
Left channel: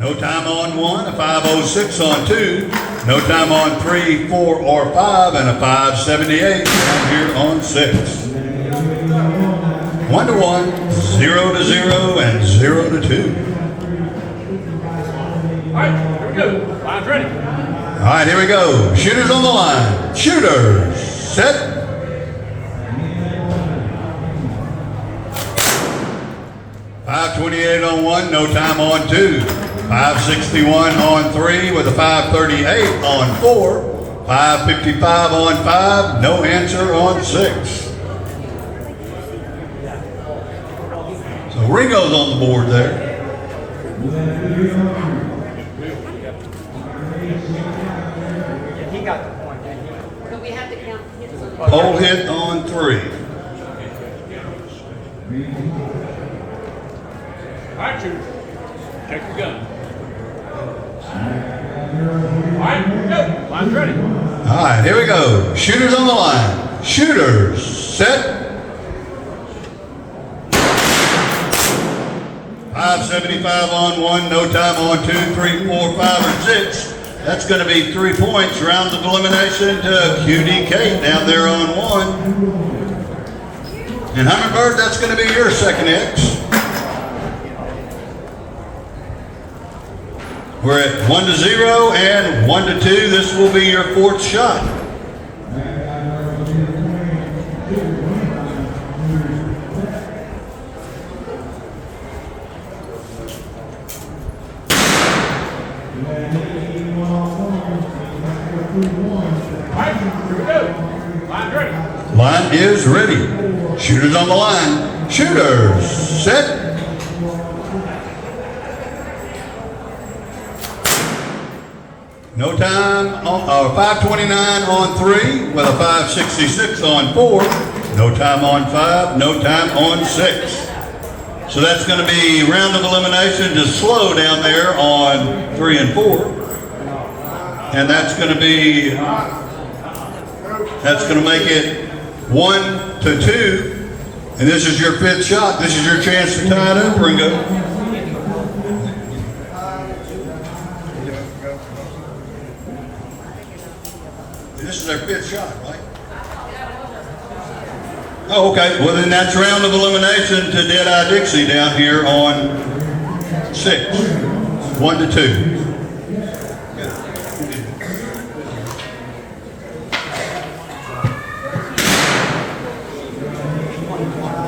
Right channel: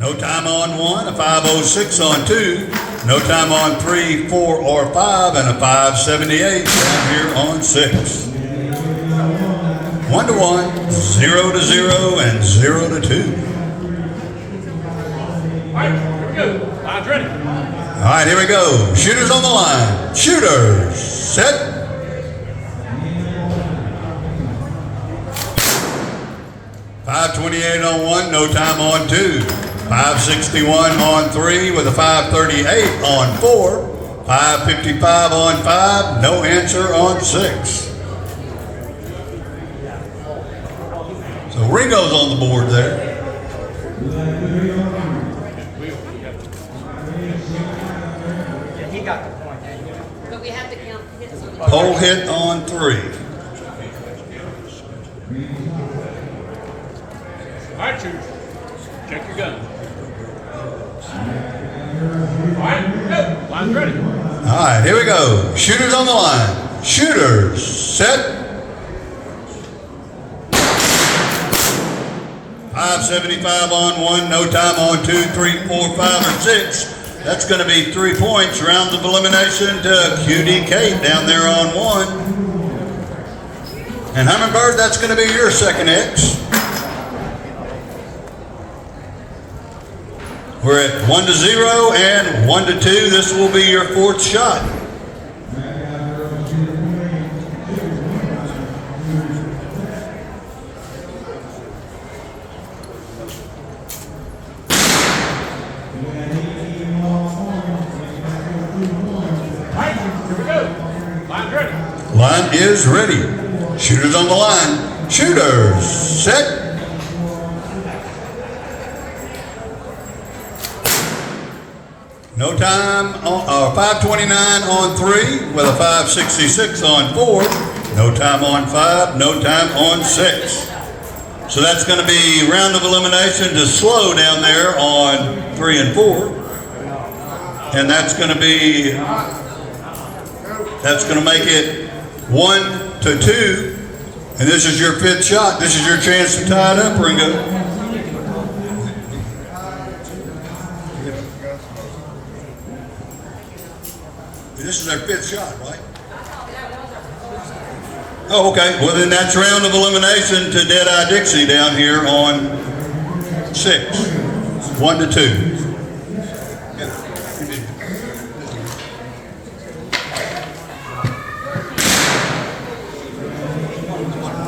No time on 1, a 5:06 on 2, no time on 3, 4, or 5, and a 5:78 here on 6. 1 to 1, 0 to 0, and 0 to 2. All right, here we go. Line's ready. All right, here we go. Shooters on the line. Shooters, set. 5:28 on 1, no time on 2. 5:61 on 3 with a 5:38 on 4. 5:55 on 5, no answer on 6. So Ringo's on the board there. Yeah, he got the point anyway. But we have to count hits on the Pole hit on 3. All right, shooters. Check your gun. All right, here we go. Line's ready. All right, here we go. Shooters on the line. Shooters, set. 5:75 on 1, no time on 2, 3, 4, 5, and 6. That's going to be 3 points. Round of elimination to QD Kate down there on 1. And Hummingbird, that's going to be your second X. We're at 1 to 0 and 1 to 2. This will be your 4th shot. All right, here we go. Line's ready. Line is ready. Shooters on the line. Shooters, set. No time on 5:29 on 3 with a 5:66 on 4. No time on 5, no time on 6. So that's going to be round of elimination to slow down there on 3 and 4. And that's going to make it 1 to 2. And this is your 5th shot. This is your chance to tie it up, Ringo. This is their 5th shot, right? Oh, okay. Well, then that's round of elimination to Dead-Eye Dixie down here on 6. 1 to 2.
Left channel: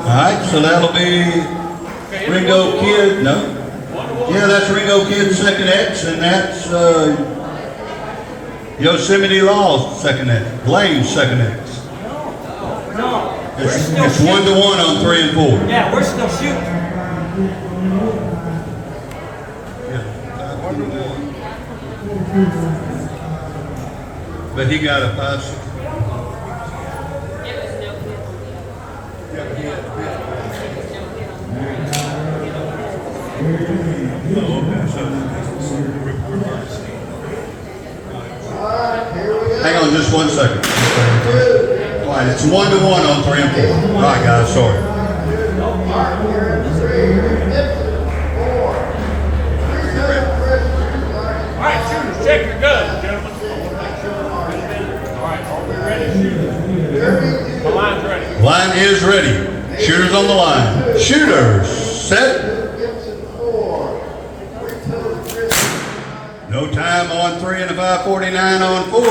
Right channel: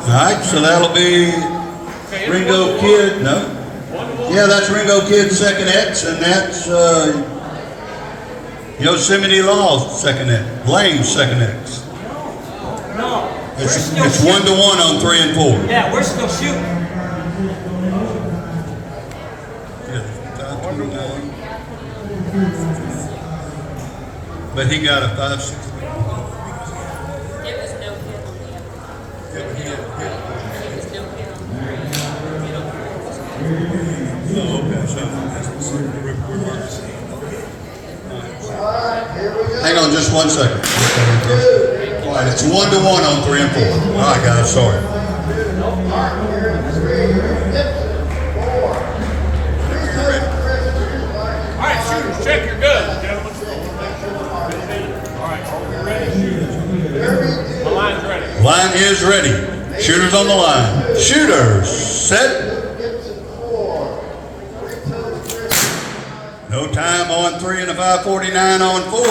All right, so that'll be Ringo Kid. No? Yeah, that's Ringo Kid's second X, and that's Yosemite Law's second X. Lane's second X. No, we're It's still 1 shooting. to 1 on 3 and 4. Yeah, we're still shooting. 1 to 1. But he got a 5-6. There was no hit on the other. Yeah, but he had a hit. There was no hit on Hang on just 1 second. All right, it's 1 to 1 on 3 and 4. All right, guys, sorry. All right, shooters, check your guns, gentlemen. All right, are we ready, shooters? The line's ready. Line is ready. Shooters on the line. Shooters, set. time on 3 and a 5:49 on 4.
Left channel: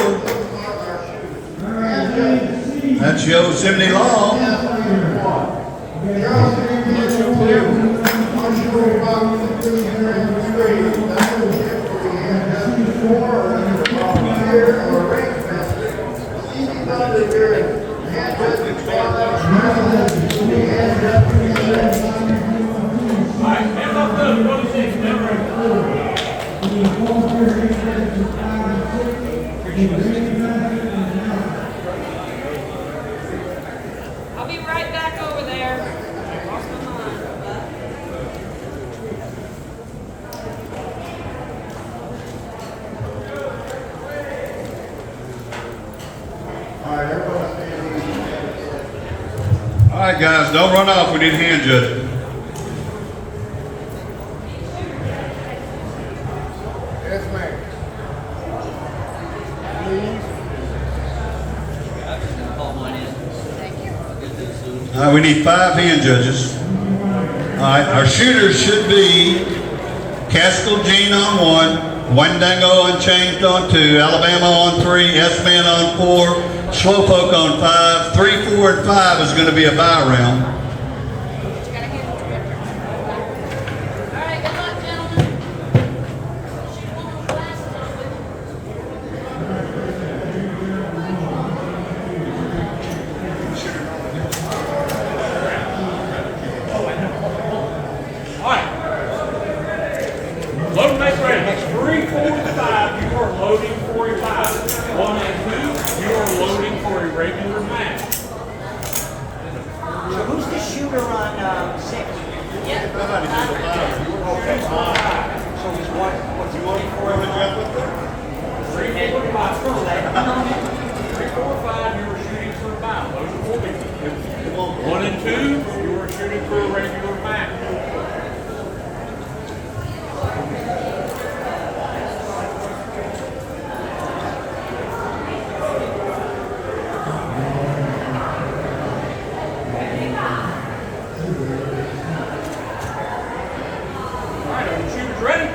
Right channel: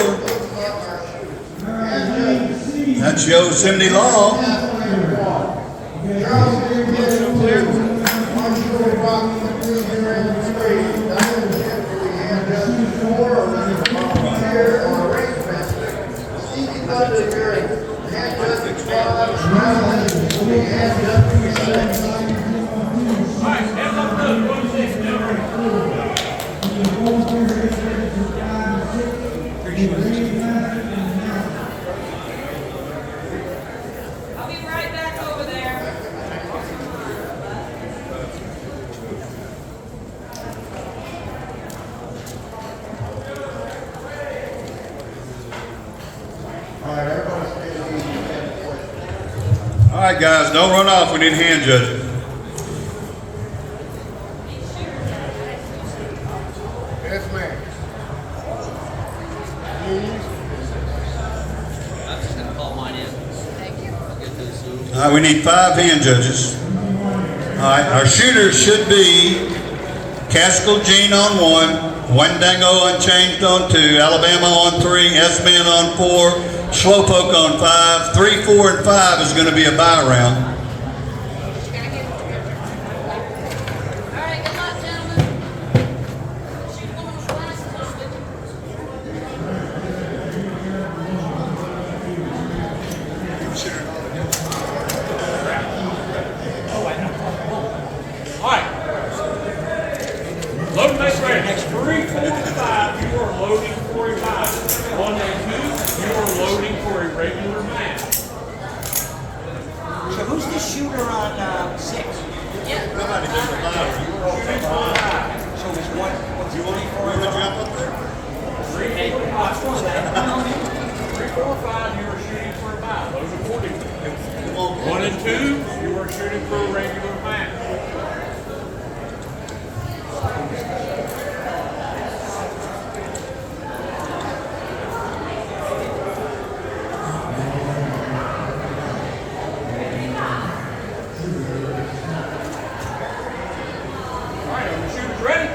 That's Yosemite Law. I'll be right back over there. All right, guys, don't run off. We need hand judges. Yes, ma'am. All right, we need 5 hand judges. All right, our shooters should be Caskell Jean on 1, Wendango Unchanged on 2, Alabama on 3, S-Man on 4, Slowpoke on 5. 3, 4, and 5 is going to be a bye round. All right, good luck, gentlemen. One of those glasses on with you. All right. Loading base ready. Next 3, 4, and 5, you are loading for a 5. 1 and 2, you are loading for a regular match. So who's the shooter on 6? Yeah. You are shooting for a 5. So there's one. What's the one? 3, 4, and 5. 3, 4, 5, you are shooting for a 5. Those are 4 people. 1 and 2, you are shooting for a regular match. All right, are the shooters ready?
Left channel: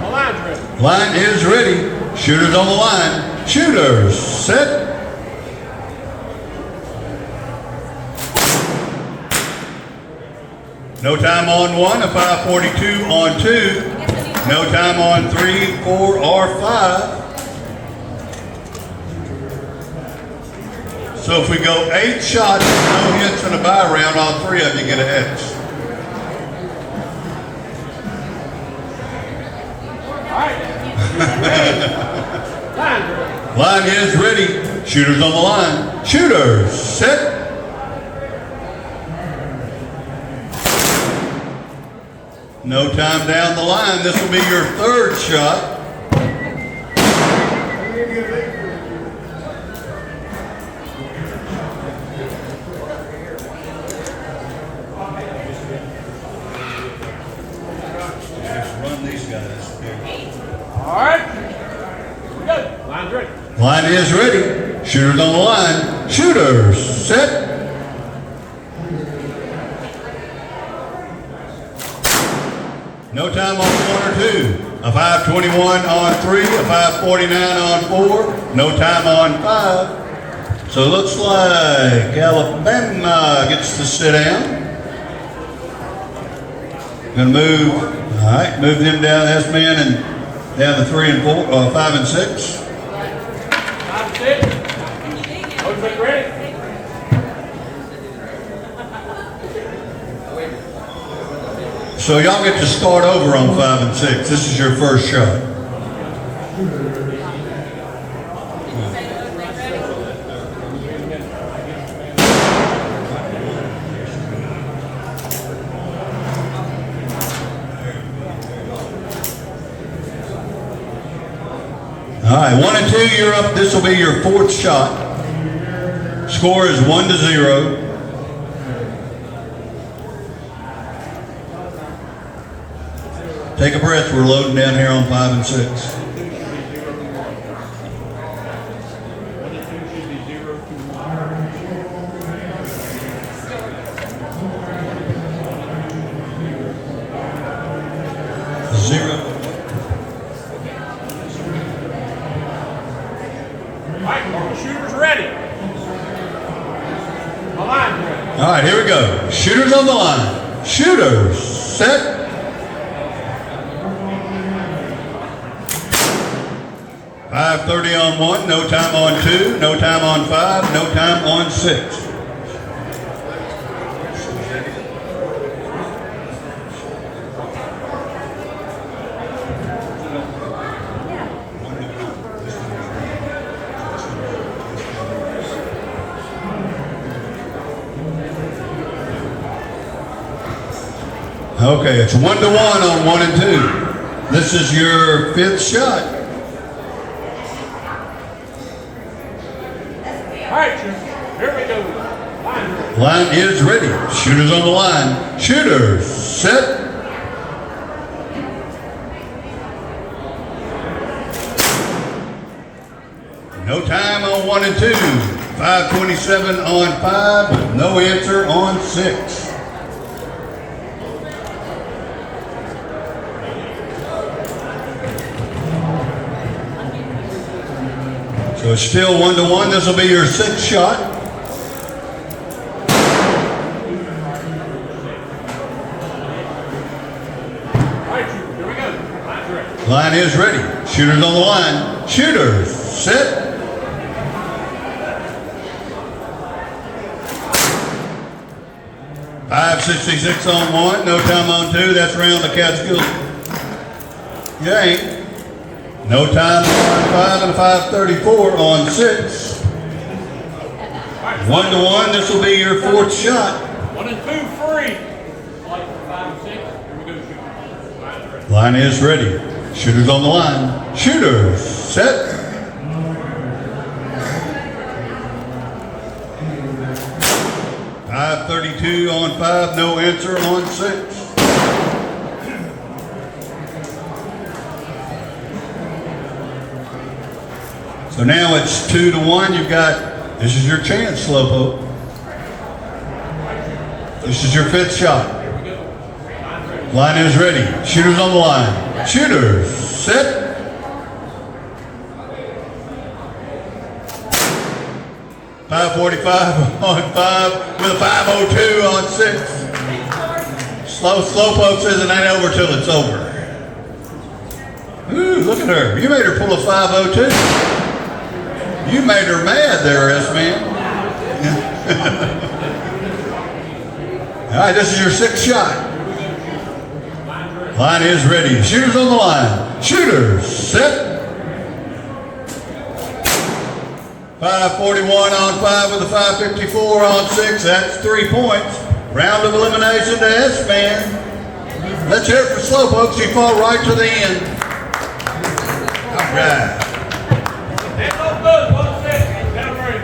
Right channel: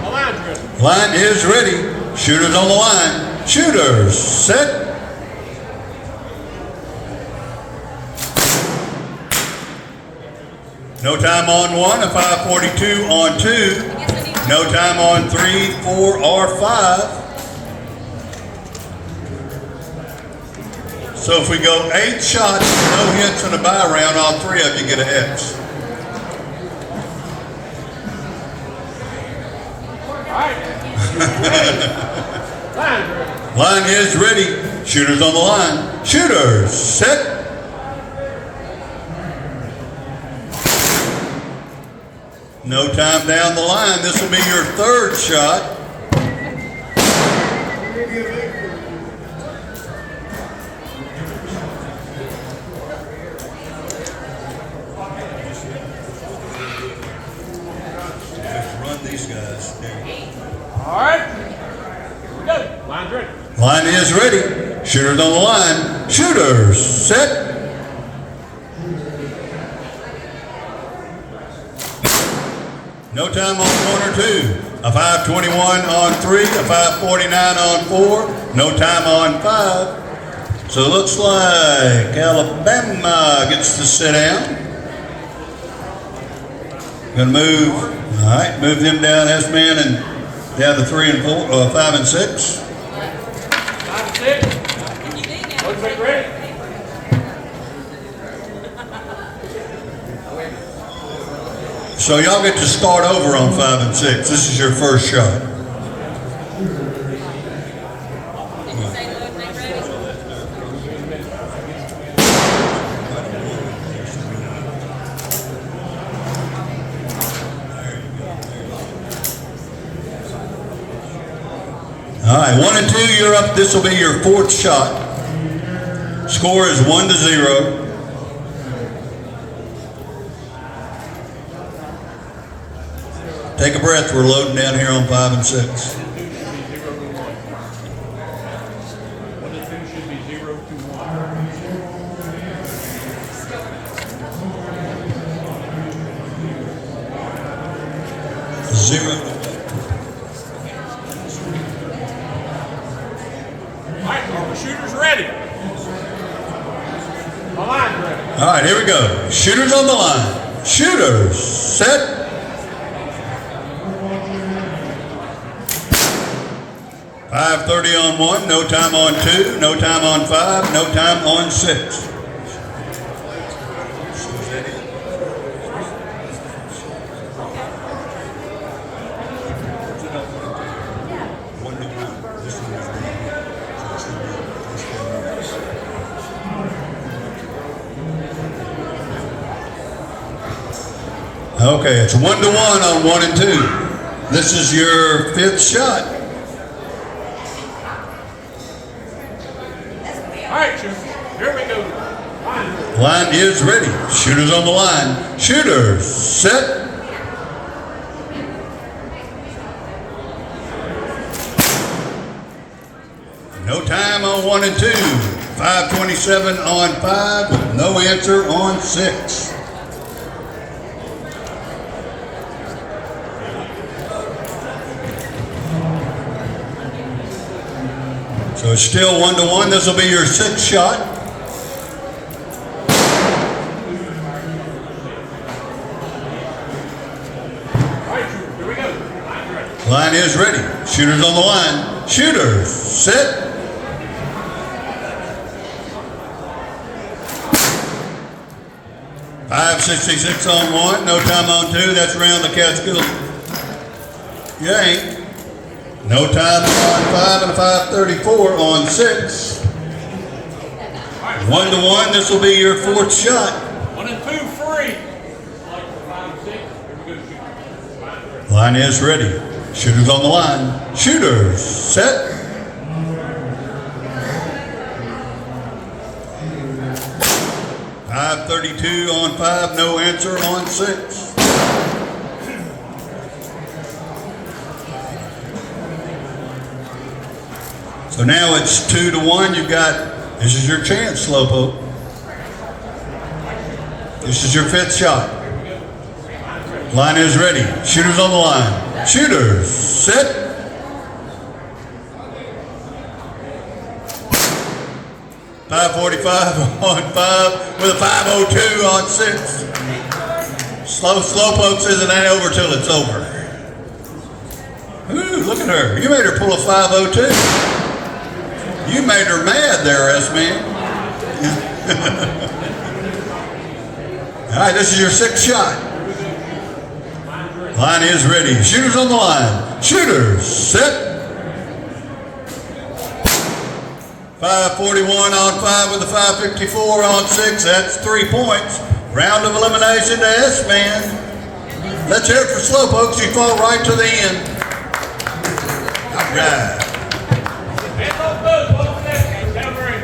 The line's ready. Line is ready. Shooters on the line. Shooters, set. No time on 1, a 5:42 on 2. No time on 3, 4, or 5. So if we go 8 shots, no hits in a bye round, all 3 of you get a X. All right. Ready. Line's ready. Line is ready. Shooters on the line. Shooters, set. No time down the line. This will be your 3rd shot. Just run these guys. All right. Here we go. Line's ready. Line is ready. Shooters on the line. Shooters, set. No time on 1 or 2. A 5:21 on 3, a 5:49 on 4. No time on 5. So it looks like Alabama gets to sit down. Gonna move. All right, move them down, S-Man, and down to 3 and 4, 5 and 6. 5 and 6. Loading base ready. So y'all get to start over on 5 and 6. This is your first shot. All right, 1 and 2, you're up. This will be your 4th shot. Score is 1-0. Take a breath. We're loading down here on 5 and 6. 1 and 2 should be 0 to 1. 0. All right, here we go. Shooters on the line. Shooters, set. .530 on 1, no time on 2, no time on 5, no time on 6. Okay, it's 1-1 on 1 and 2. This is your 5th shot. All right, here we go. Line is ready. Shooters on the line. Shooters, set. No time on 1 and 2. 5:27 on 5. No answer on 6. So it's still 1-1. This will be your 6th shot. All right, here we go. Line is ready. Shooters on the line. Shooters, set. .566 on 1, no time on 2. That's round the Catskill. You ain't. No time on 5 and 5:34 on 6. 1-1. This will be your 4th shot. 1 and 2 free. 5 and 6. Here we go. Line is ready. Shooters on the line. Shooters, set. .532 on 5, no answer on 6. So now it's 2-1. You've got, this is your chance, Slowpoke. This is your 5th shot. Line is ready. Shooters on the line. Shooters, set. .545 on 5 with 5:02 on 6. Slowpoke says it ain't over till it's over. Ooh, look at her. You made her pull a 5:02. You made her mad there, S-Man. All right, this is your 6th shot. Line is ready. Shooters on the line. Shooters, set. 5:41 on 5 with a 5:54 on 6. That's 3 points. Round of elimination to S-Man. Let's hear it for Slowpoke. She fought right to the end. All right. Hands off good. 1 set. Down 3.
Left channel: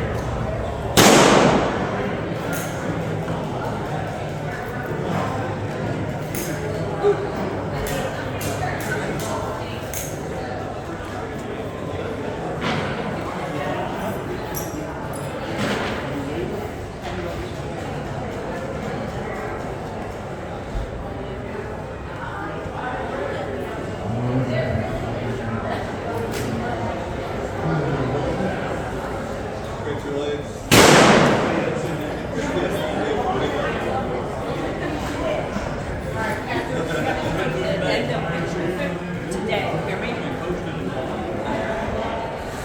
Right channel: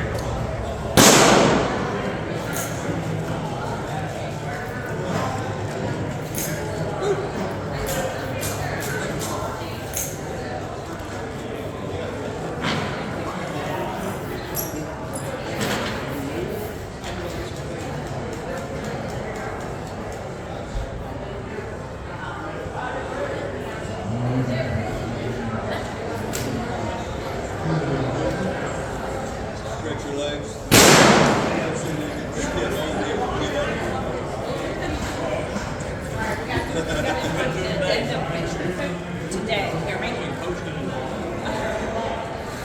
Today, they're making.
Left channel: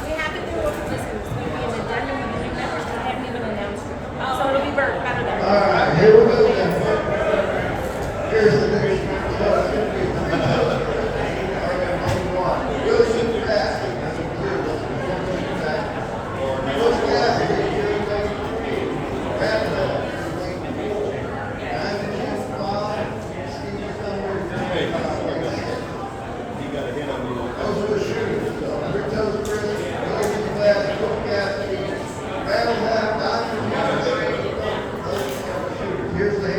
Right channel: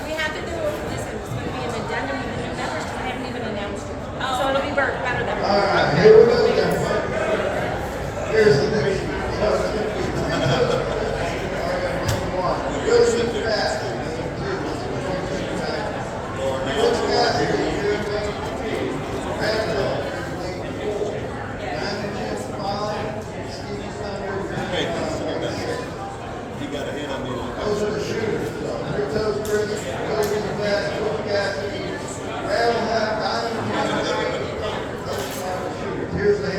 We have to do, listen, it's going to be an addendum with the new members, but I haven't even announced it. So it'll be better that way. All right, here we go then. Here's the next one. So it's going to be 3 toes. We'll shoot fast. What's gas? Here's the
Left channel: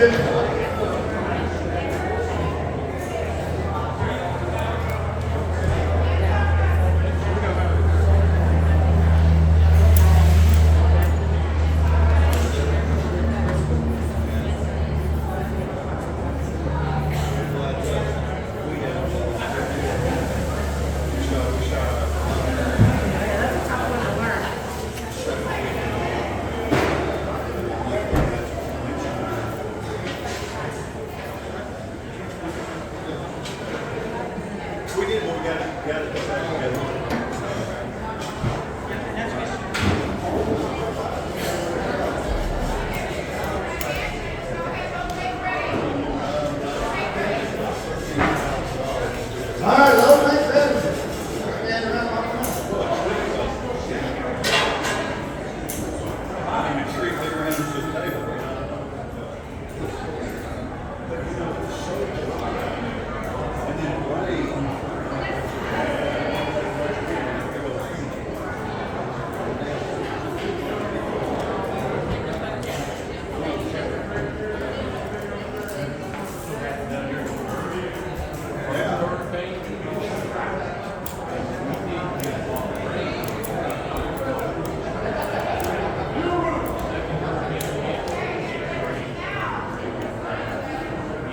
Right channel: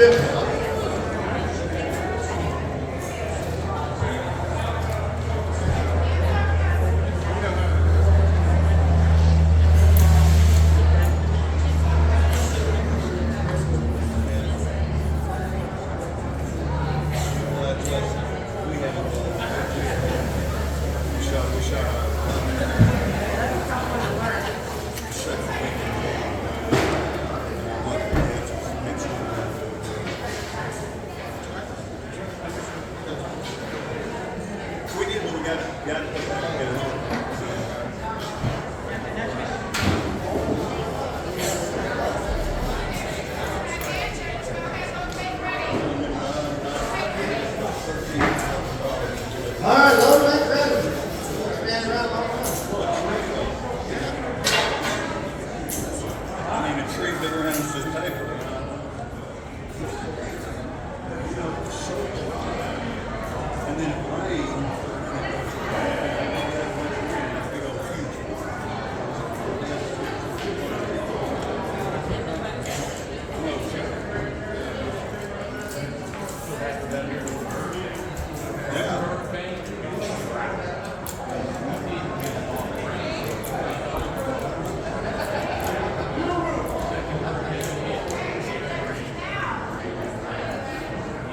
50.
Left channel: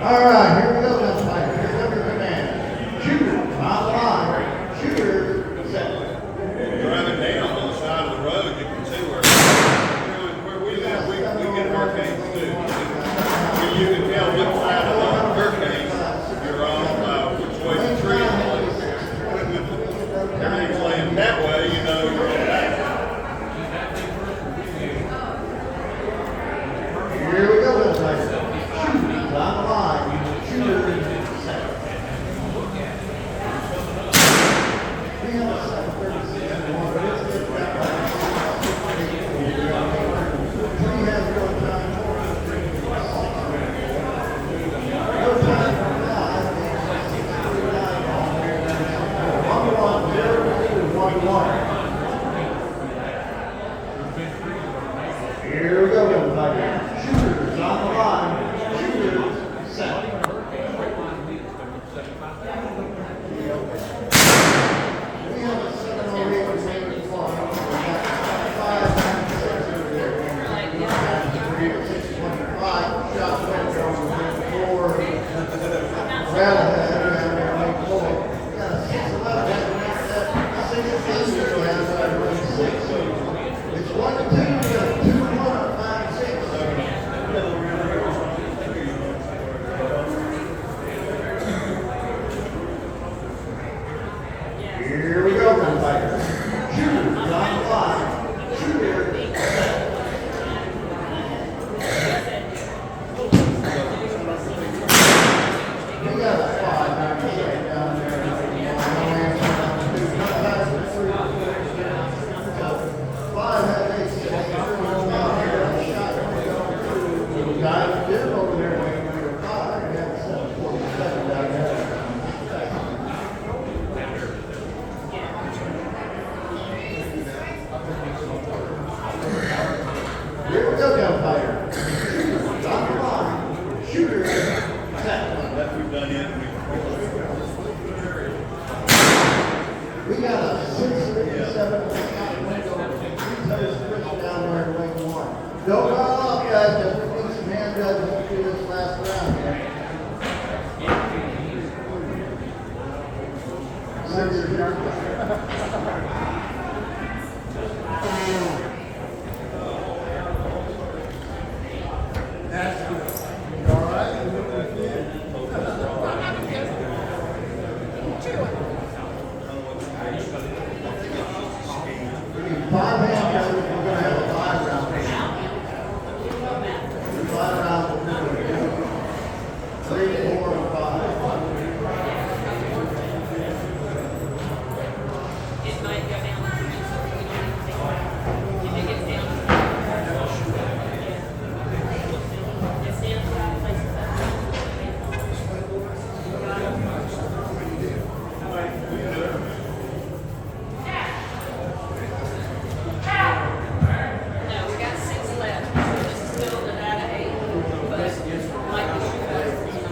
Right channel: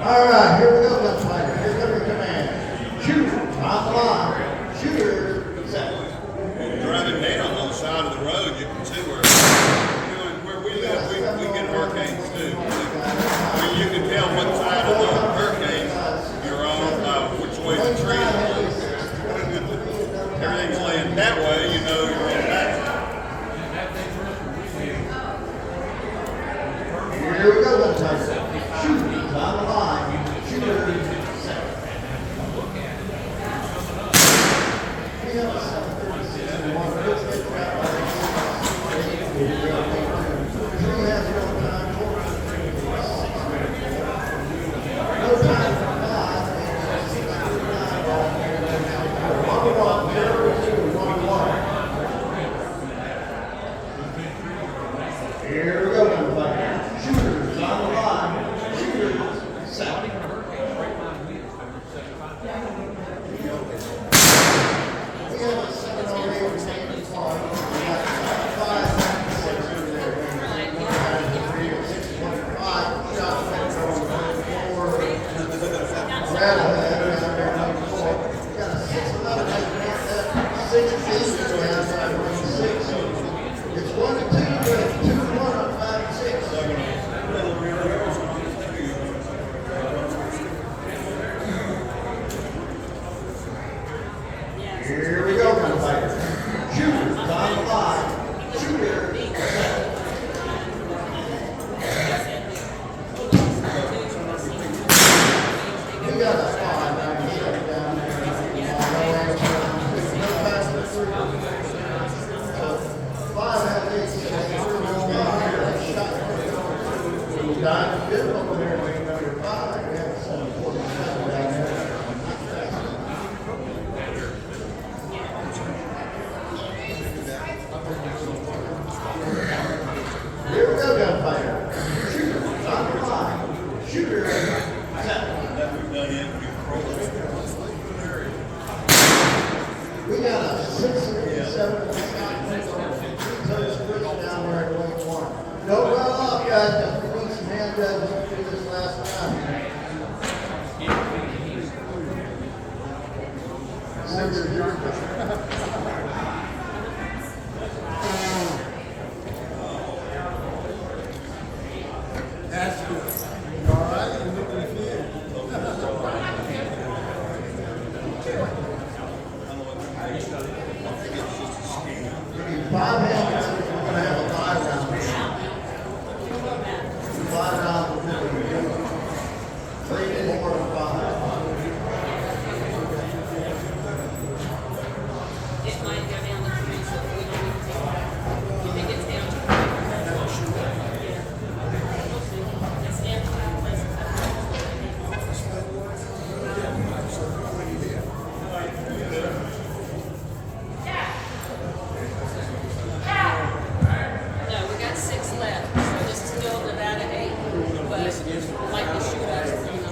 All right, here we go, let's fight. Here's every command. Shooter, on the line. Shooter, set. Driving down on the side of the road, you can see where we live, we get hurricanes too. You can tell which side of the hurricane you're on, which way the tree is. Everything's laying that way, you know you're on that side. Here we go, let's fight. Shooter, on the line. Shooter, set. Here we go, everybody. Shooters on the line. Shooters set. We have a 708 remaining clock. 596 over there. 625 shot went from 4. Rattlehead around there, no four. We got a 611 6 8 it's 1 to 2 to 2 1.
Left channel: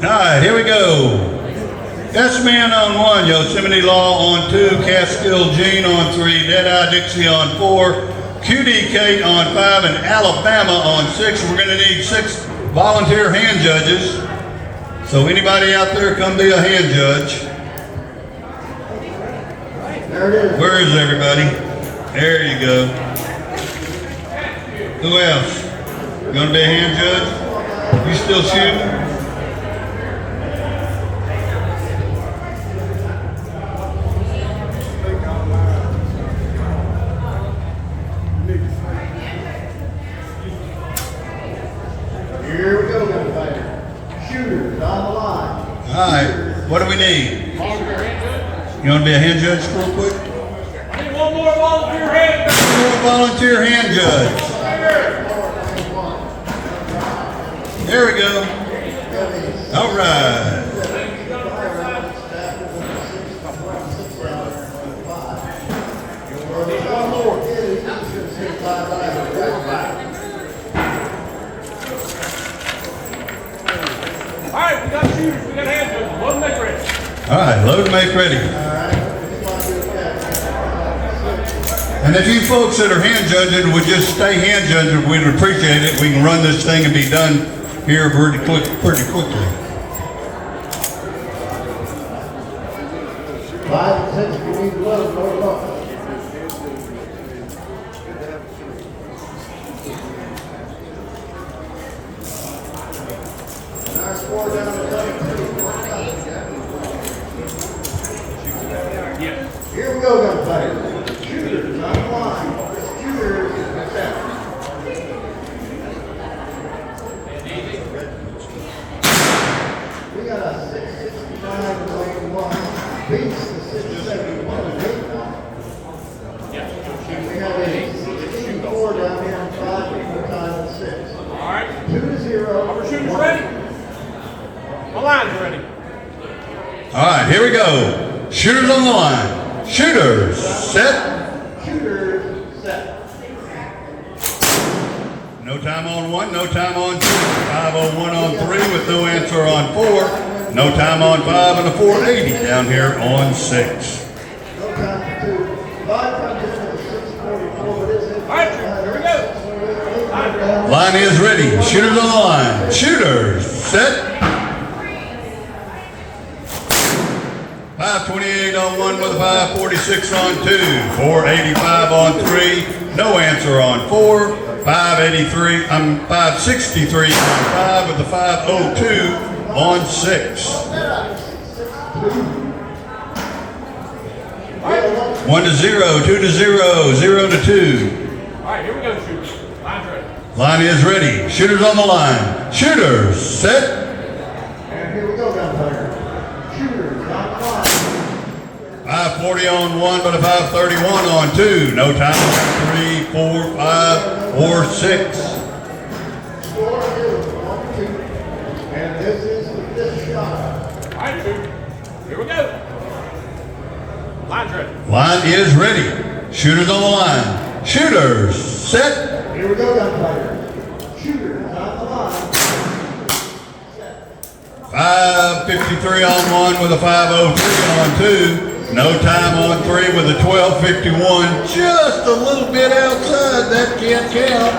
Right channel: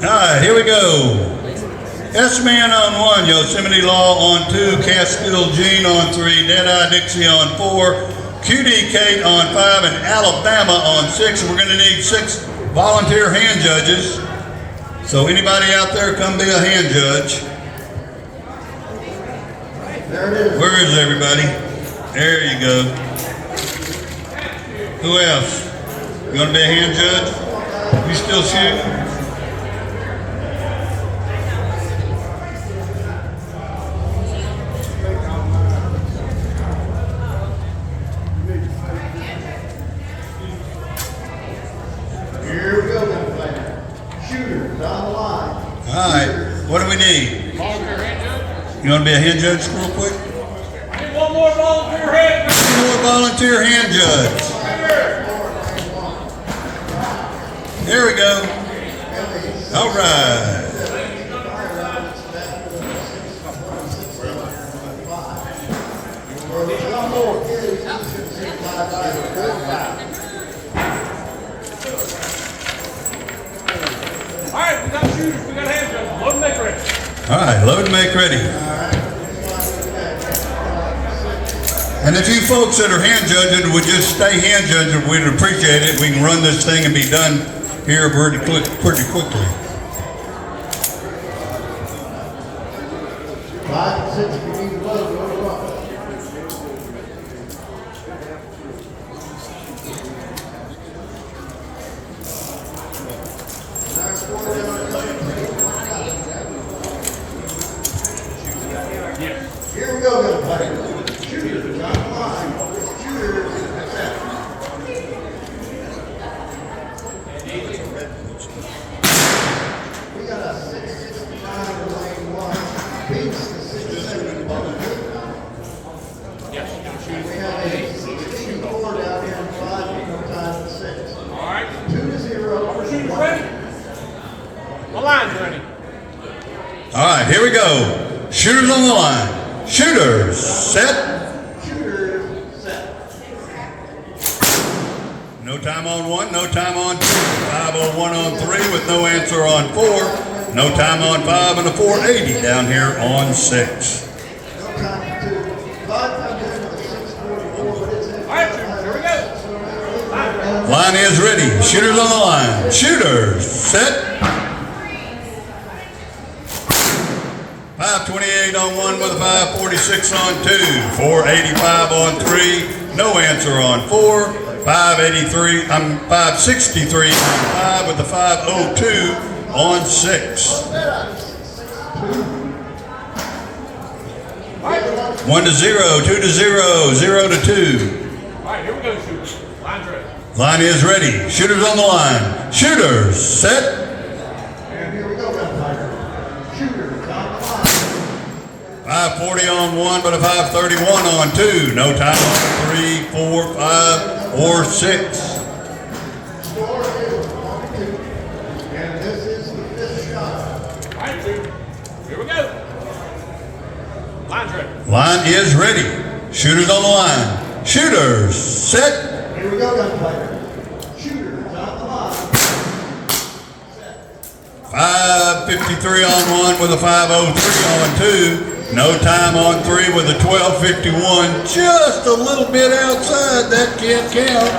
right, here we go. S-Man on 1, Yosemite Law on 2, Catskill Gene on 3, Deadeye Dixie on 4, QD Kate on 5, and Alabama on 6. We're going to need 6 volunteer hand judges. So anybody out there, come be a hand judge. There it is. Where is everybody? There you go. Who else? You going to be a hand judge? You still shooting? Here we go, young man. Shooters on the line. All right, what do we need? You want to be a hand judge real quick? I need one more volunteer hand. One more volunteer hand judge. There we go. All right. One more. Here, you should see 5 out of 4 or 5. All right, we got shooters, we got hand judges. Load and make ready. All right, load and make ready. And if you folks that are hand judging would just stay hand judging, we'd appreciate it. We can run this thing and be done here pretty quickly. 5 and 6, we need to load more one. Our score down to 22. Here we go, young players. Shooters on the line. Shooters set. We got a 669 in lane 1. Beats the 671 in lane 1. We have a 684 down here in 5 more times 6. All right. 2-0. Are our shooters ready? My line's ready. All right, here we go. Shooters on the line. Shooters, set. Shooters set. No time on 1, no time on 2. 501 on 3 with no answer on 4. No time on 5 and a 480 down here on 6. No time for 2. 5 comes in with a 644. What is it? All right, here we go. Line. Line is ready. Shooters on the line. Shooters, set. 528 on 1 with a 546 on 2. 485 on 3. No answer on 4. 563 on 5 with a 502 on 6. 1 to 0, 2 to 0, 0 to 2. All right, here we go, shooters. Line's ready. Line is ready. Shooters on the line. Shooters, set. And here we go, gunfighter. Shooters on the line. 540 on 1, but a 531 on 2. No time on 3, 4, 5, or 6. Score is 1-2. And this is the 5th shot. All right, shooters. Here we go. Line's ready. Line is ready. Shooters on the line. Shooters, set. Here we go, gunfighter. Shooters on the line. 553 on 1 with a 503 on 2. No time on 3 with a 1251. Just a little bit outside. That can't count.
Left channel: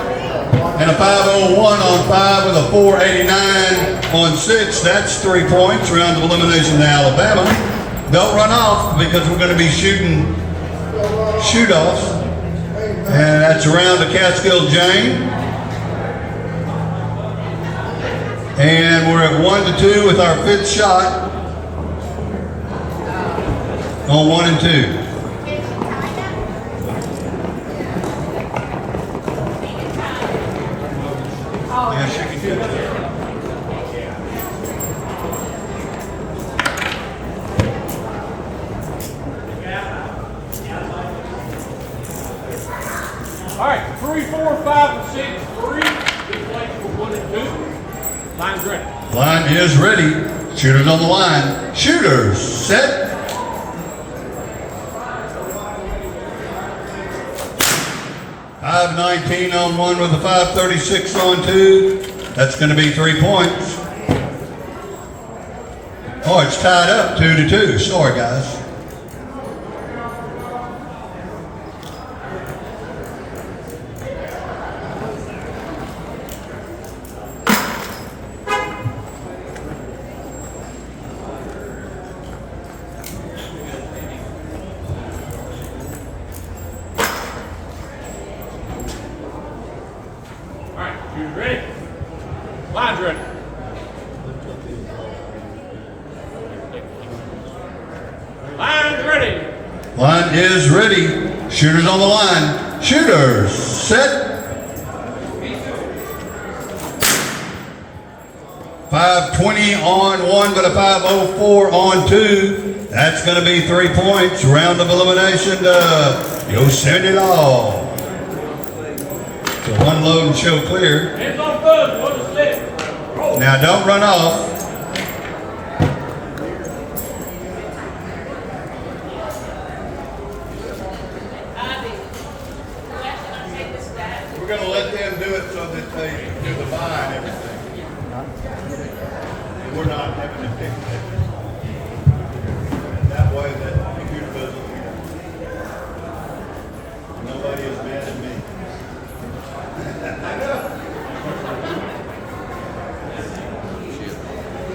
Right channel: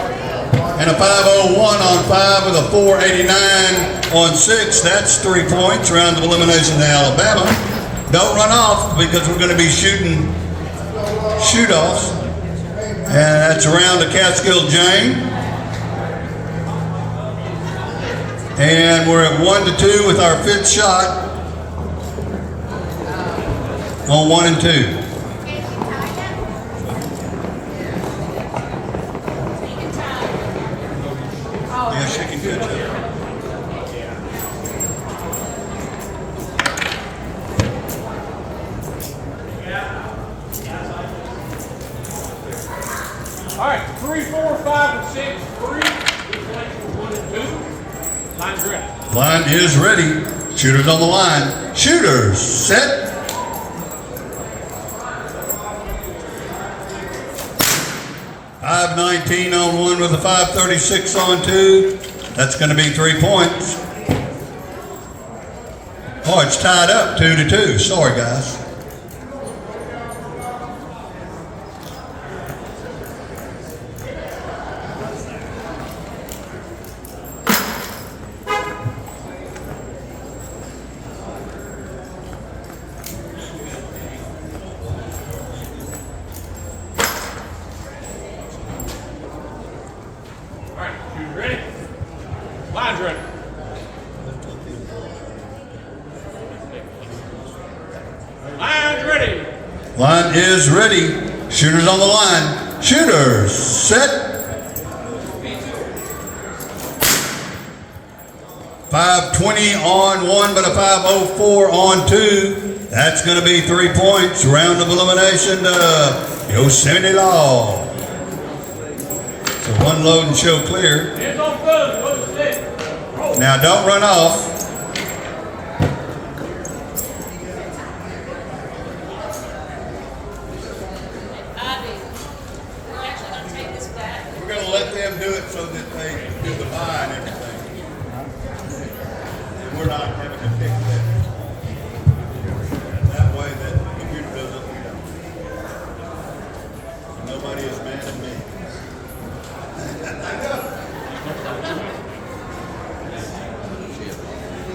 And a 501 on 5 with a 489 on 6. That's 3 points. Round of elimination to Alabama. Don't run off because we're going to be shooting shoot-offs. And that's around the Catskill Jane. And we're at 1 to 2 with our 5th shot on 1 and 2. Yes, she can do that. All right, 3, 4, 5, and 6. 3. This lane's for 1 and 2. Line's ready. Line is ready. Shooters on the line. Shooters, set. 519 on 1 with a 536 on 2. That's going to be 3 points. it's tied up 2-2. Sorry, guys. All right, shooters ready? Line's ready. Line's ready. Line is ready. Shooters on the line. Shooters, set. 520 on one, but a 504 on two. That's going to be 3 points. Round of elimination to Yosemite Law. So one load and show clear. Hands on foot. Load the stick. Roll. Now don't run off. We're going to let them do it so that they do the buy and everything. And we're not having to pick that. That way that the computer doesn't, nobody is mad at me.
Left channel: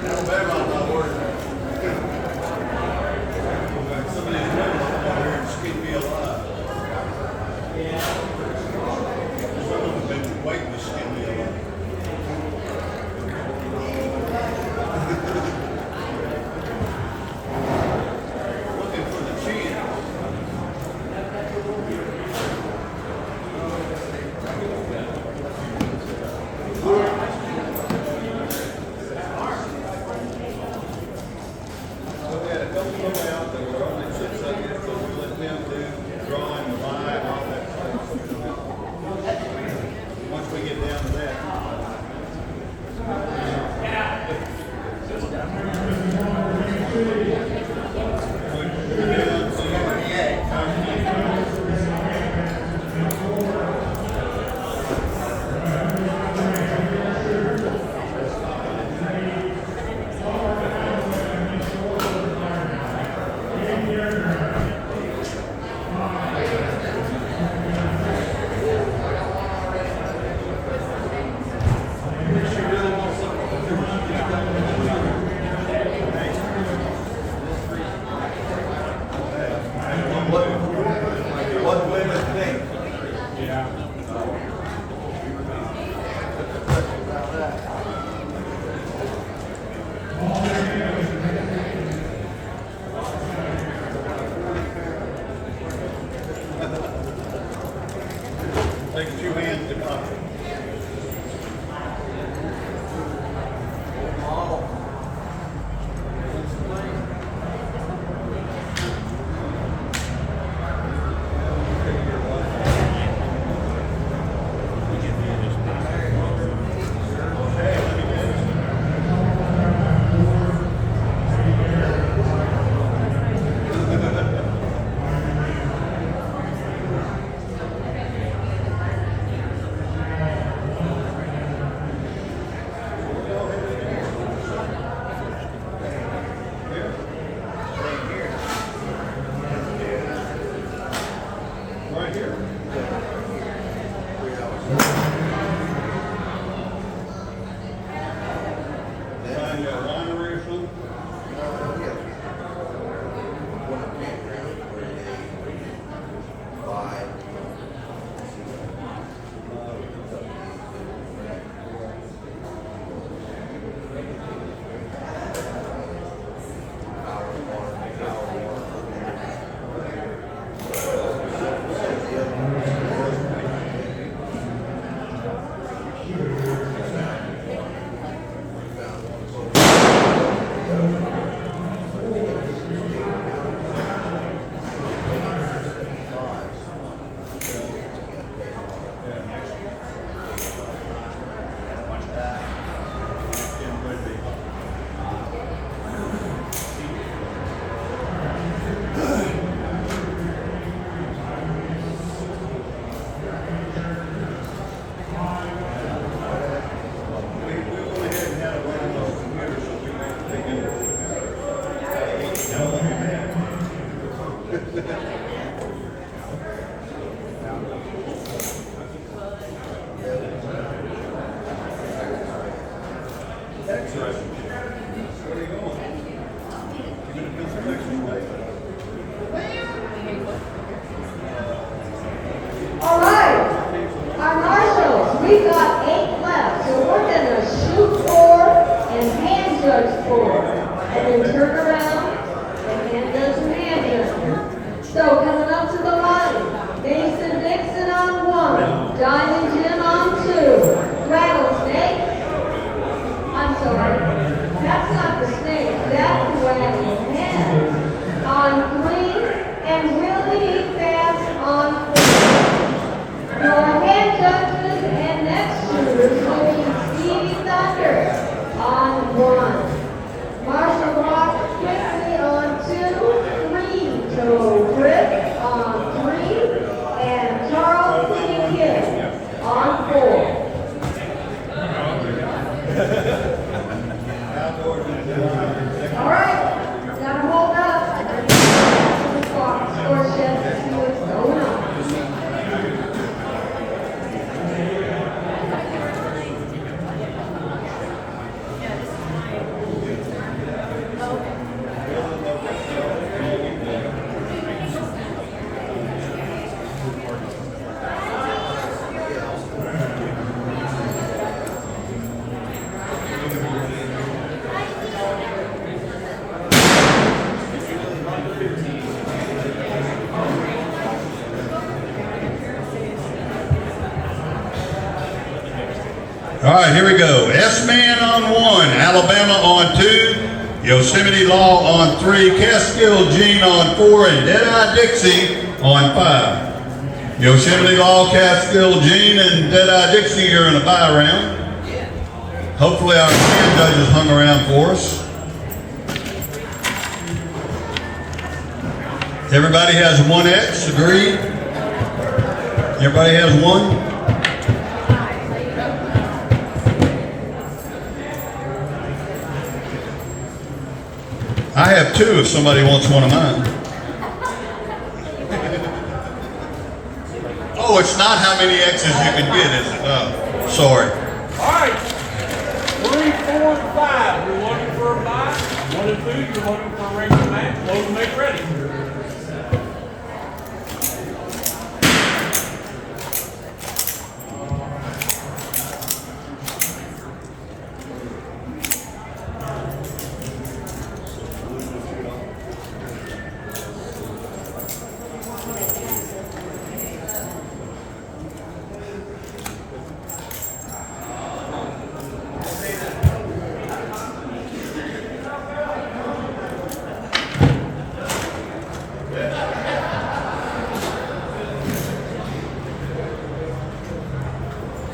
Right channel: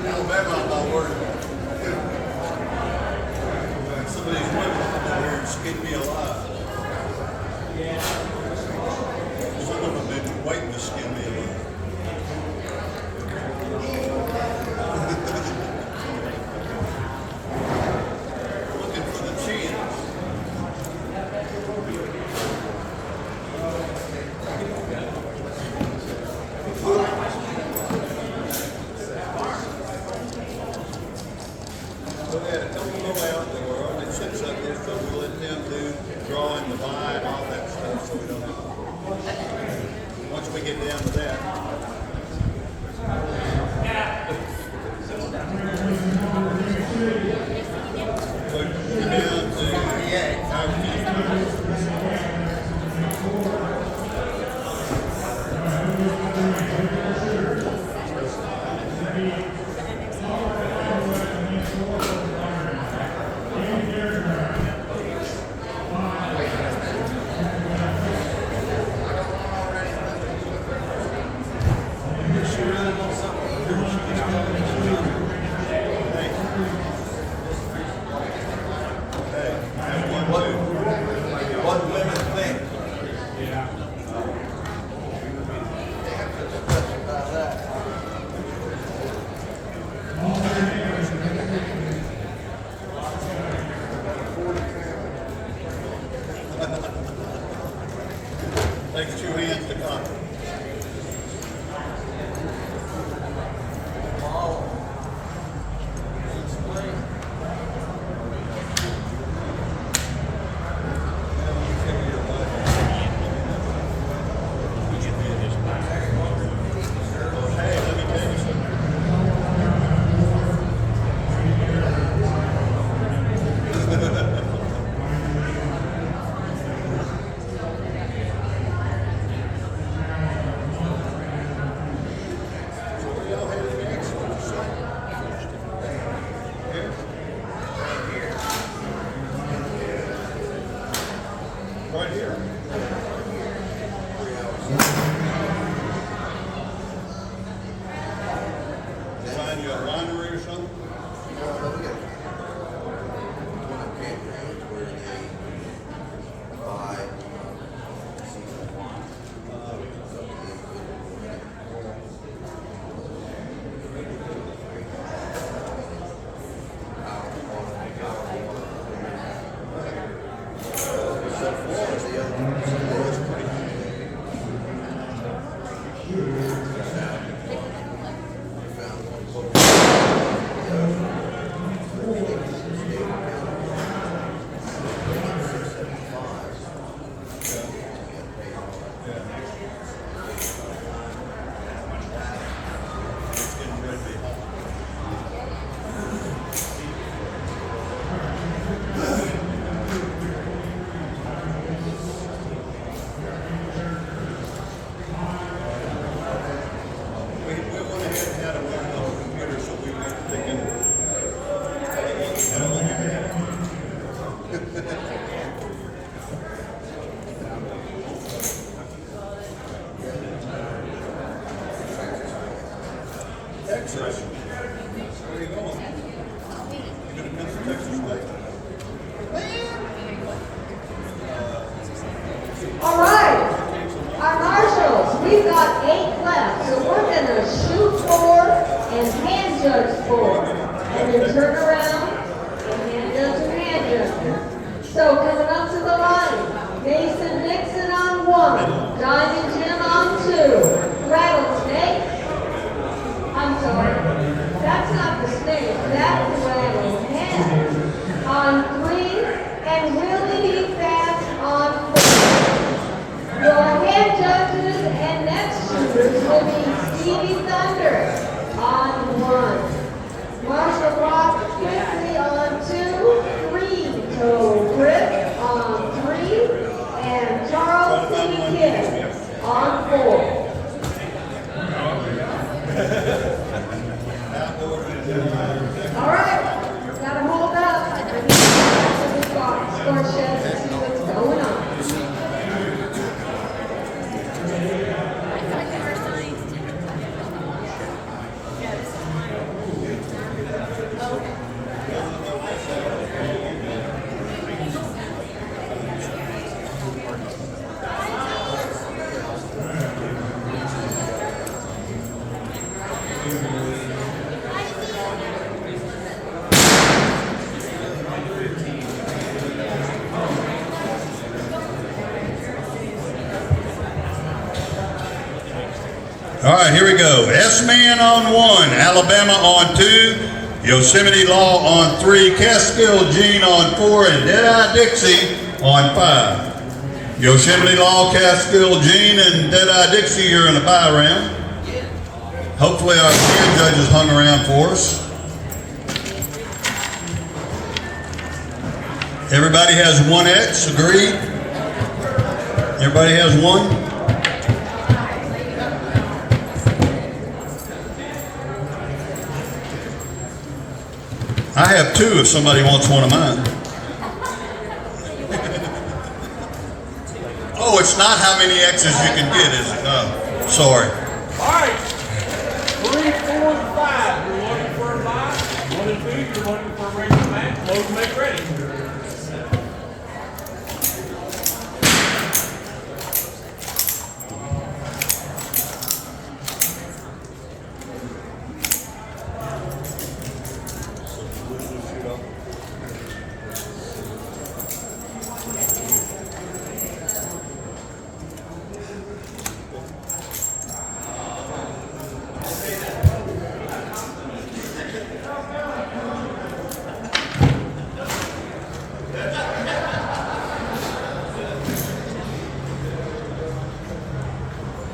Alabama, my word. Somebody's running here and skin me alive. Some of them have been waiting to skin me alive. Looking for the chance. So we had a couple of them out there, only 6 of it, so we let them do drawing the line and all that stuff. So once we get down to that. Takes 2 hands to conquer. All right, our marshals, we've got 8 left, so we're gonna shoot 4 and hand judge 4, and then turn around and hand judge and hand judge. So coming up to the line, Mason Dixon on 1, Diamond Jim on 2, Rattlesnake. I'm sorry, that's not the snake, that's the rattlesnake. On 3, and Willie Fast on 4. Your hand judges and next shooters will be Stevie Thunder on 1, Marshall Rock quickly on 2, Green Toe Grip on 3, and Charles City Kid on 4. All right, gotta hold up. I need to get to the score shed to see what's going on. All right, here we go. S-Man on 1, Alabama on 2, Yosemite Law on 3, Catskill Gene on 4, and Deadeye Dixie on 5. Yosemite Law, Catskill Gene, and Deadeye Dixie are in a bye round. Hopefully our hand judges hung around for us. Everybody has 1 X, agreed? Everybody has 1? I have 2 if somebody wants one of mine. Oh, it's not how many X's you can get, is it? Oh, sorry. All right. 3, 4, and 5. You're looking for a buy. 1 and 2, you're looking for a range of match. Load and make ready.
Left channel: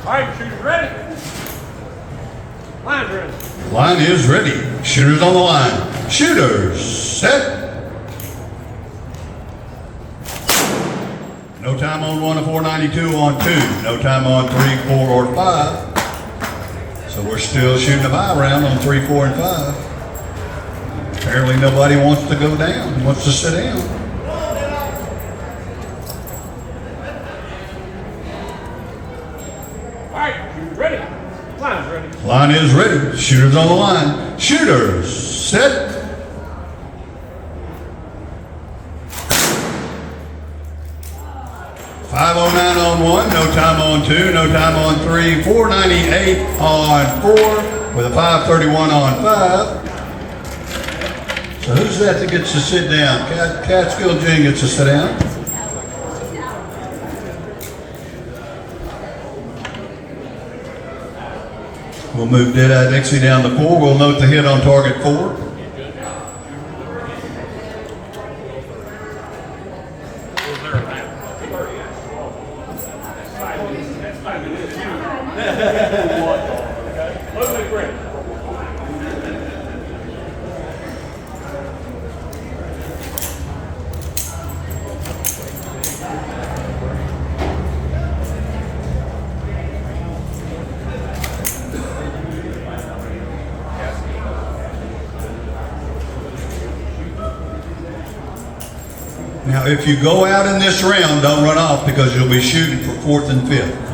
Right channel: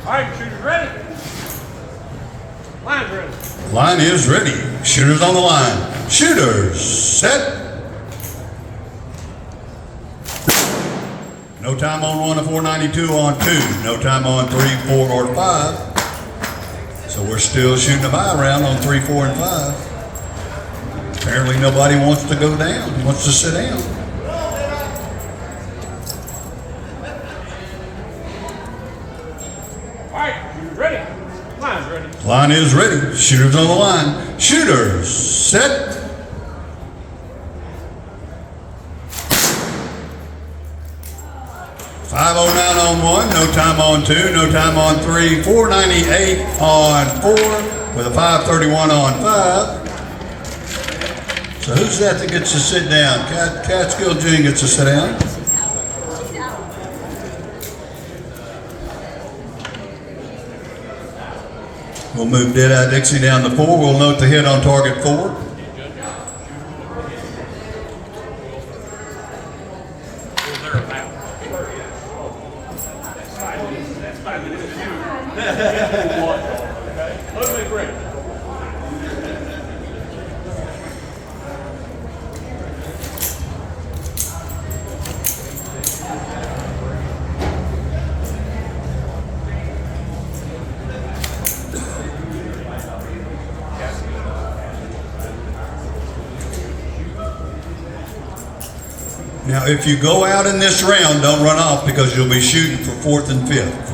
All right, shooters ready? Line's ready. Line is ready. Shooters on the line. Shooters, set. No time on 1 to 492 on 2. No time on 3, 4, or 5. So we're still shooting a bye round on 3, 4, and 5. Apparently nobody wants to go down, wants to sit down. All right, shooters ready. Line's ready. Line is ready. Shooters on the line. Shooters, set. .509 on 1, no time on 2, no time on 3, 498 on 4, with a 531 on 5. So who's that gets to sit down? Catskill Gene gets to sit down. We'll move Deadeye Dixie down to 4. We'll note the hit on target 4. Okay, load and make ready. Now, if you go out in this round, don't run off because you'll be shooting for 4th and 5th.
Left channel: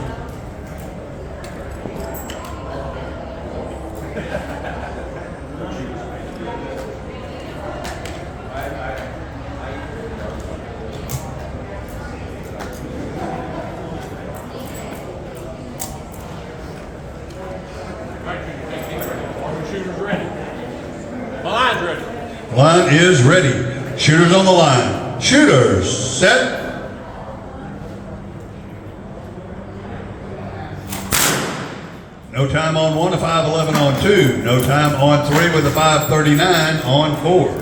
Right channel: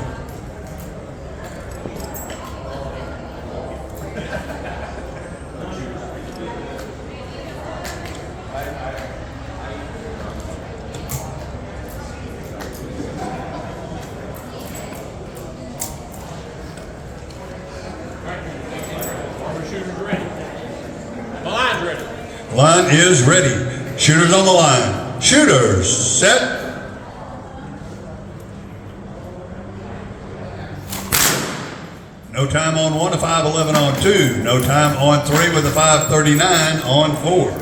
shooters ready. My line's ready. Line is ready. Shooters on the line. Shooters, set. No time on 1, a 5:11 on 2. No time on 3 with a 5:39 on 4.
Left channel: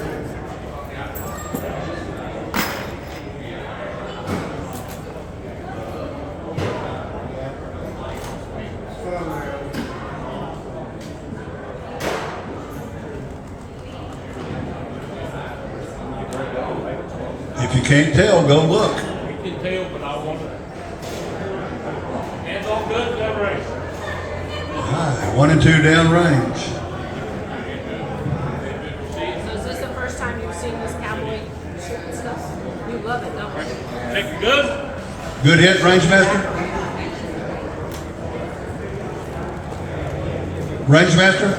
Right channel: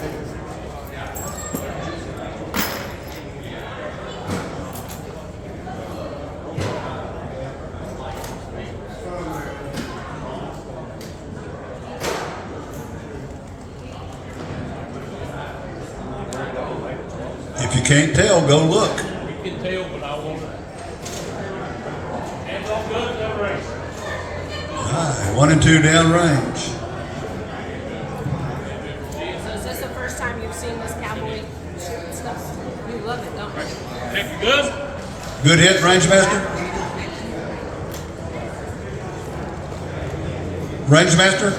If you can't tell, go look. We can tell, but I want to. Hands on guns, down range. Right, 1 and 2 down range. So is this the first time you've seen this cowboy shooting stuff? You love it, don't you? Check your guns. Good hit, range master. Range master,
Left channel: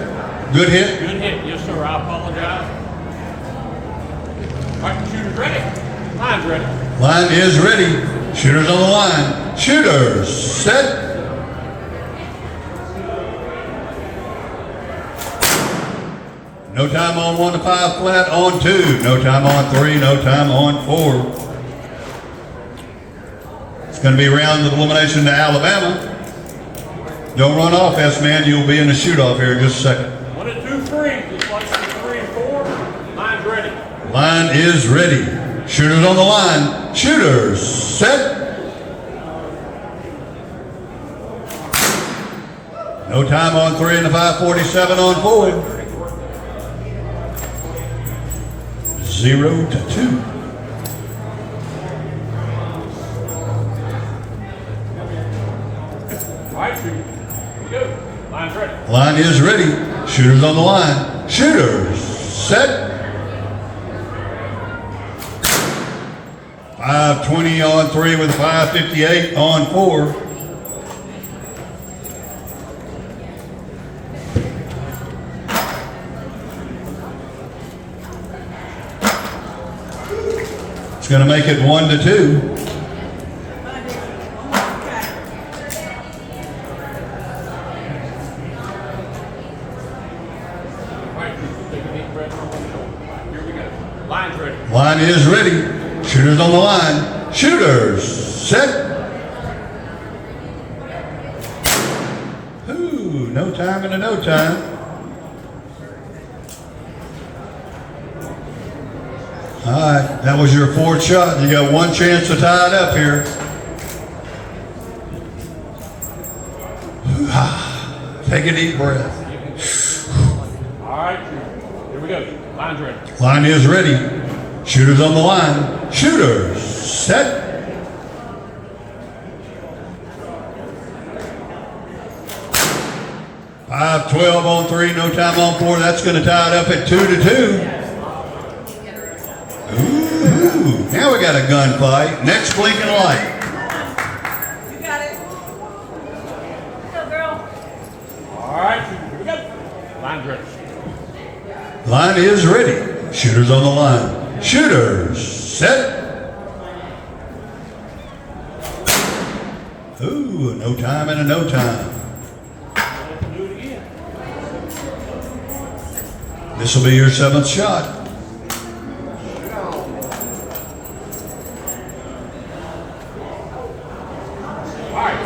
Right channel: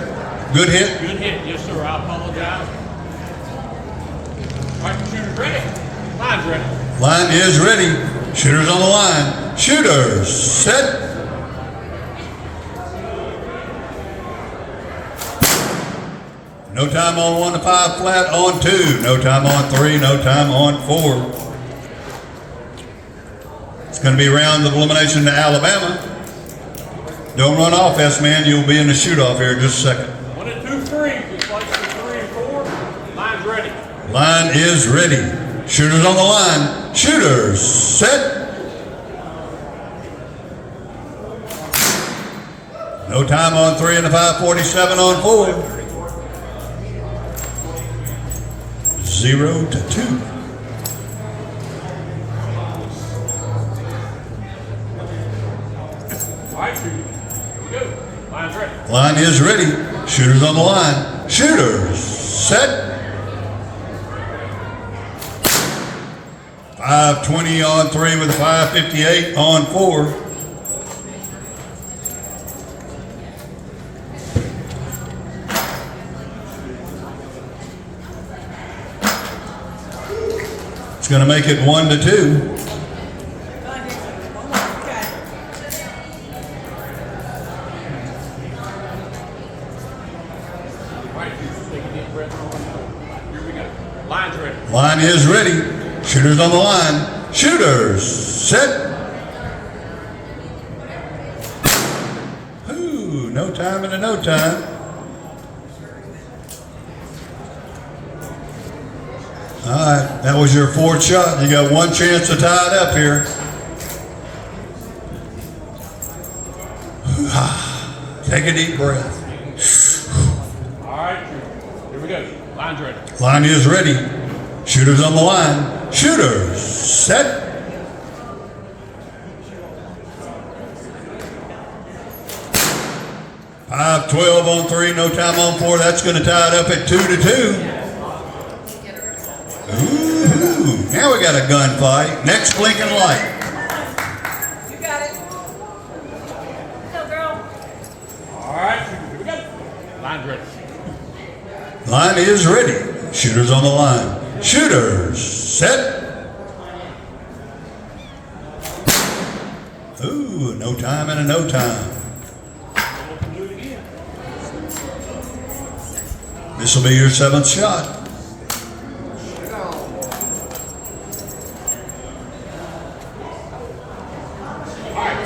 good hit. Good hit. Yes, sir. I apologize. All right, shooters ready. Line's ready. Line is ready. Shooters on the line. Shooters, set. No time on 1 to 5 flat on 2. No time on 3. No time on 4. It's going to be round of elimination to Alabama. Don't run off, S-man. You'll be in the shoot-off here in just a second. 1 and 2 free. Just like the 3 and 4. Line's ready. Line is ready. Shooters on the line. Shooters, set. No time on 3 and a 5:47 on 4. 0 to 2. All right, shooters. Here we go. Line's ready. Line is ready. Shooters on the line. Shooters, set. 5:20 on 3 with a 5:58 on 4. It's going to make it 1 to 2. All right, shooters. Take a deep breath on one shoulder. Here we go. Line's ready. Line is ready. Shooters on the line. Shooters, set. Ooh, no time and a no time. All right, that was your 4th shot. You got 1 chance to tie it up here. Take a deep breath. All right, shooters. Here we go. Line's ready. Line is ready. Shooters on the line. Shooters, set. Five 12 on 3, no time on 4. That's going to tie it up at 2 to 2. Ooh, now we got a gunfight. Next blinking light. You got it. Go, girl. All right, shooters. Here we go. Line's ready. Line is ready. Shooters on the line. Shooters, set. Ooh, no time and a no time. Do it again. This will be your 7th shot. All right,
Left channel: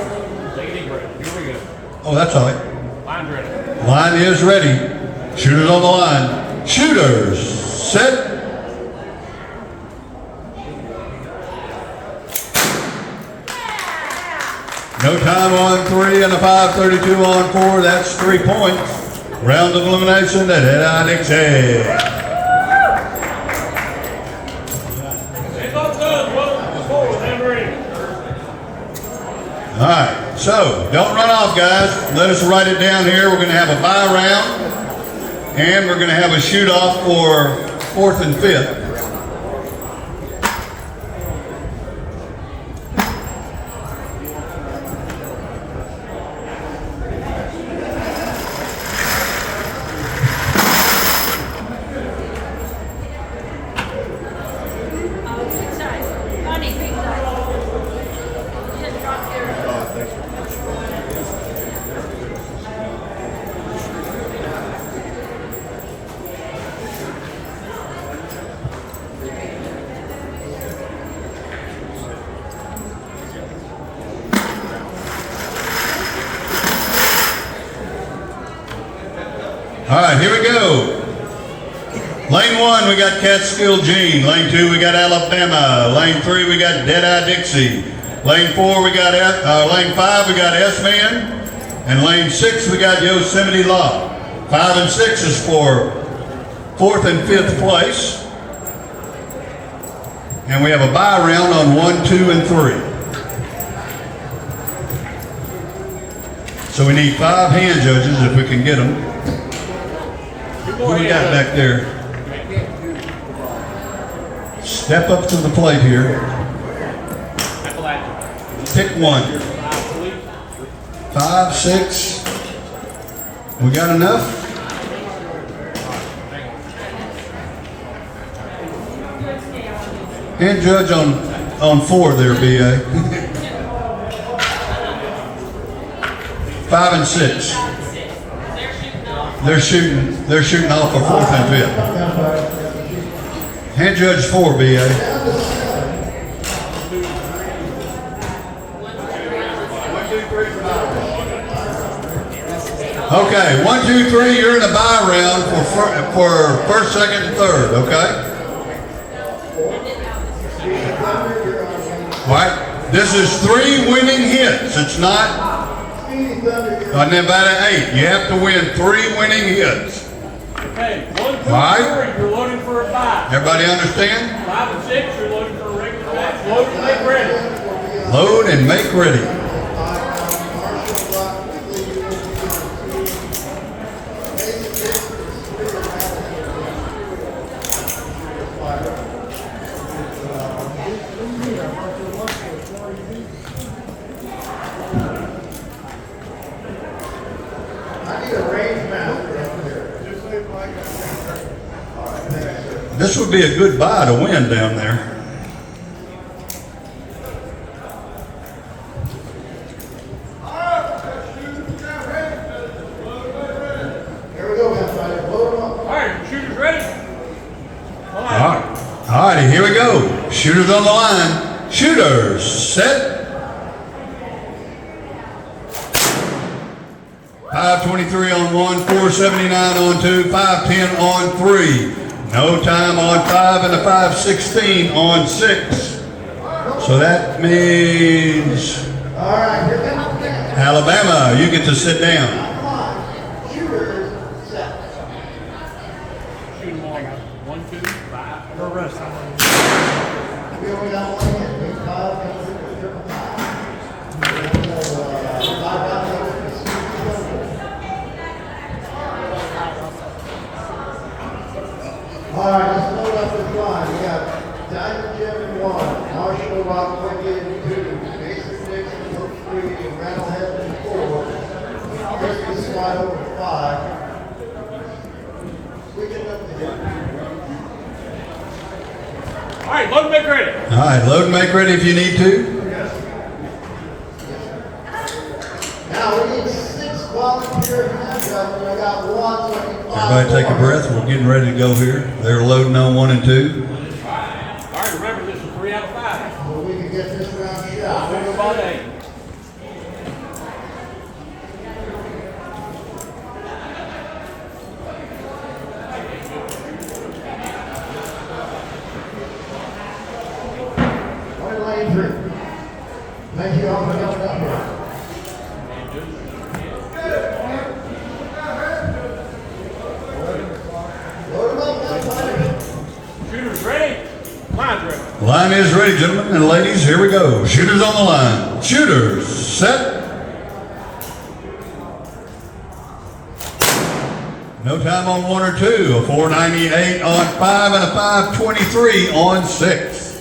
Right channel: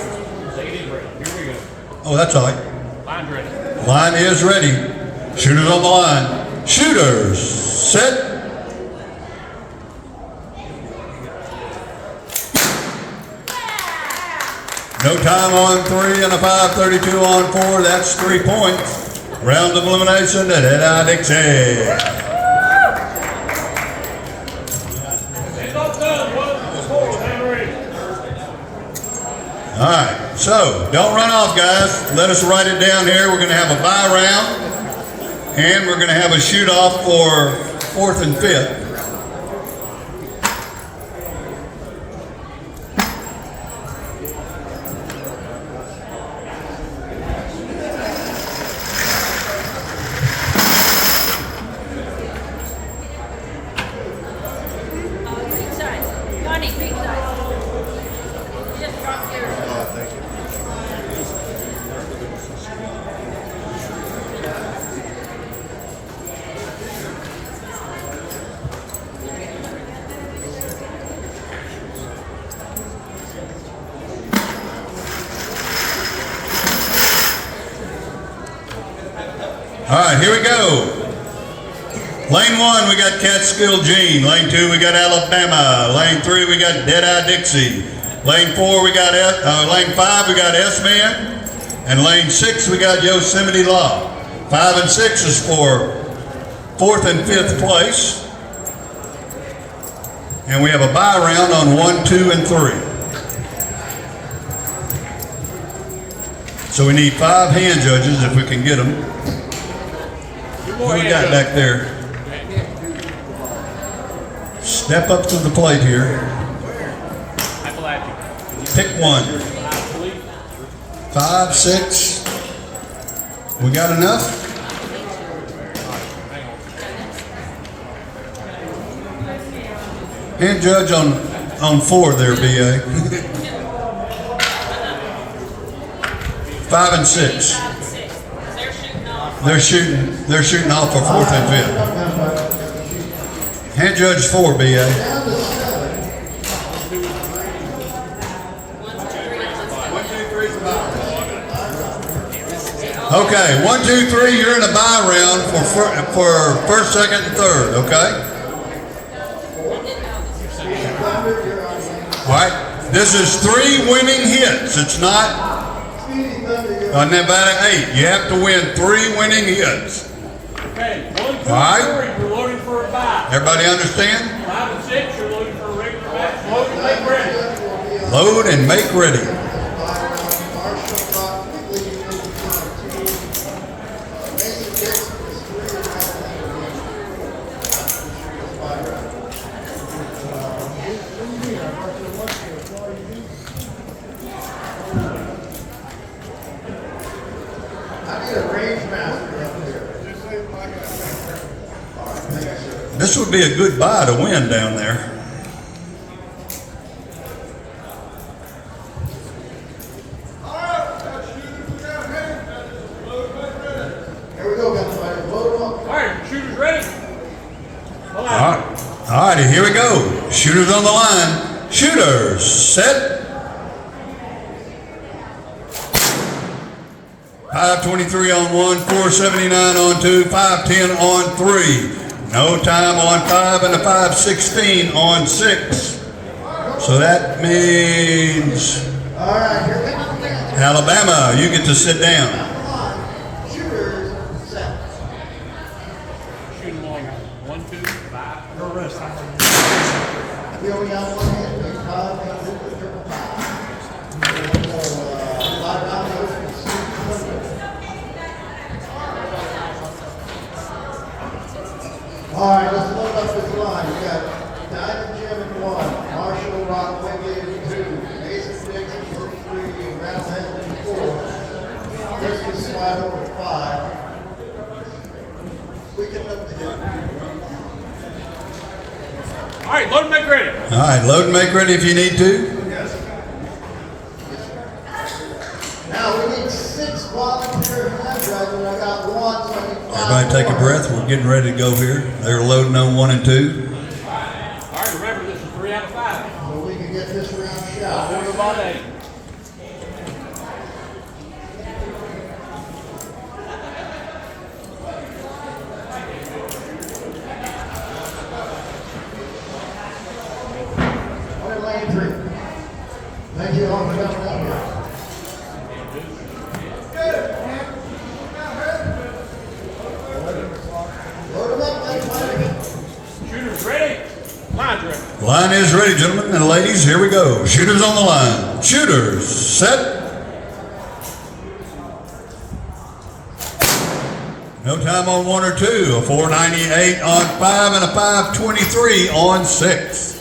take a deep breath. Here we go. Oh, that's all right. Line's ready. Line is ready. Shooters on the line. Shooters, set. No time on 3 and a 5:32 on 4. That's 3 points. Round of elimination at Dixie. Hands off guns. What is the score? Hand ready. All right, so don't run off, guys. Let us write it down here. We're going to have a bye round, and we're going to have a shoot-off for 4th and 5th. Green side. Bonnie, green side. You didn't drop your. All right, here we go. Lane 1, we got Catskill Gene. Lane 2, we got Alabama. Lane 3, we got Deadeye Dixie. Lane 4, we got Lane 5, we got S-Man. And lane 6, we got Yosemite Law. 5 and 6 is for 4th and 5th place. And we have a bye round on 1, 2, and 3. So we need 5 hand judges if we can get them. What do we got back there? Step up to the plate here. Pick one. 5, 6. We got enough? Hand judge on 4 there, BA. 5 and 6. They're shooting off for 4th and 5th. Hand judge 4, BA. Okay, 1, 2, 3, you're in the bye round for 1st, 2nd, and 3rd, okay? All right, this is 3 winning hits. It's not, and then about an 8. You have to win 3 winning hits. Okay, 1, 2, All right. 3, you're loading for a bye. Everybody understand? 5 and 6, you're loading for a regular match. Load and make ready. Load and make ready. This would be a good buy to win down there. All right, shooters ready? All righty, here we go. Shooters on the line. Shooters, set. 523 on 1, 479 on 2, 510 on 3. No time on 5 and a 516 on 6. So that means Alabama, you get to sit down. Shooting long. 1, 2, 5. No rest. All right, let's load up this line. We got Diamond Jim in 1, Marshall Rock Wicked in 2, Mason Dixon Hook 3, and Rattlehead in 4. Christmas slide over 5. We can live together. All right, load and make ready. All right, load and make ready if you need to. Now we need 6 volunteer hand judges. We got 1, so we can Everybody take a breath. We're getting ready to go here. They're loading on 1 and 2. All right, remember this is 3 out of 5. well, we can get this round shot. We'll go about 8. We're in lane 3. Thank you all for coming up here. Shooters ready? Line's ready. Line is ready, gentlemen and ladies. Here we go. Shooters on the line. Shooters, set. No time on 1 or 2. A 498 on 5 and a 523 on 6.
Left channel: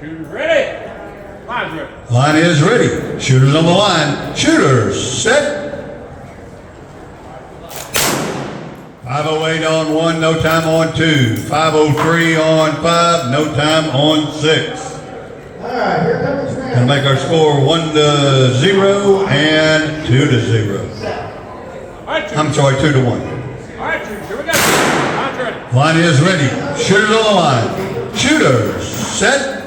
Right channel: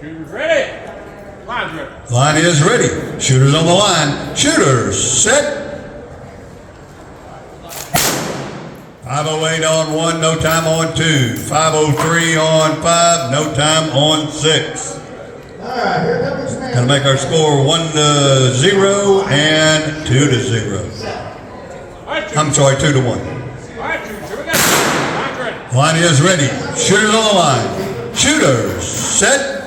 Shooters ready? Line's ready. Line is ready. Shooters on the line. Shooters, set. 508 on 1, no time on 2. 503 on 5, no time on 6. All right, here comes the Gonna make our score 1-0 and 2-0. All right, I'm shooters. sorry, 2-1. All right, shooters, here we go. Line's ready. Line is ready. Shooters on the line. Shooters, set.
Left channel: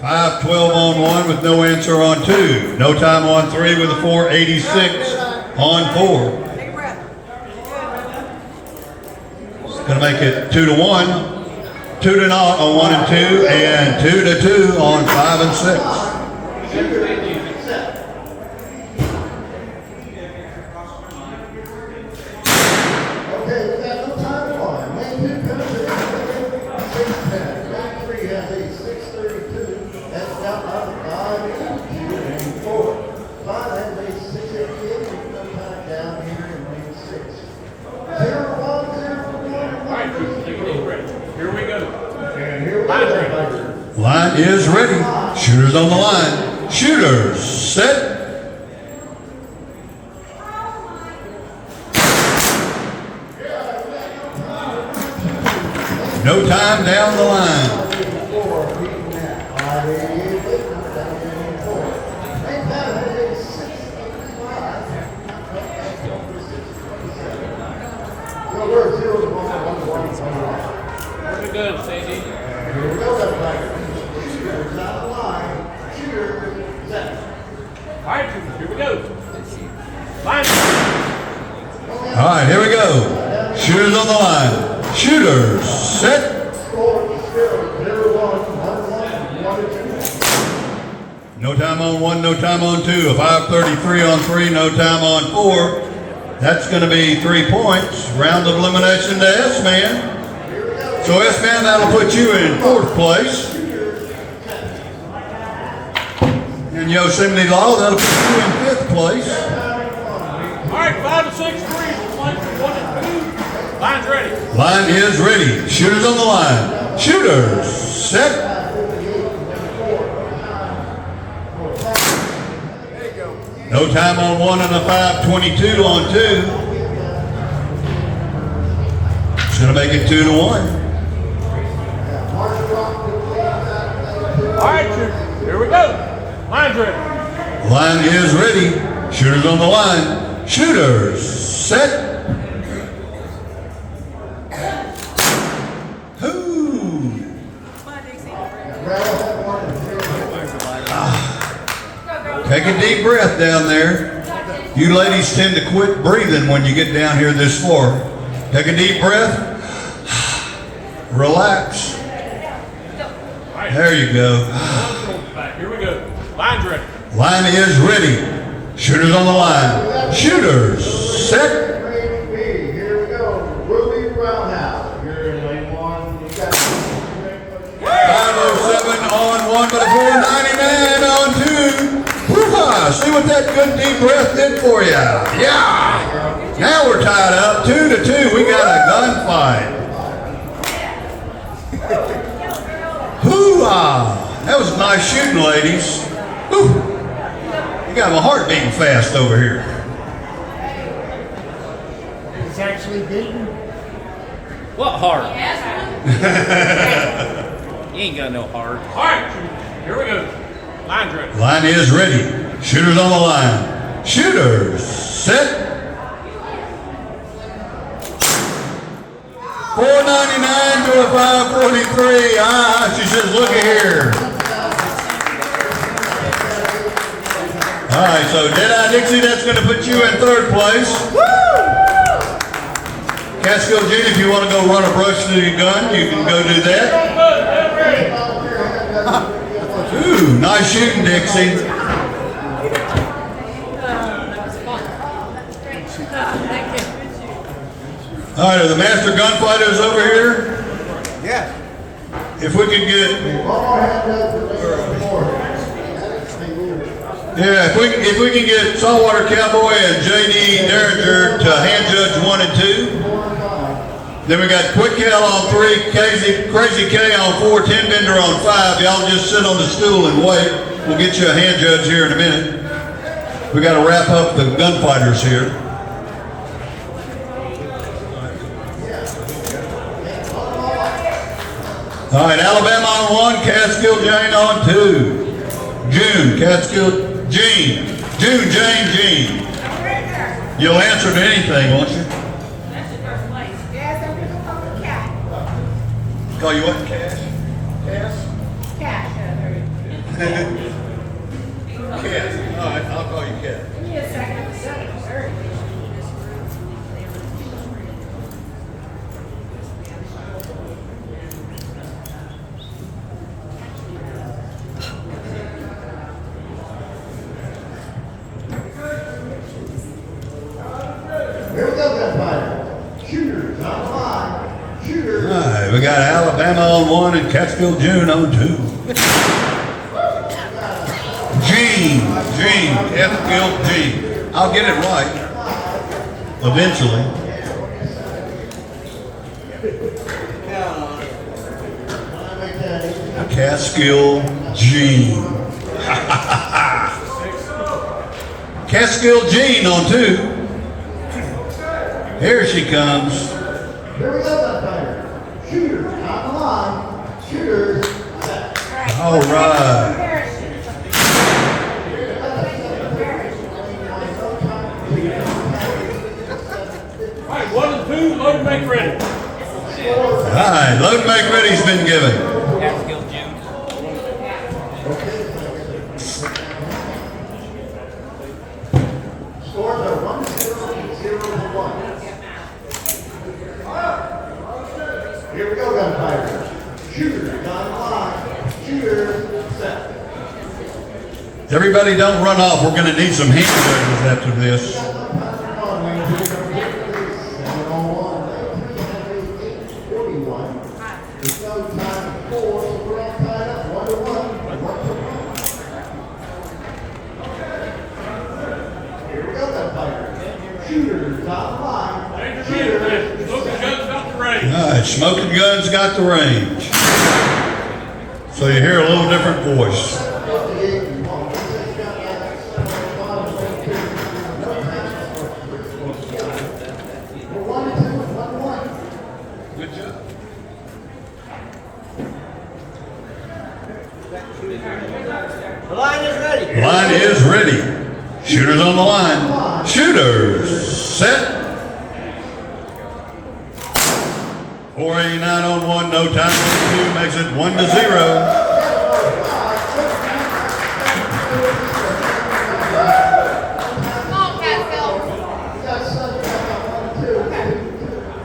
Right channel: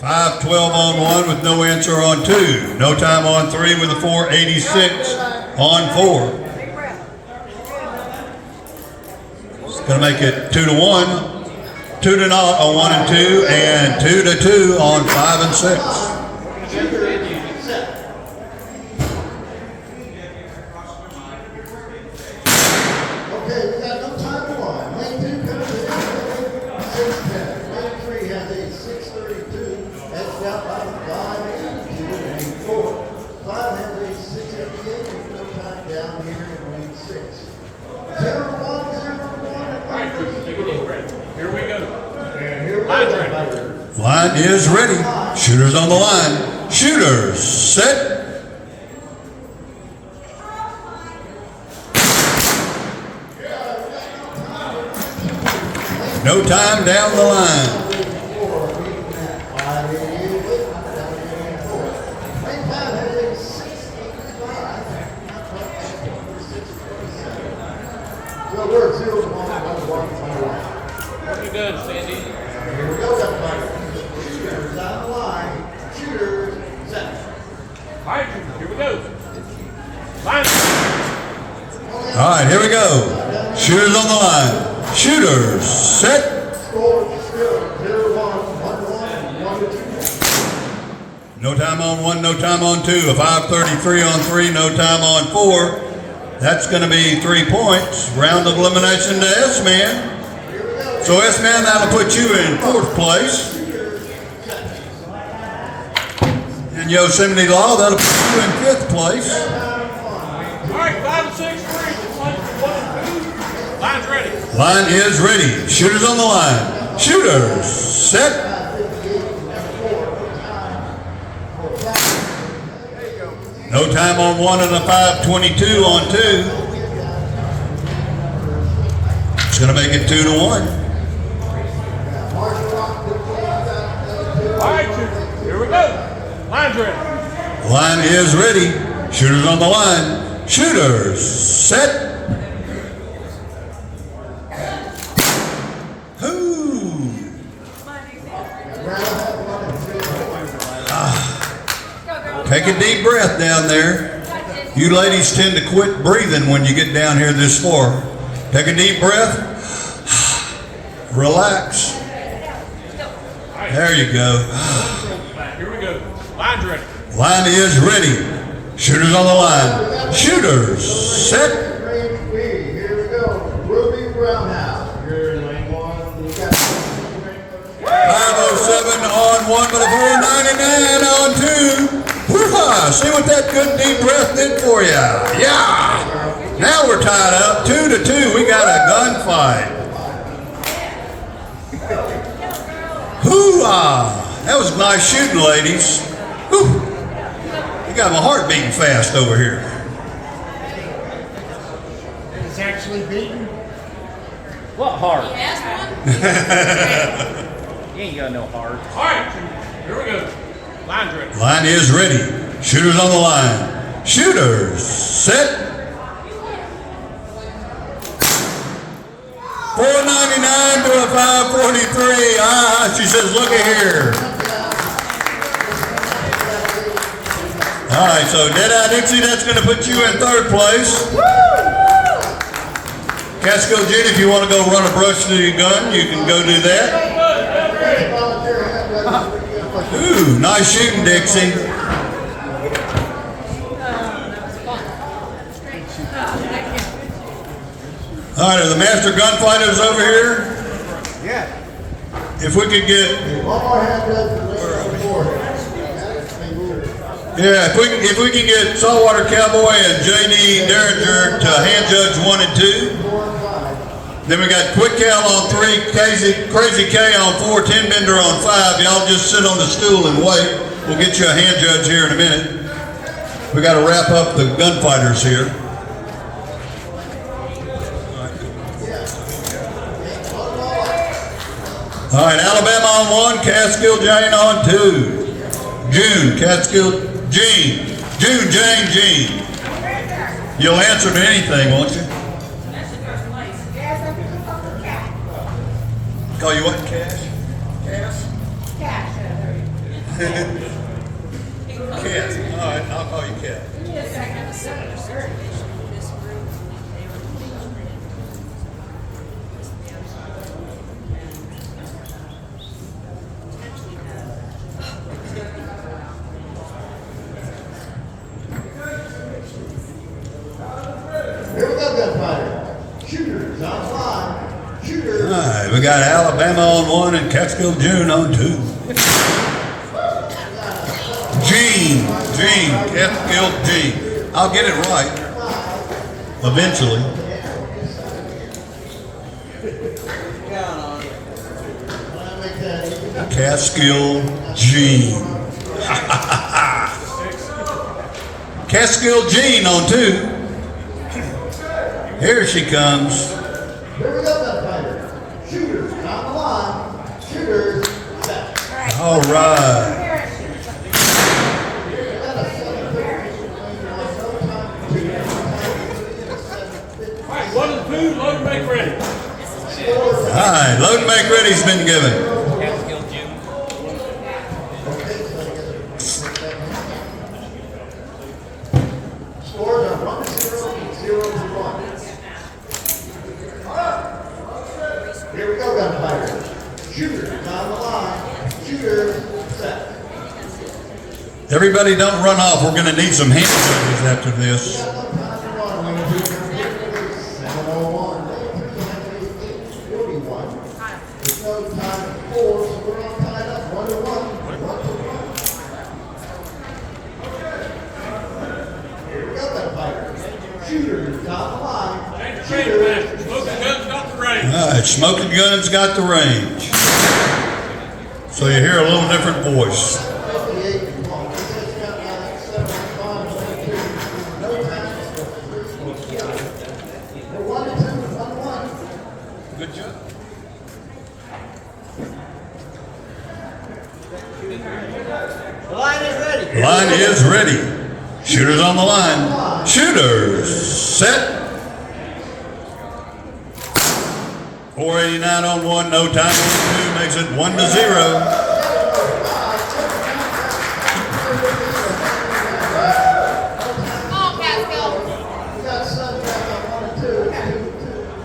5 12 on 1 with no answer on 2. No time on 3 with a 486 on 4. It's going to make it 2-1. 2-0 on 1 and 2, and 2-2 on 5 and 6. Line is ready. Shooters on the line. Shooters set. No time down the line. Pretty good, Sandy. All right, here we go. Line. All right, here we go. Shooters on the line. Shooters set. No time on 1, no time on 2. A 5:33 on 3, no time on 4. That's going to be 3 points. Round of elimination to S-Man. So S-Man, that'll put you in 4th place. And Yosemite Law, that'll put you in 5th place. All right, 5 and 6, 3. 1 and 2. Line's ready. Line is ready. Shooters on the line. Shooters set. No time on 1 and a 5:22 on 2. It's going to make it 2-1. All right, shooters. Here we go. Line's ready. Line is ready. Shooters on the line. Shooters set. Take a deep breath down there. You ladies tend to quit breathing when you get down here this floor. Take a deep breath. Relax. There you go. Here we go. Line's ready. Line is ready. Shooters on the line. Shooters set. Here we go. Ruby Brownhouse. You're the main one. You got 507 on 1 to the 499 on 2. Woo-ha! See what that good deep breath did for you. Yeah. Now we're tied up 2-2. We got a gunfight. Hoo-ha! That was nice shooting, ladies. Whew. You got my heart beating fast over here. It's actually beaten. What heart? You ain't got no heart. All right, shooters. Here we go. Line's ready. Line is ready. Shooters on the line. Shooters set. 499 to a 543. She says, look at here. All right, so Deadeye Dixie, that's going to put you in 3rd place. Catskill Gene, if you want to go run a brush to your gun, you can go do that. Ooh, nice shooting, Dixie. All right, are the master gunfighters over here? Yeah. If we could get, One more hand up for Mr. Ford. yeah, if we can get Saltwater Cowboy and J.D. Derringer to hand judge 1 and 2. Then we got Quick Cal on 3, Crazy K on 4, Tin Bender on 5. Y'all just sit on the stool and wait. We'll get you a hand judge here in a minute. We got to wrap up the gunfighters here. All right, Alabama on 1, Catskill Jane on 2. June, Catskill Gene. June, Jane, Gene. You'll answer to anything, won't you? Call you what? Cash? Cash? Cat. All right, I'll call you Cat. Here we go, gunfighter. Shooters on the line. Shooters. All right, we got Alabama on 1 and Catskill June on 2. Gene, Catskill Gene. I'll get it right. Eventually. Catskill Gene. Catskill Gene on 2. Here she comes. Here we go, gunfighter. Shooters on the line. Shooters. Set. All right. All right, 1 and 2, load and make ready. All right, load make ready's been given. Scores are 1-0 and 0-1. Here we go, gunfighter. Shooters on the line. Shooters. Set. Everybody don't run off. We're going to need some hand signals after this. All right, Smoking Guns got the range. So you hear a little different voice. Good job. The line is ready. Line is ready. Shooters on the line. Shooters set. 489 on 1, no time on 2, makes it 1-0.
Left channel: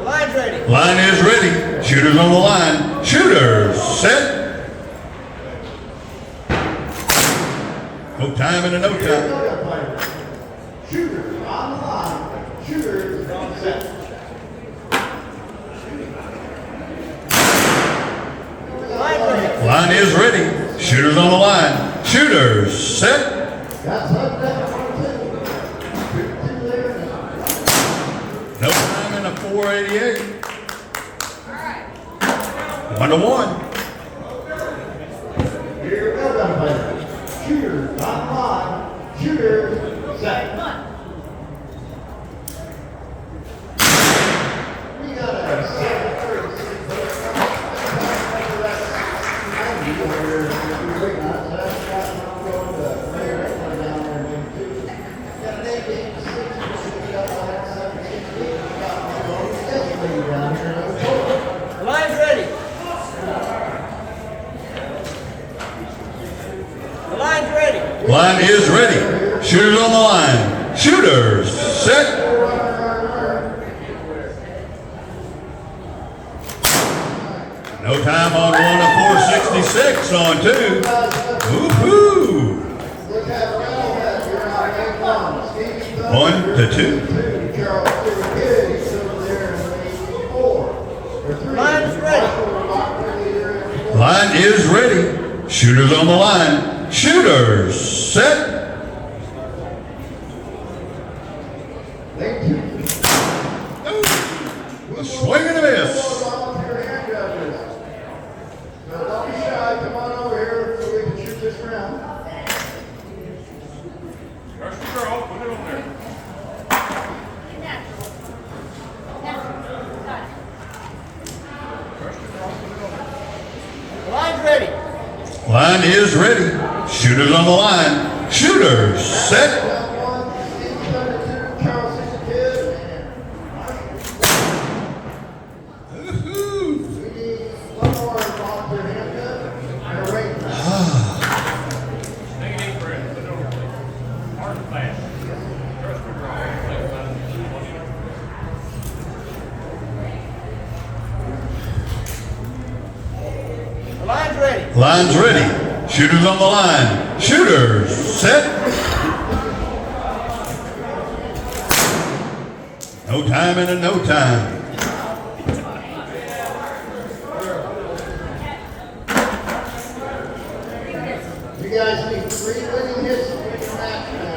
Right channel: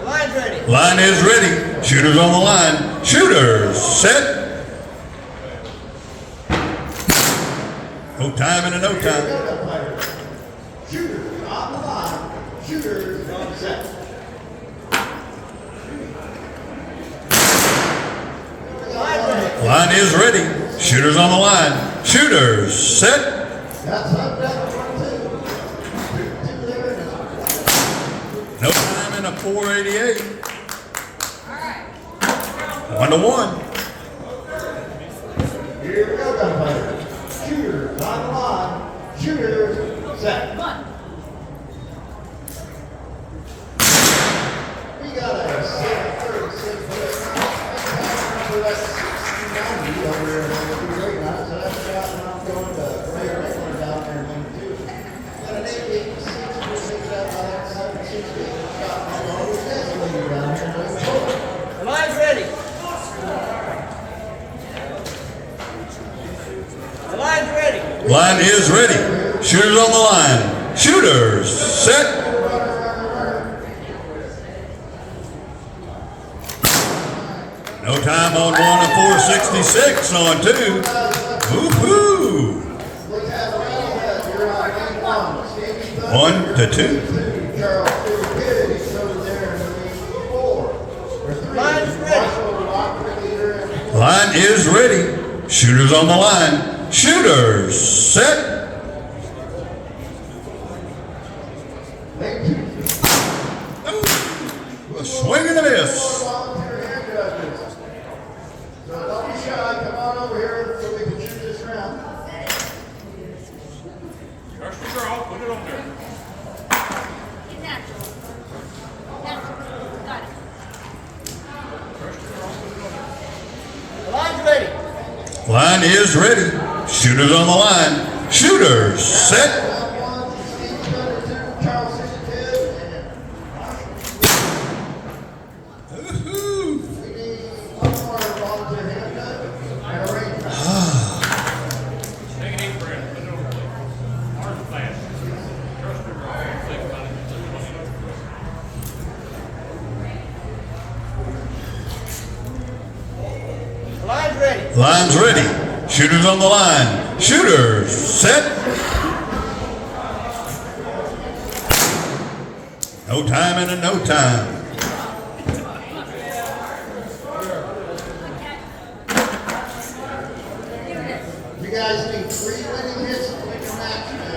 Line's ready. Line is ready. Shooters on the line. Shooters set. No time and a no time. Shooters on the line. Shooters set. Line is ready. Shooters on the line. Shooters set. That's up down. No time and a 488. 1-1. Here we go, gunfighter. Shooters on the line. Shooters set. We got a 736. The line's ready. The line's ready. Line is ready. Shooters on the line. Shooters set. No time on 1 and 466 on 2. Woohoo! 1 to 2. Line's ready. Line is ready. Shooters on the line. Shooters set. Swing and a miss. So don't be shy. Come on over here so we can shoot this round. First you girl, put it up there. The line's ready. Line is ready. Shooters on the line. Shooters set. ready. Line's ready. Shooters on the line. Shooters set. No time and a no time. You guys need 3 winning hits to win your match, man.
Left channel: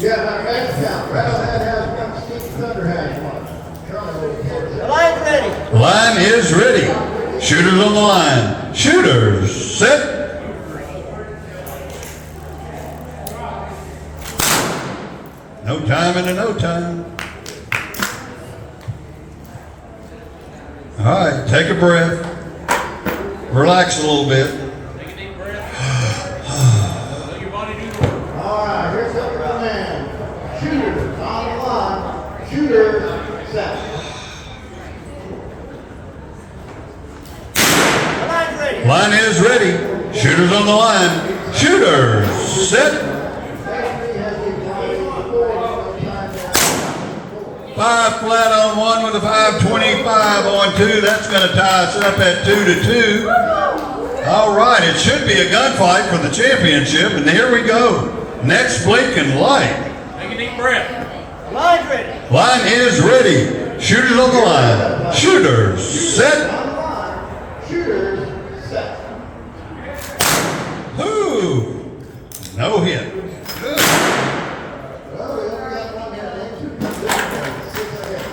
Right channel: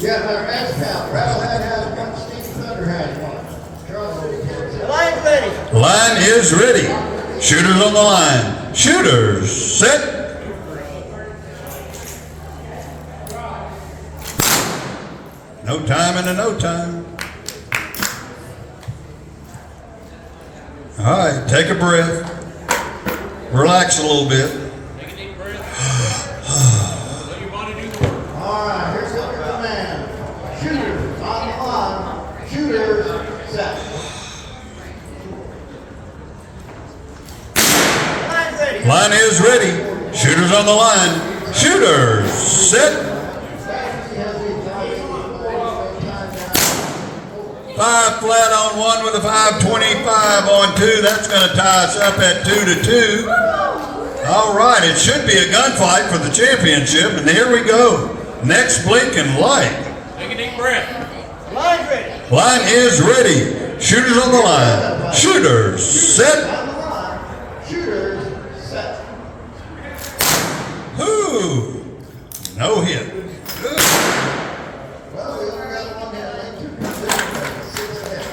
Yeah, our X count. Rattlehead has one, Steve Thunder has one. Charles The line's ready. Line is ready. Shooters on the line. Shooters set. No time and a no time. All right, take a breath. Relax a little bit. Take a deep breath. Let your body do the work. All right, here's the command. Shooters on the line. Shooters set. The line's ready. Line is ready. Shooters on the line. Shooters set. 5 flat on 1 with a 525 on 2. That's going to tie us up at 2-2. All right, it should be a gunfight for the championship, and here we go. Next blinking light. Take a deep breath. The line's ready. Line is ready. Shooters on the line. Shooters set. On the line. Shooters set. Ooh, no hit. Good. Well, we only got one here. 6 hits.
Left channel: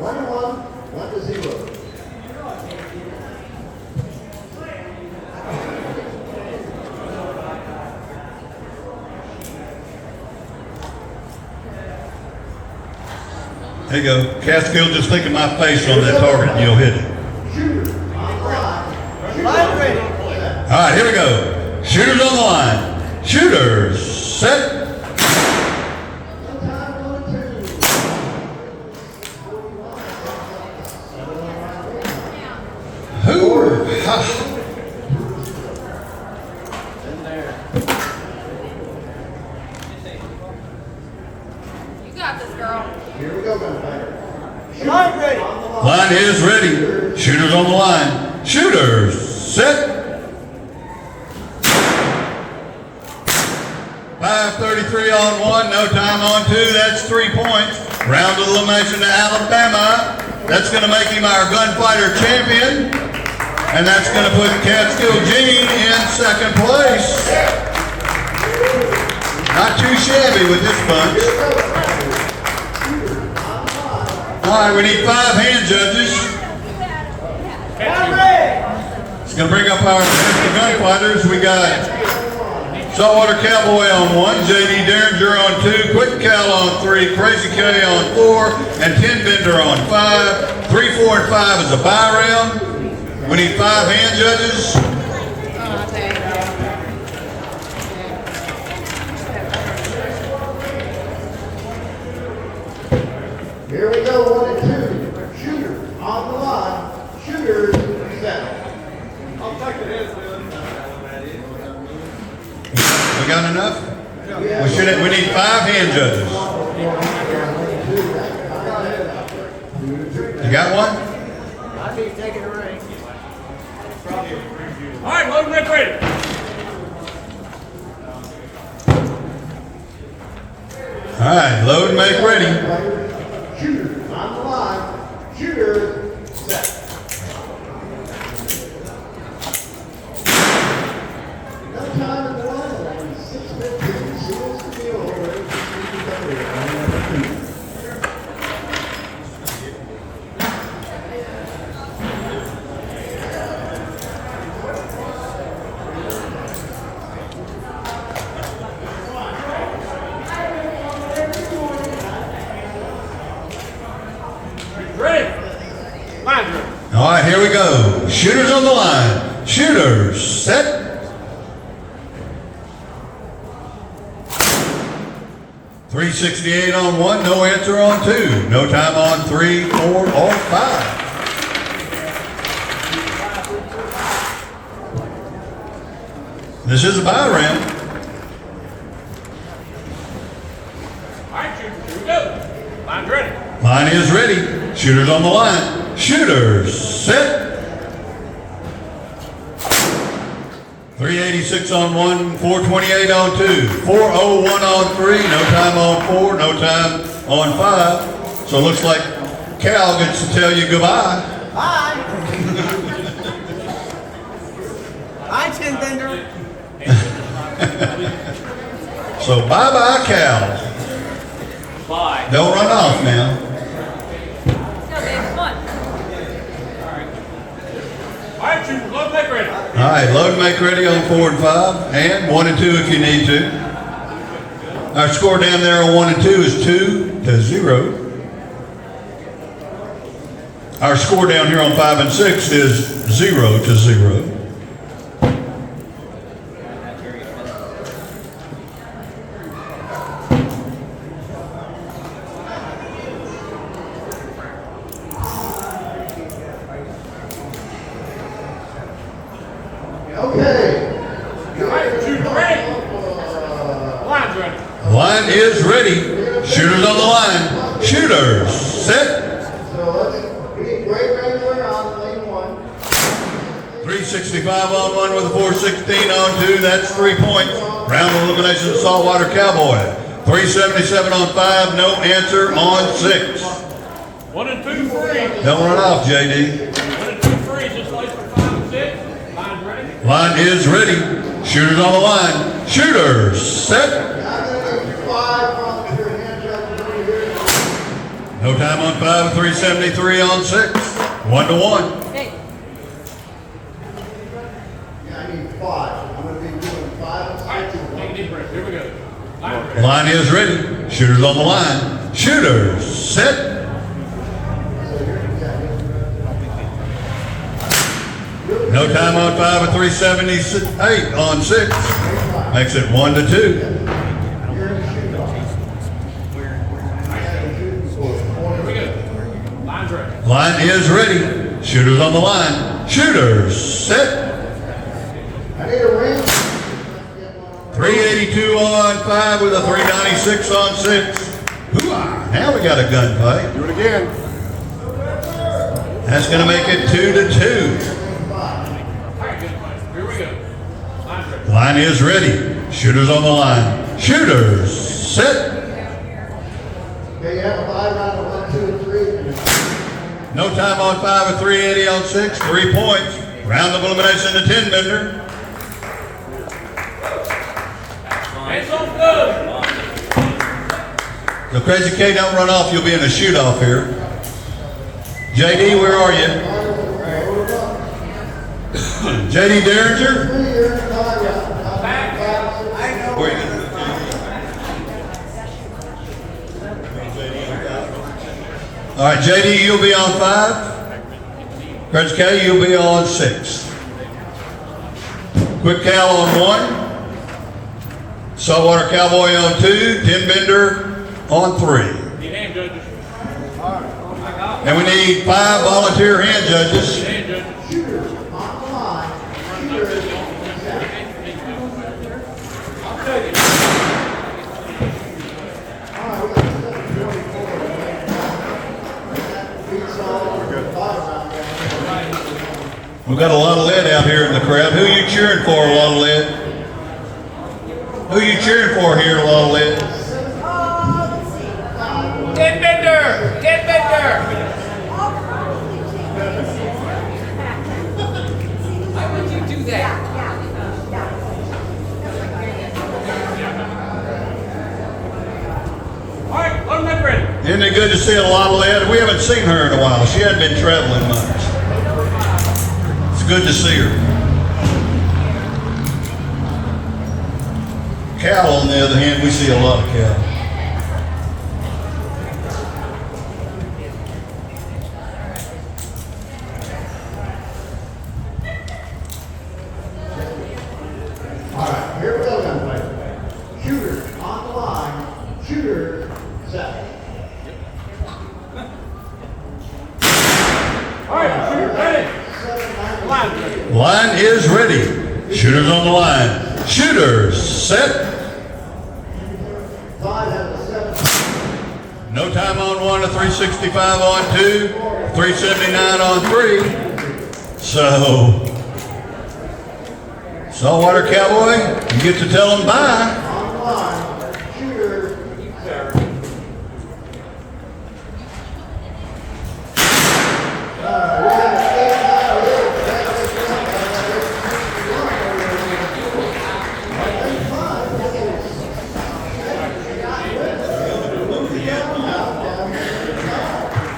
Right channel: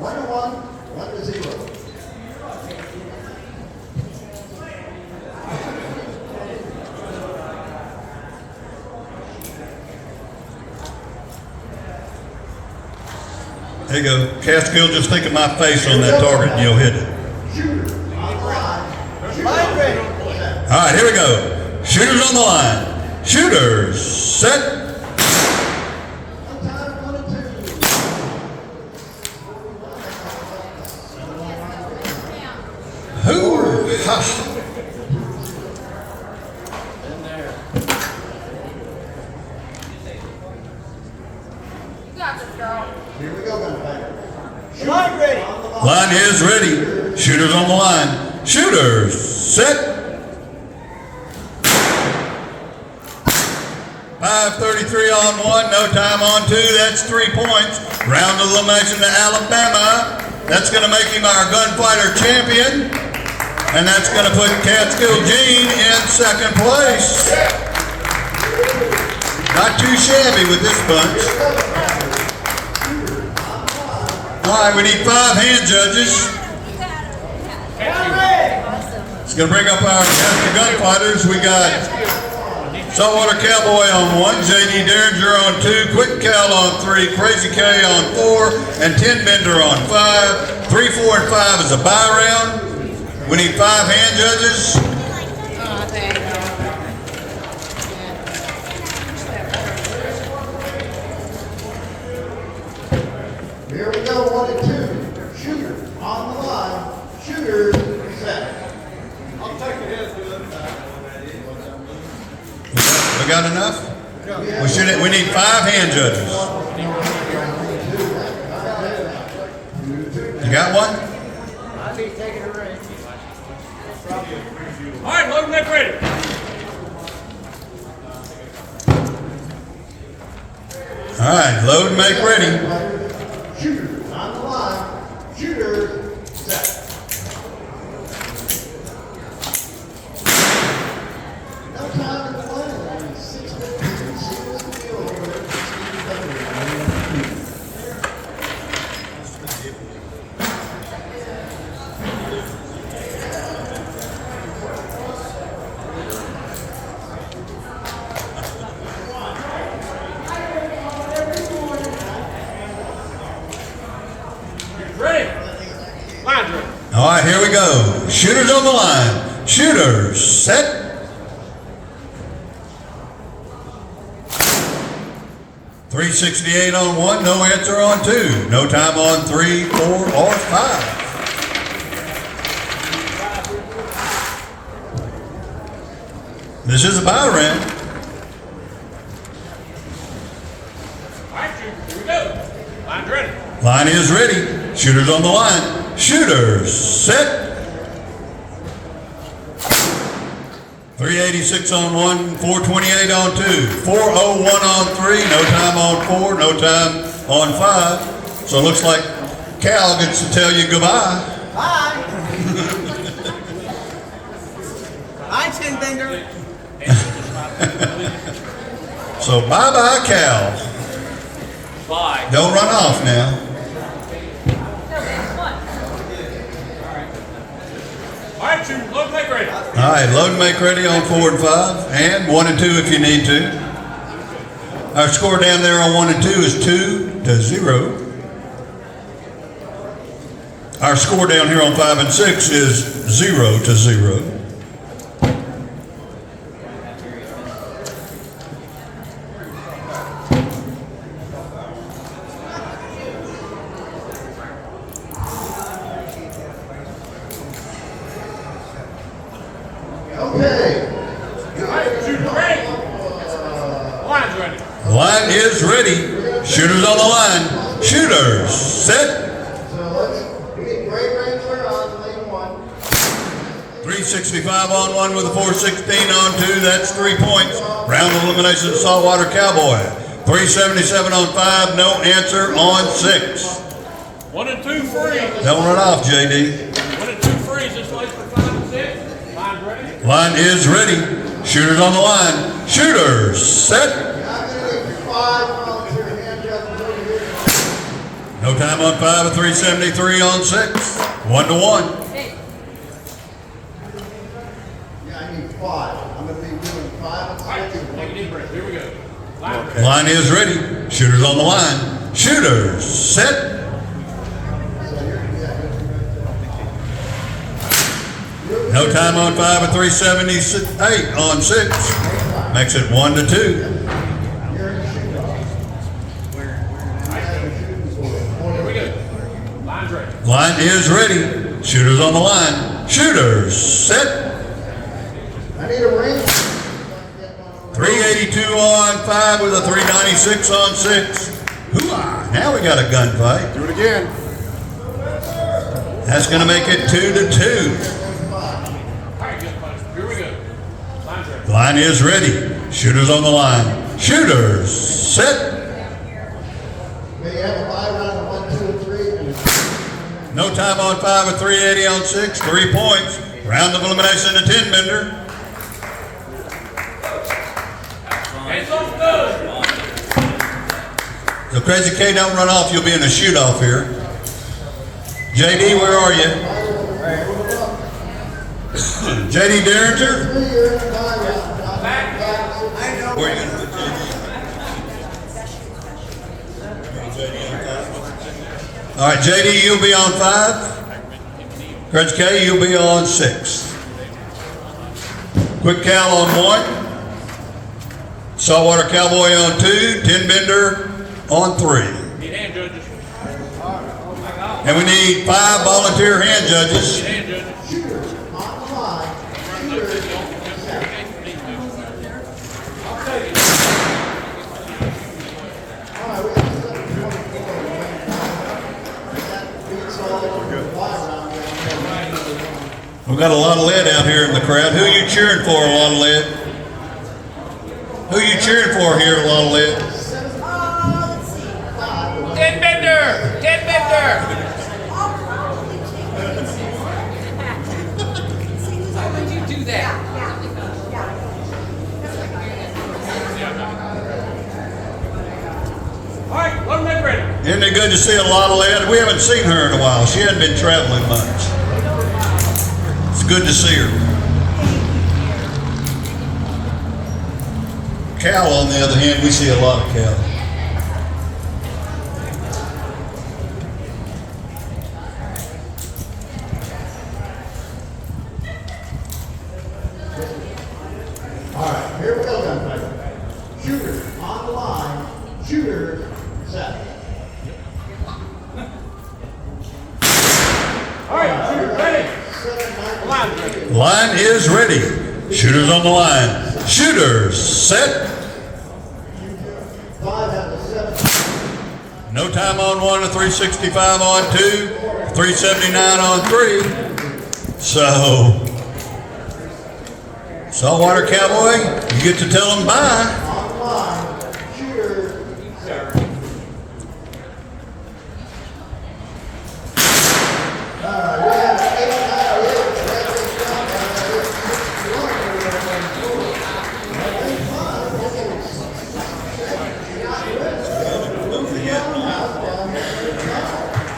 1-1. 1-0. There you go. Catskill, just think of my face on that target and you'll hit it. Shooters on the line. The line's ready. All right, here we go. Shooters on the line. Shooters set. Ooh, You got this, girl. Here we go, gunfighter. The line's ready. line is ready. Shooters on the line. Shooters set. 5:33 on 1, no time on 2. That's 3 points. Round of elimination to Alabama. That's going to make him our gunfighter champion. And that's going to put Catskill Gene in second place. Not too shabby with this bunch. All right, we need 5 hand judges. It's going to bring up our gunfighters. We got Saltwater Cowboy on 1, J.D. Derringer on 2, Quick Cal on 3, Crazy K on 4, and Tin Bender on 5. 3, 4, and 5 is a bye round. We need 5 hand judges. Oh, thank you. Here we go, 1 and 2. Shooters on the line. Shooters set. We got enough? We need 5 hand judges. You got one? All right, load and make ready. All right, load and make ready. Shooters on the line. Shooters set. No time in the line. Only 6 minutes. Seals the deal. Ready? Line's ready. All right, here we go. Shooters on the line. Shooters set. $368 on 1, no answer on 2. No time on 3, 4, or 5. This is a buy round. All right, shooters, here we go. Line's ready. Line is ready. Shooters on the line. Shooters, set. 386 on 1, 428 on 2, 401 on 3, no time on 4, no time on 5. So it looks like Cal gets to tell you goodbye. Bye. Bye, Tin Bender. So bye-bye, Cal. Bye. Don't run off now. All right, shooters, load make ready. All right, load and make ready on 4 and 5, and 1 and 2 if you need to. Our score down there on 1 and 2 is 2-0. Our score down here on 5 and 6 is 0-0. Okay. All right, shooters ready. Line's ready. Line is ready. Shooters on the line. Shooters, set. So let's get Great Wrangler on lane 1. 365 on 1 with a 416 on 2. That's 3 points. Round of elimination, Saltwater Cowboy. 377 on 5. No answer on 6. 1 and 2 free. Don't run off, JD. 1 and 2 free. Just place for 5 and 6. Line's ready. Line is ready. Shooters on the line. Shooters, set. I'm going to get 5 volunteer hand judges over here. No time on 5, 373 on 6. 1-1. Yeah, I need 5. I'm going to be doing 5 and 6. All right, take a deep breath. Here we go. Line's ready. Line is ready. Shooters on the line. Shooters, set. No time on 5 and 378 on 6. Makes it 1-2. You're in the shoot off. Here we go. Line's ready. Line is ready. Shooters on the line. Shooters, set. I need a ring. 382 on 5 with a 396 on 6. Hoo-ah. Now we got a gunfight. Do it again. That's going to make it 2-2. All right, good fight. Here we go. Line's ready. Line is ready. Shooters on the line. Shooters, set. Okay, you have a 5 round of 1, 2, and 3. No time on 5 and 380 on 6. 3 points. Round of elimination, the 10 bender. Hands off good. The Crazy K, don't run off. You'll be in a shoot off here. JD, where are you? JD Derringer? Where are you? All right, JD, you'll be on 5. Crazy K, you'll be on 6. Quick Cal on 1. Saltwater Cowboy on 2. 10 Bender on 3. Need hand judges. And we need 5 volunteer hand judges. Hand judges. Shooters on the line. Shooters. I'll tell you. We've got a lot of lead out here in the crowd. Who are you cheering for, a lot of lead? Who are you cheering for here, a lot of lead? Tin Bender! Tin Bender! How would you do that? All right, load them ready. Isn't it good to see a lot of lead? We haven't seen her in a while. She hadn't been traveling much. It's good to see her. Cal, on the other hand, we see a lot of Cal. All right, here we go, gunfight. Shooters on the line. Shooters set. All right, shooters ready. Line's ready. Line is ready. Shooters on the line. Shooters, set. 5 has a 7. No time on 1, a 365 on 2, 379 on 3. So, Saltwater Cowboy, you get to tell them bye. On the line, shooter.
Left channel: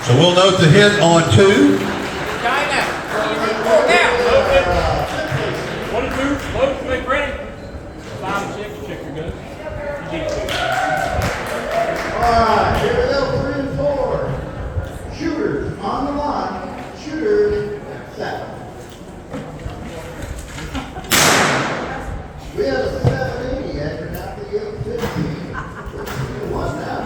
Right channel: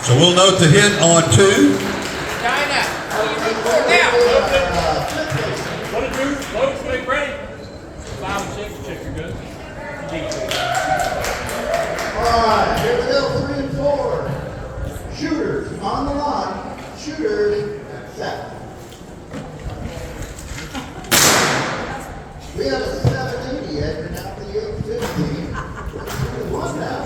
So we'll note the hit on 2. What to do? Load, make ready. 5 and 6, check your guns. Alright, here we go, 3 and 4. Shooters on the line. Shooters, set. We have a 780 yet, but not the 850. One now.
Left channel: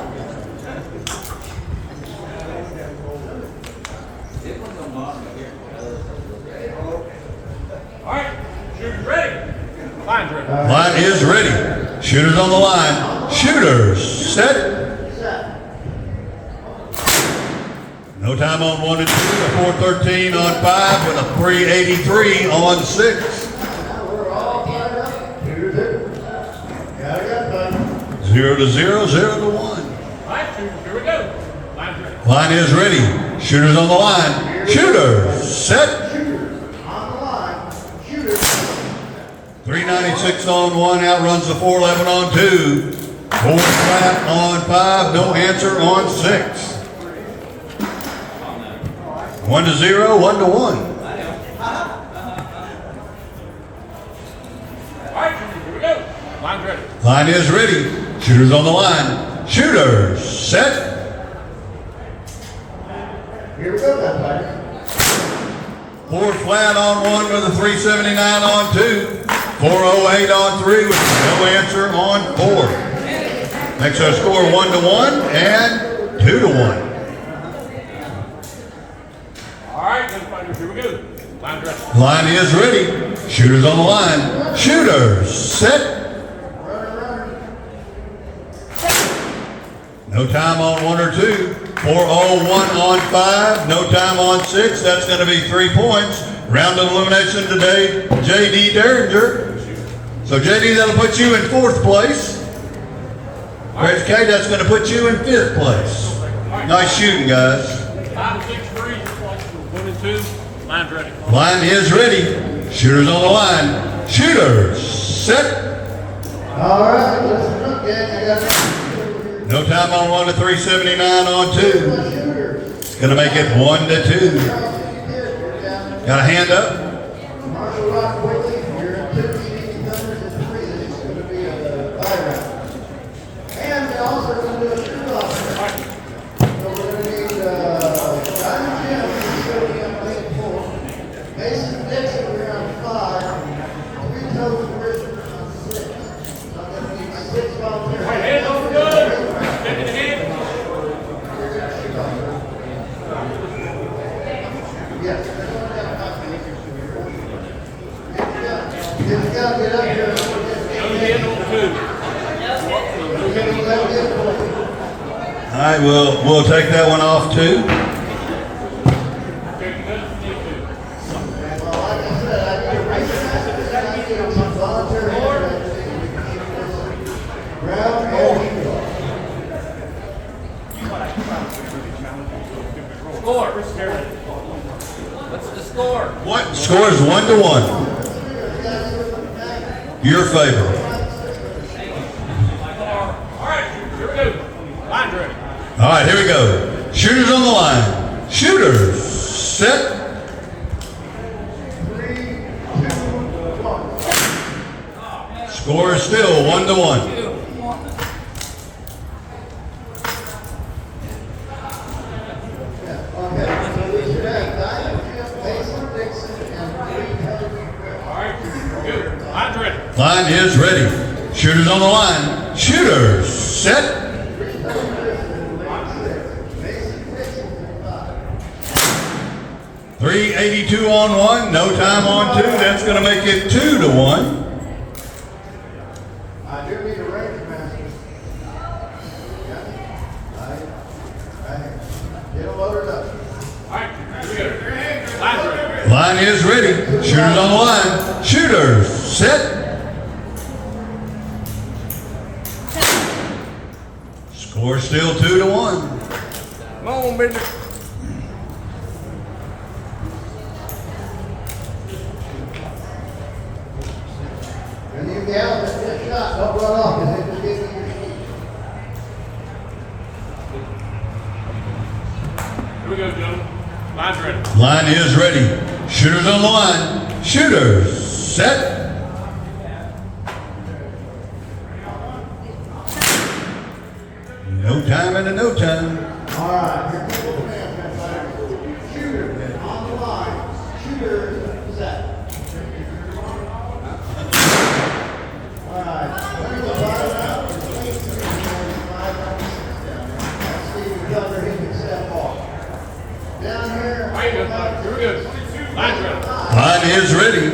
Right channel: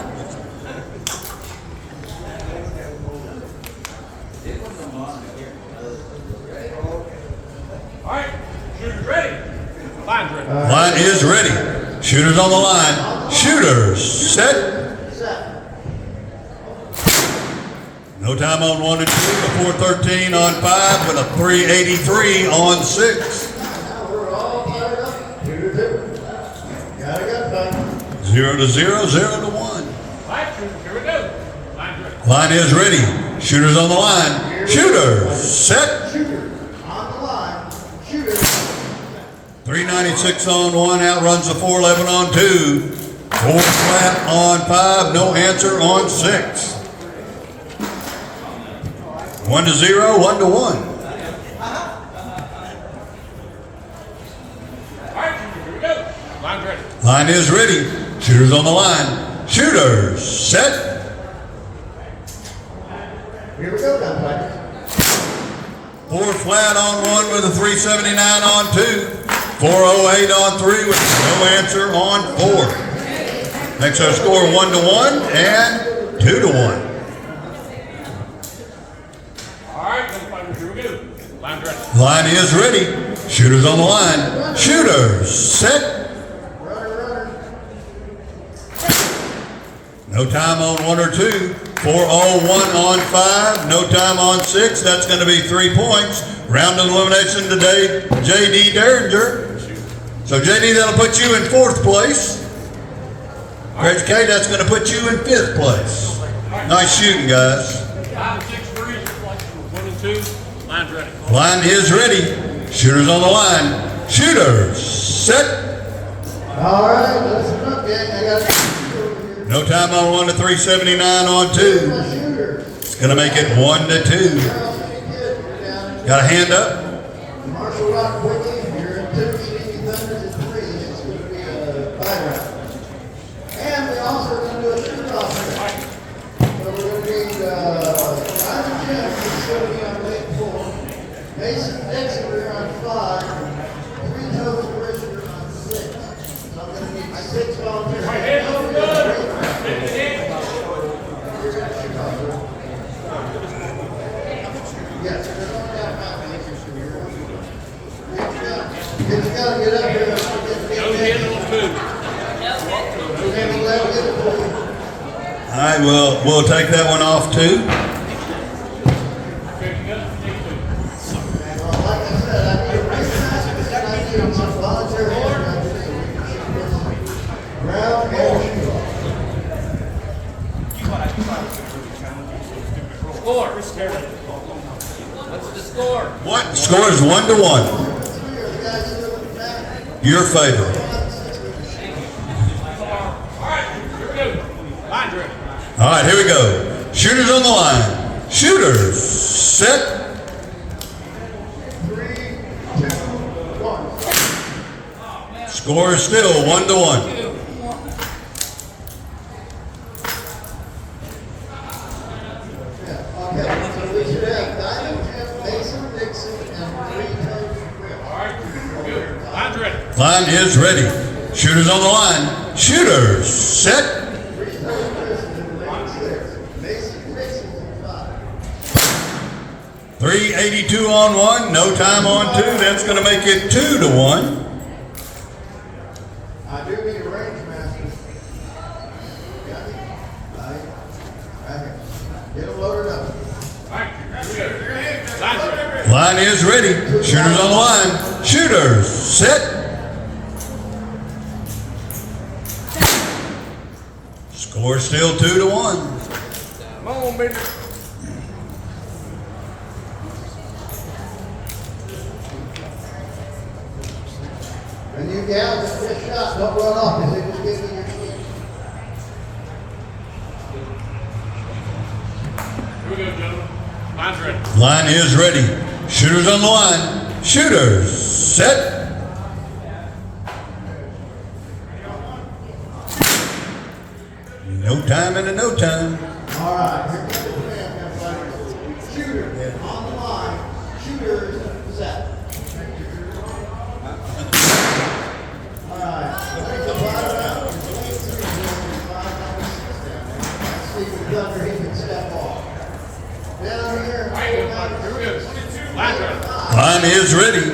All right, shooters ready. Line's ready. Line is ready. Shooters on the line. Shooters, set. Set. No time on 1 and 2, a 413 on 5, and a 383 on 6. Now we're all fired up. 2 to 2. Got it, 0 to 0, 0 to 1. All right, shooters, here we go. Line's ready. Line is ready. Shooters on the line. Shooters, set. Shooters on the line. Shooters. 396 on 1, outruns the 411 on 2. 4 flat on 5, no answer on 6. 1 to 0, 1 to 1. All right, shooters, here we go. Line's ready. Line is ready. Shooters on the line. Shooters, set. Here we go, gunfighters. 4 flat on 1 with a 379 on 2. 408 on 3 with no answer on 4. Makes our score 1 to 1 and 2 to 1. All right, gunfighters, here we go. Line's ready. Line is ready. Shooters on the line. Shooters, set. No time on 1 or 2. 401 on 5. No time on 6. That's going to be 3 points. Round of elimination today, J.D. Derringer. So J.D., that'll put you in 4th place. Reg K, that's going to put you in 5th place. Nice shooting, guys. 5 and 6 for each. 1 and 2. Line's ready. Line is ready. Shooters on the line. Shooters, set. All right, listen up, gang. I got No time on 1 to 379 on 2. shooters. It's going to make it 1 to 2. Got a hand up? Marshall Rock Wiki, you're in 2. Stevie Thunders is 3. This is going to be a bye round. And we also are going to do a shoot off. So we're going to need Diamond Jim, who's sitting on lane 4. Mason Dixon, we're on 5. 3 Toes Bridger on 6. So I'm going to need 6 volunteers. All right, hands on the gun. Yes. You gotta get up here. Nose in on 2. All right, we'll take that one off too. Check your guns if you need to. Like I said, I need a recognize I need some volunteer ground motion. Score. What's the score? What? Score is 1 to 1. Your favorite. All right, here we go. Line's ready. All right, here we go. Shooters on the line. Shooters, set. 3, 2, 1. Score is still 1 to 1. Okay, so we should have Diamond Jim, Mason Dixon, and 3 Toes. All right, good. Line's ready. Line is ready. Shooters on the line. Shooters, set. 3 Toes Bridger in lane 6. Mason Dixon in 5. 382 on 1. No time on 2. That's going to make it 2 to 1. Line is ready. Shooters on the line. Shooters, set. Score still 2-1. Come on, baby. When you get out of this shot, don't run off, because they just gave you your speed. Here we go, gentlemen. Line's ready. Line is ready. Shooters on the line. Shooters, set. No time and a no time. All right, here comes the command. Shooter, on the line. Shooters, set. All right. There's the line up. Lane 3, 5 down, 6 down. That's Stephen Gunner, he can step off. Down here. All right, good. Here we go. Line's ready. Line is ready.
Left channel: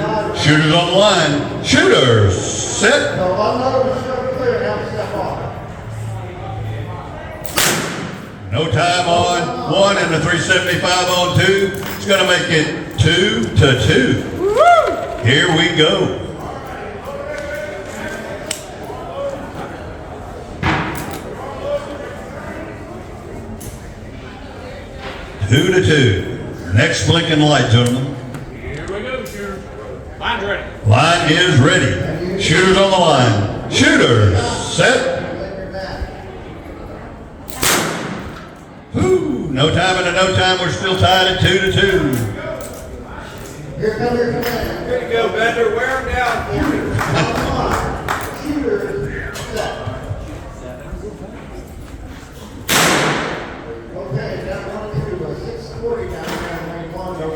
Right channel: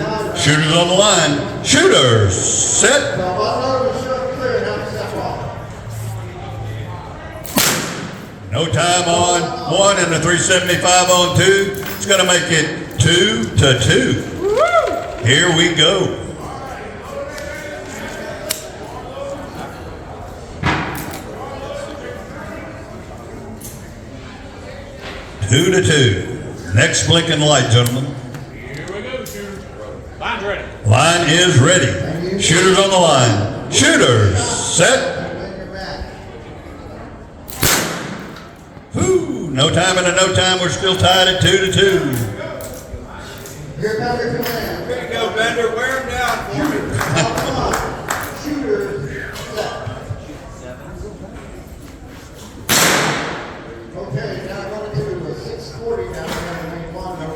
Shooters on the line. Shooters, set. Well, one over the show clear, now step off. No time on 1 and the 375 on 2. It's going to make it 2-2. Here we go. Two to 2. Next blinking light, gentlemen. Here we go, shooters. Line's ready. Line is ready. Shooters on the line. Shooters, set. Whoo! No time and a no time. We're still tied at 2-2. Here comes your command. Here you go, Bender. Wear him down. Shooters, set. Okay, down 1 and 2, 640 now, down lane 1, down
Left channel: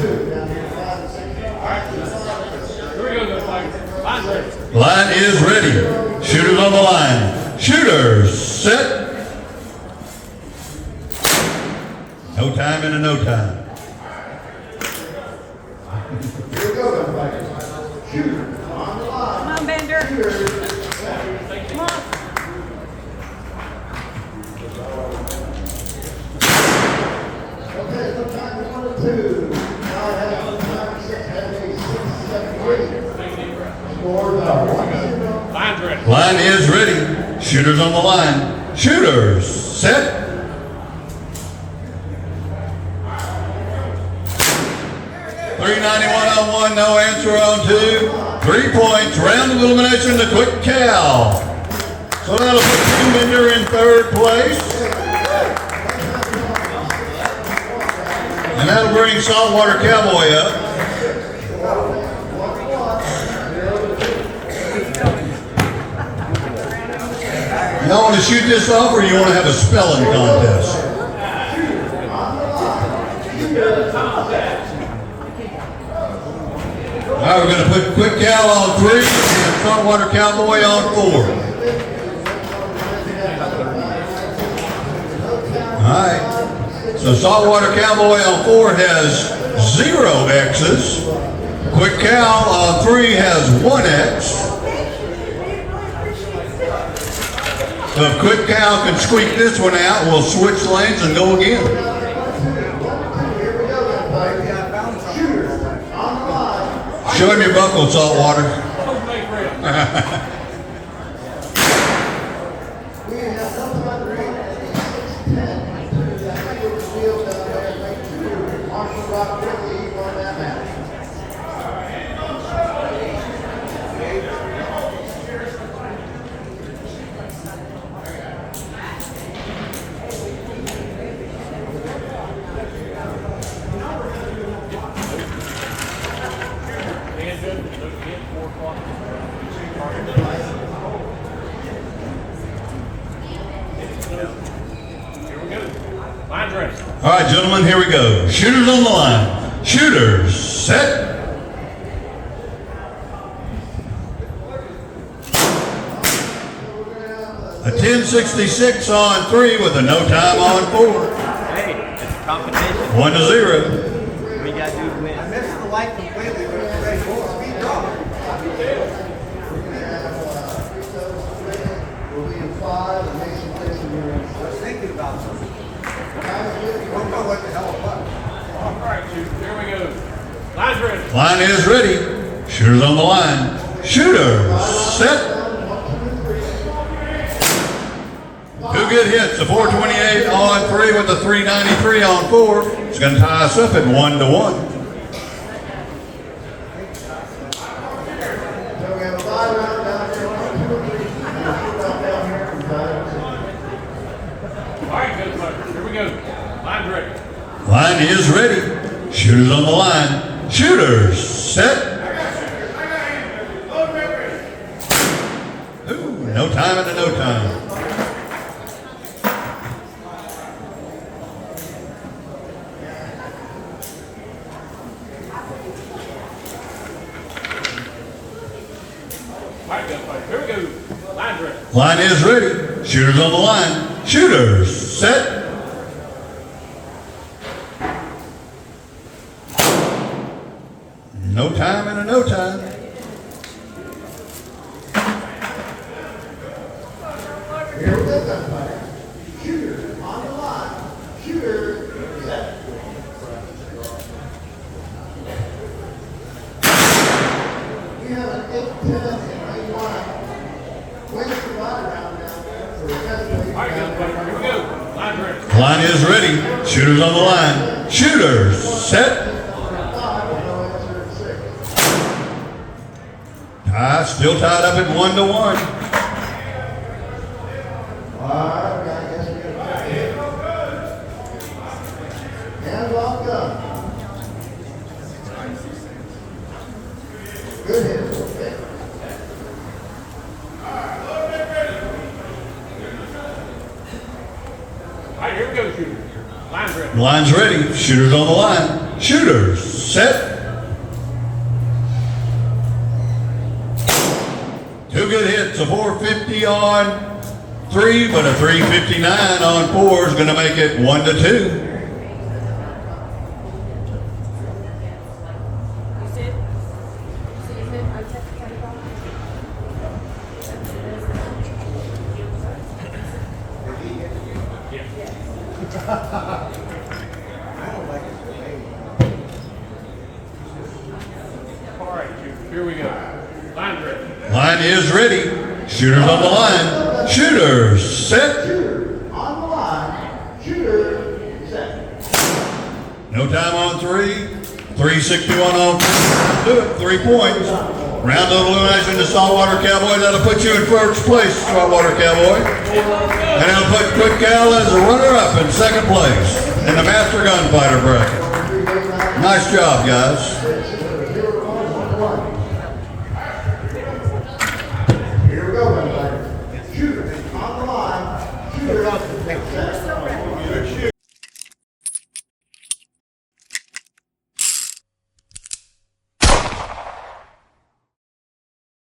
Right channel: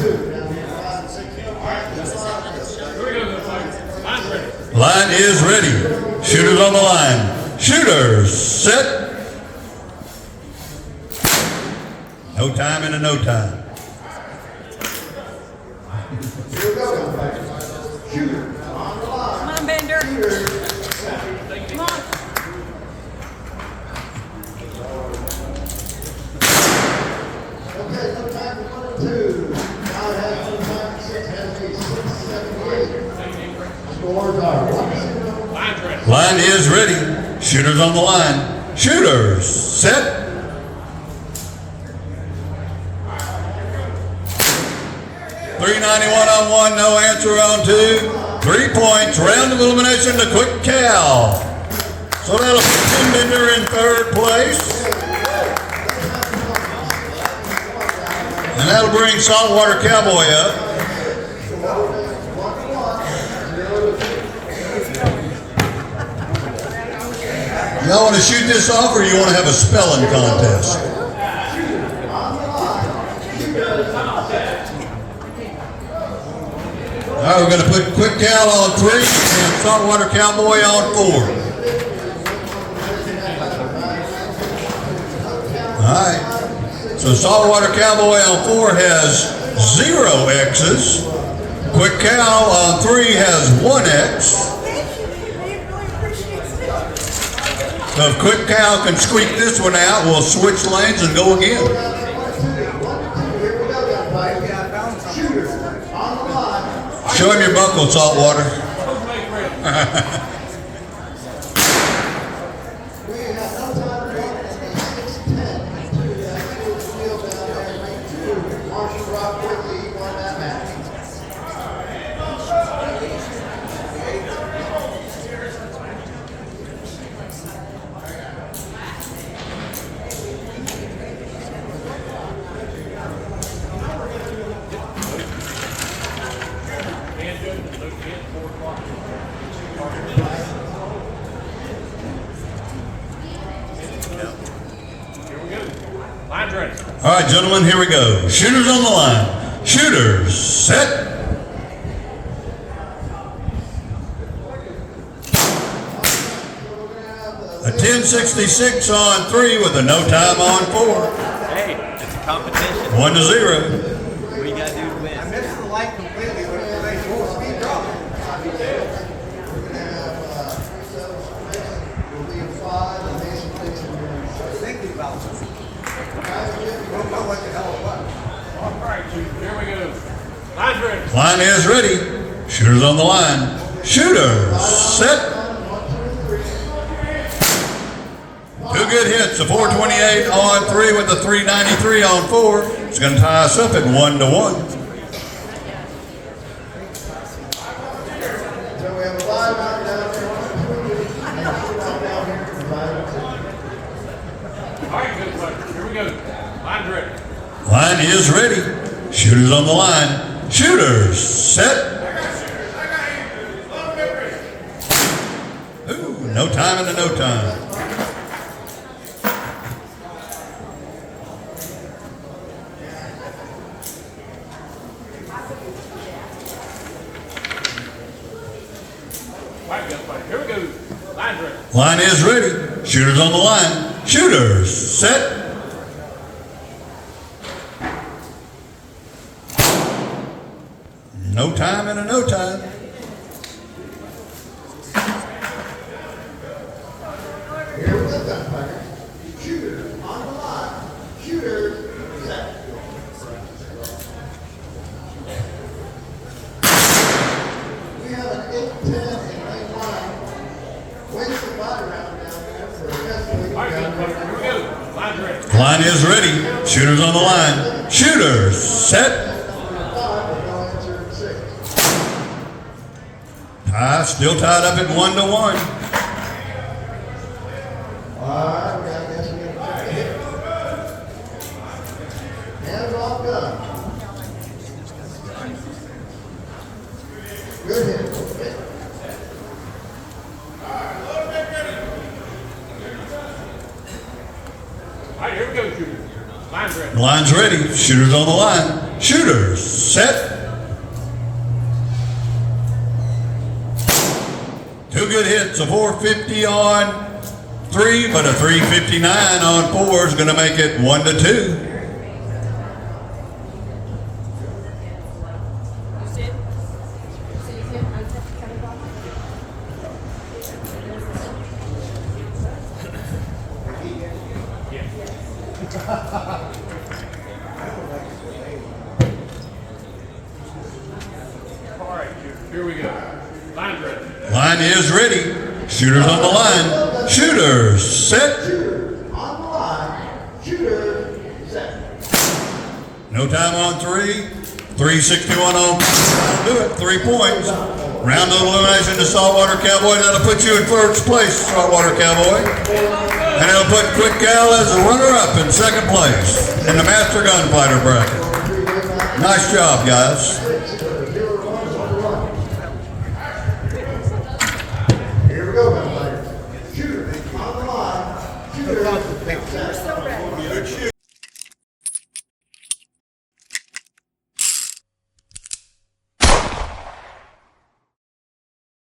2, down here 5 and 6. All right, Here we go, Line's ready. Line is ready. Shooters on the line. Shooters, set. No time and a no time. here we go, everybody. Shooter, on the line. Come on, Bender. Shooters, Come on. okay, no time for 1 and 2. Now it has no time for 6, has 8, 6, 7, 8. Scores are 1-0. Line's ready. Line is ready. Shooters on the line. Shooters, set. 391 on 1, no answer on 2. 3 points, round of elimination to Quick Cal. So that'll put Tim Bender in 3rd place. And that'll bring Saltwater Cowboy up. Y'all want to shoot this off, or you want to have a spelling contest? All right, we're going to put Quick Cal on 3 and Saltwater Cowboy on 4. All right. So Saltwater Cowboy on 4 has 0 X's. Quick Cal on 3 has 1 X. So if Quick Cal can squeak this one out, we'll switch lanes and go again. Show him your buckle, Saltwater. Close make ready. We have no time remaining at 6:10. That field down there, lane 2. Marshall Rock quickly won that match. Dan Judge, no 10, 4 o'clock. Here we go. Line's ready. All right, gentlemen, here we go. Shooters on the line. Shooters, set. A 1066 on 3 with a no time on 4. Hey, it's a competition. 1-0. What do you gotta do to win? I missed the light completely, but it's a full speed drop. We're going to have we'll be in 5 and Mason Dixon here. I was thinking about something. Don't know what the hell it was. All right, shooters, here we go. Line's ready. Line is ready. Shooters on the line. Shooters set. 2 good hits, a 428 on 3 with a 393 on 4. It's going to tie us up at 1-1. So we have a 5 out down there. All right, good luck. Here we go. Line's ready. Line is ready. Shooters on the line. Shooters set. Ooh, no time into no time. All right, gunfighter. Here we go. Line's ready. Line is ready. Shooters on the line. Shooters set. No time and a no time. Here we go, gunfighter. Shooter on the line. Shooter set. We have an 8-10 and 8-1. Wins the body round down there for the All right, gunfighter. Here we go. Line's ready. Line is ready. Shooters on the line. Shooters set. Tie still tied up at 1-1. Alright, I guess we got a hit. Hands off gun. Good hit, okay. All right, here we go, shooters. Line's ready. Line's ready. Shooters on the line. Shooters set. 2 good hits, a 450 on 3, but a 359 on 4 is going to make it 1-2. You see it? See it? I'll tap the camera. All right, shooters. Here we go. Line's ready. Line is ready. Shooters on the line. Shooters set. Shooter on the line. Shooter set. No time on 3. 361 on 3 points. Round of elimination to Saltwater Cowboy. That'll put you in first place, Saltwater Cowboy. And it'll put Quick Gal as a runner-up in second place in the Master Gunfighter bracket. Nice job, guys.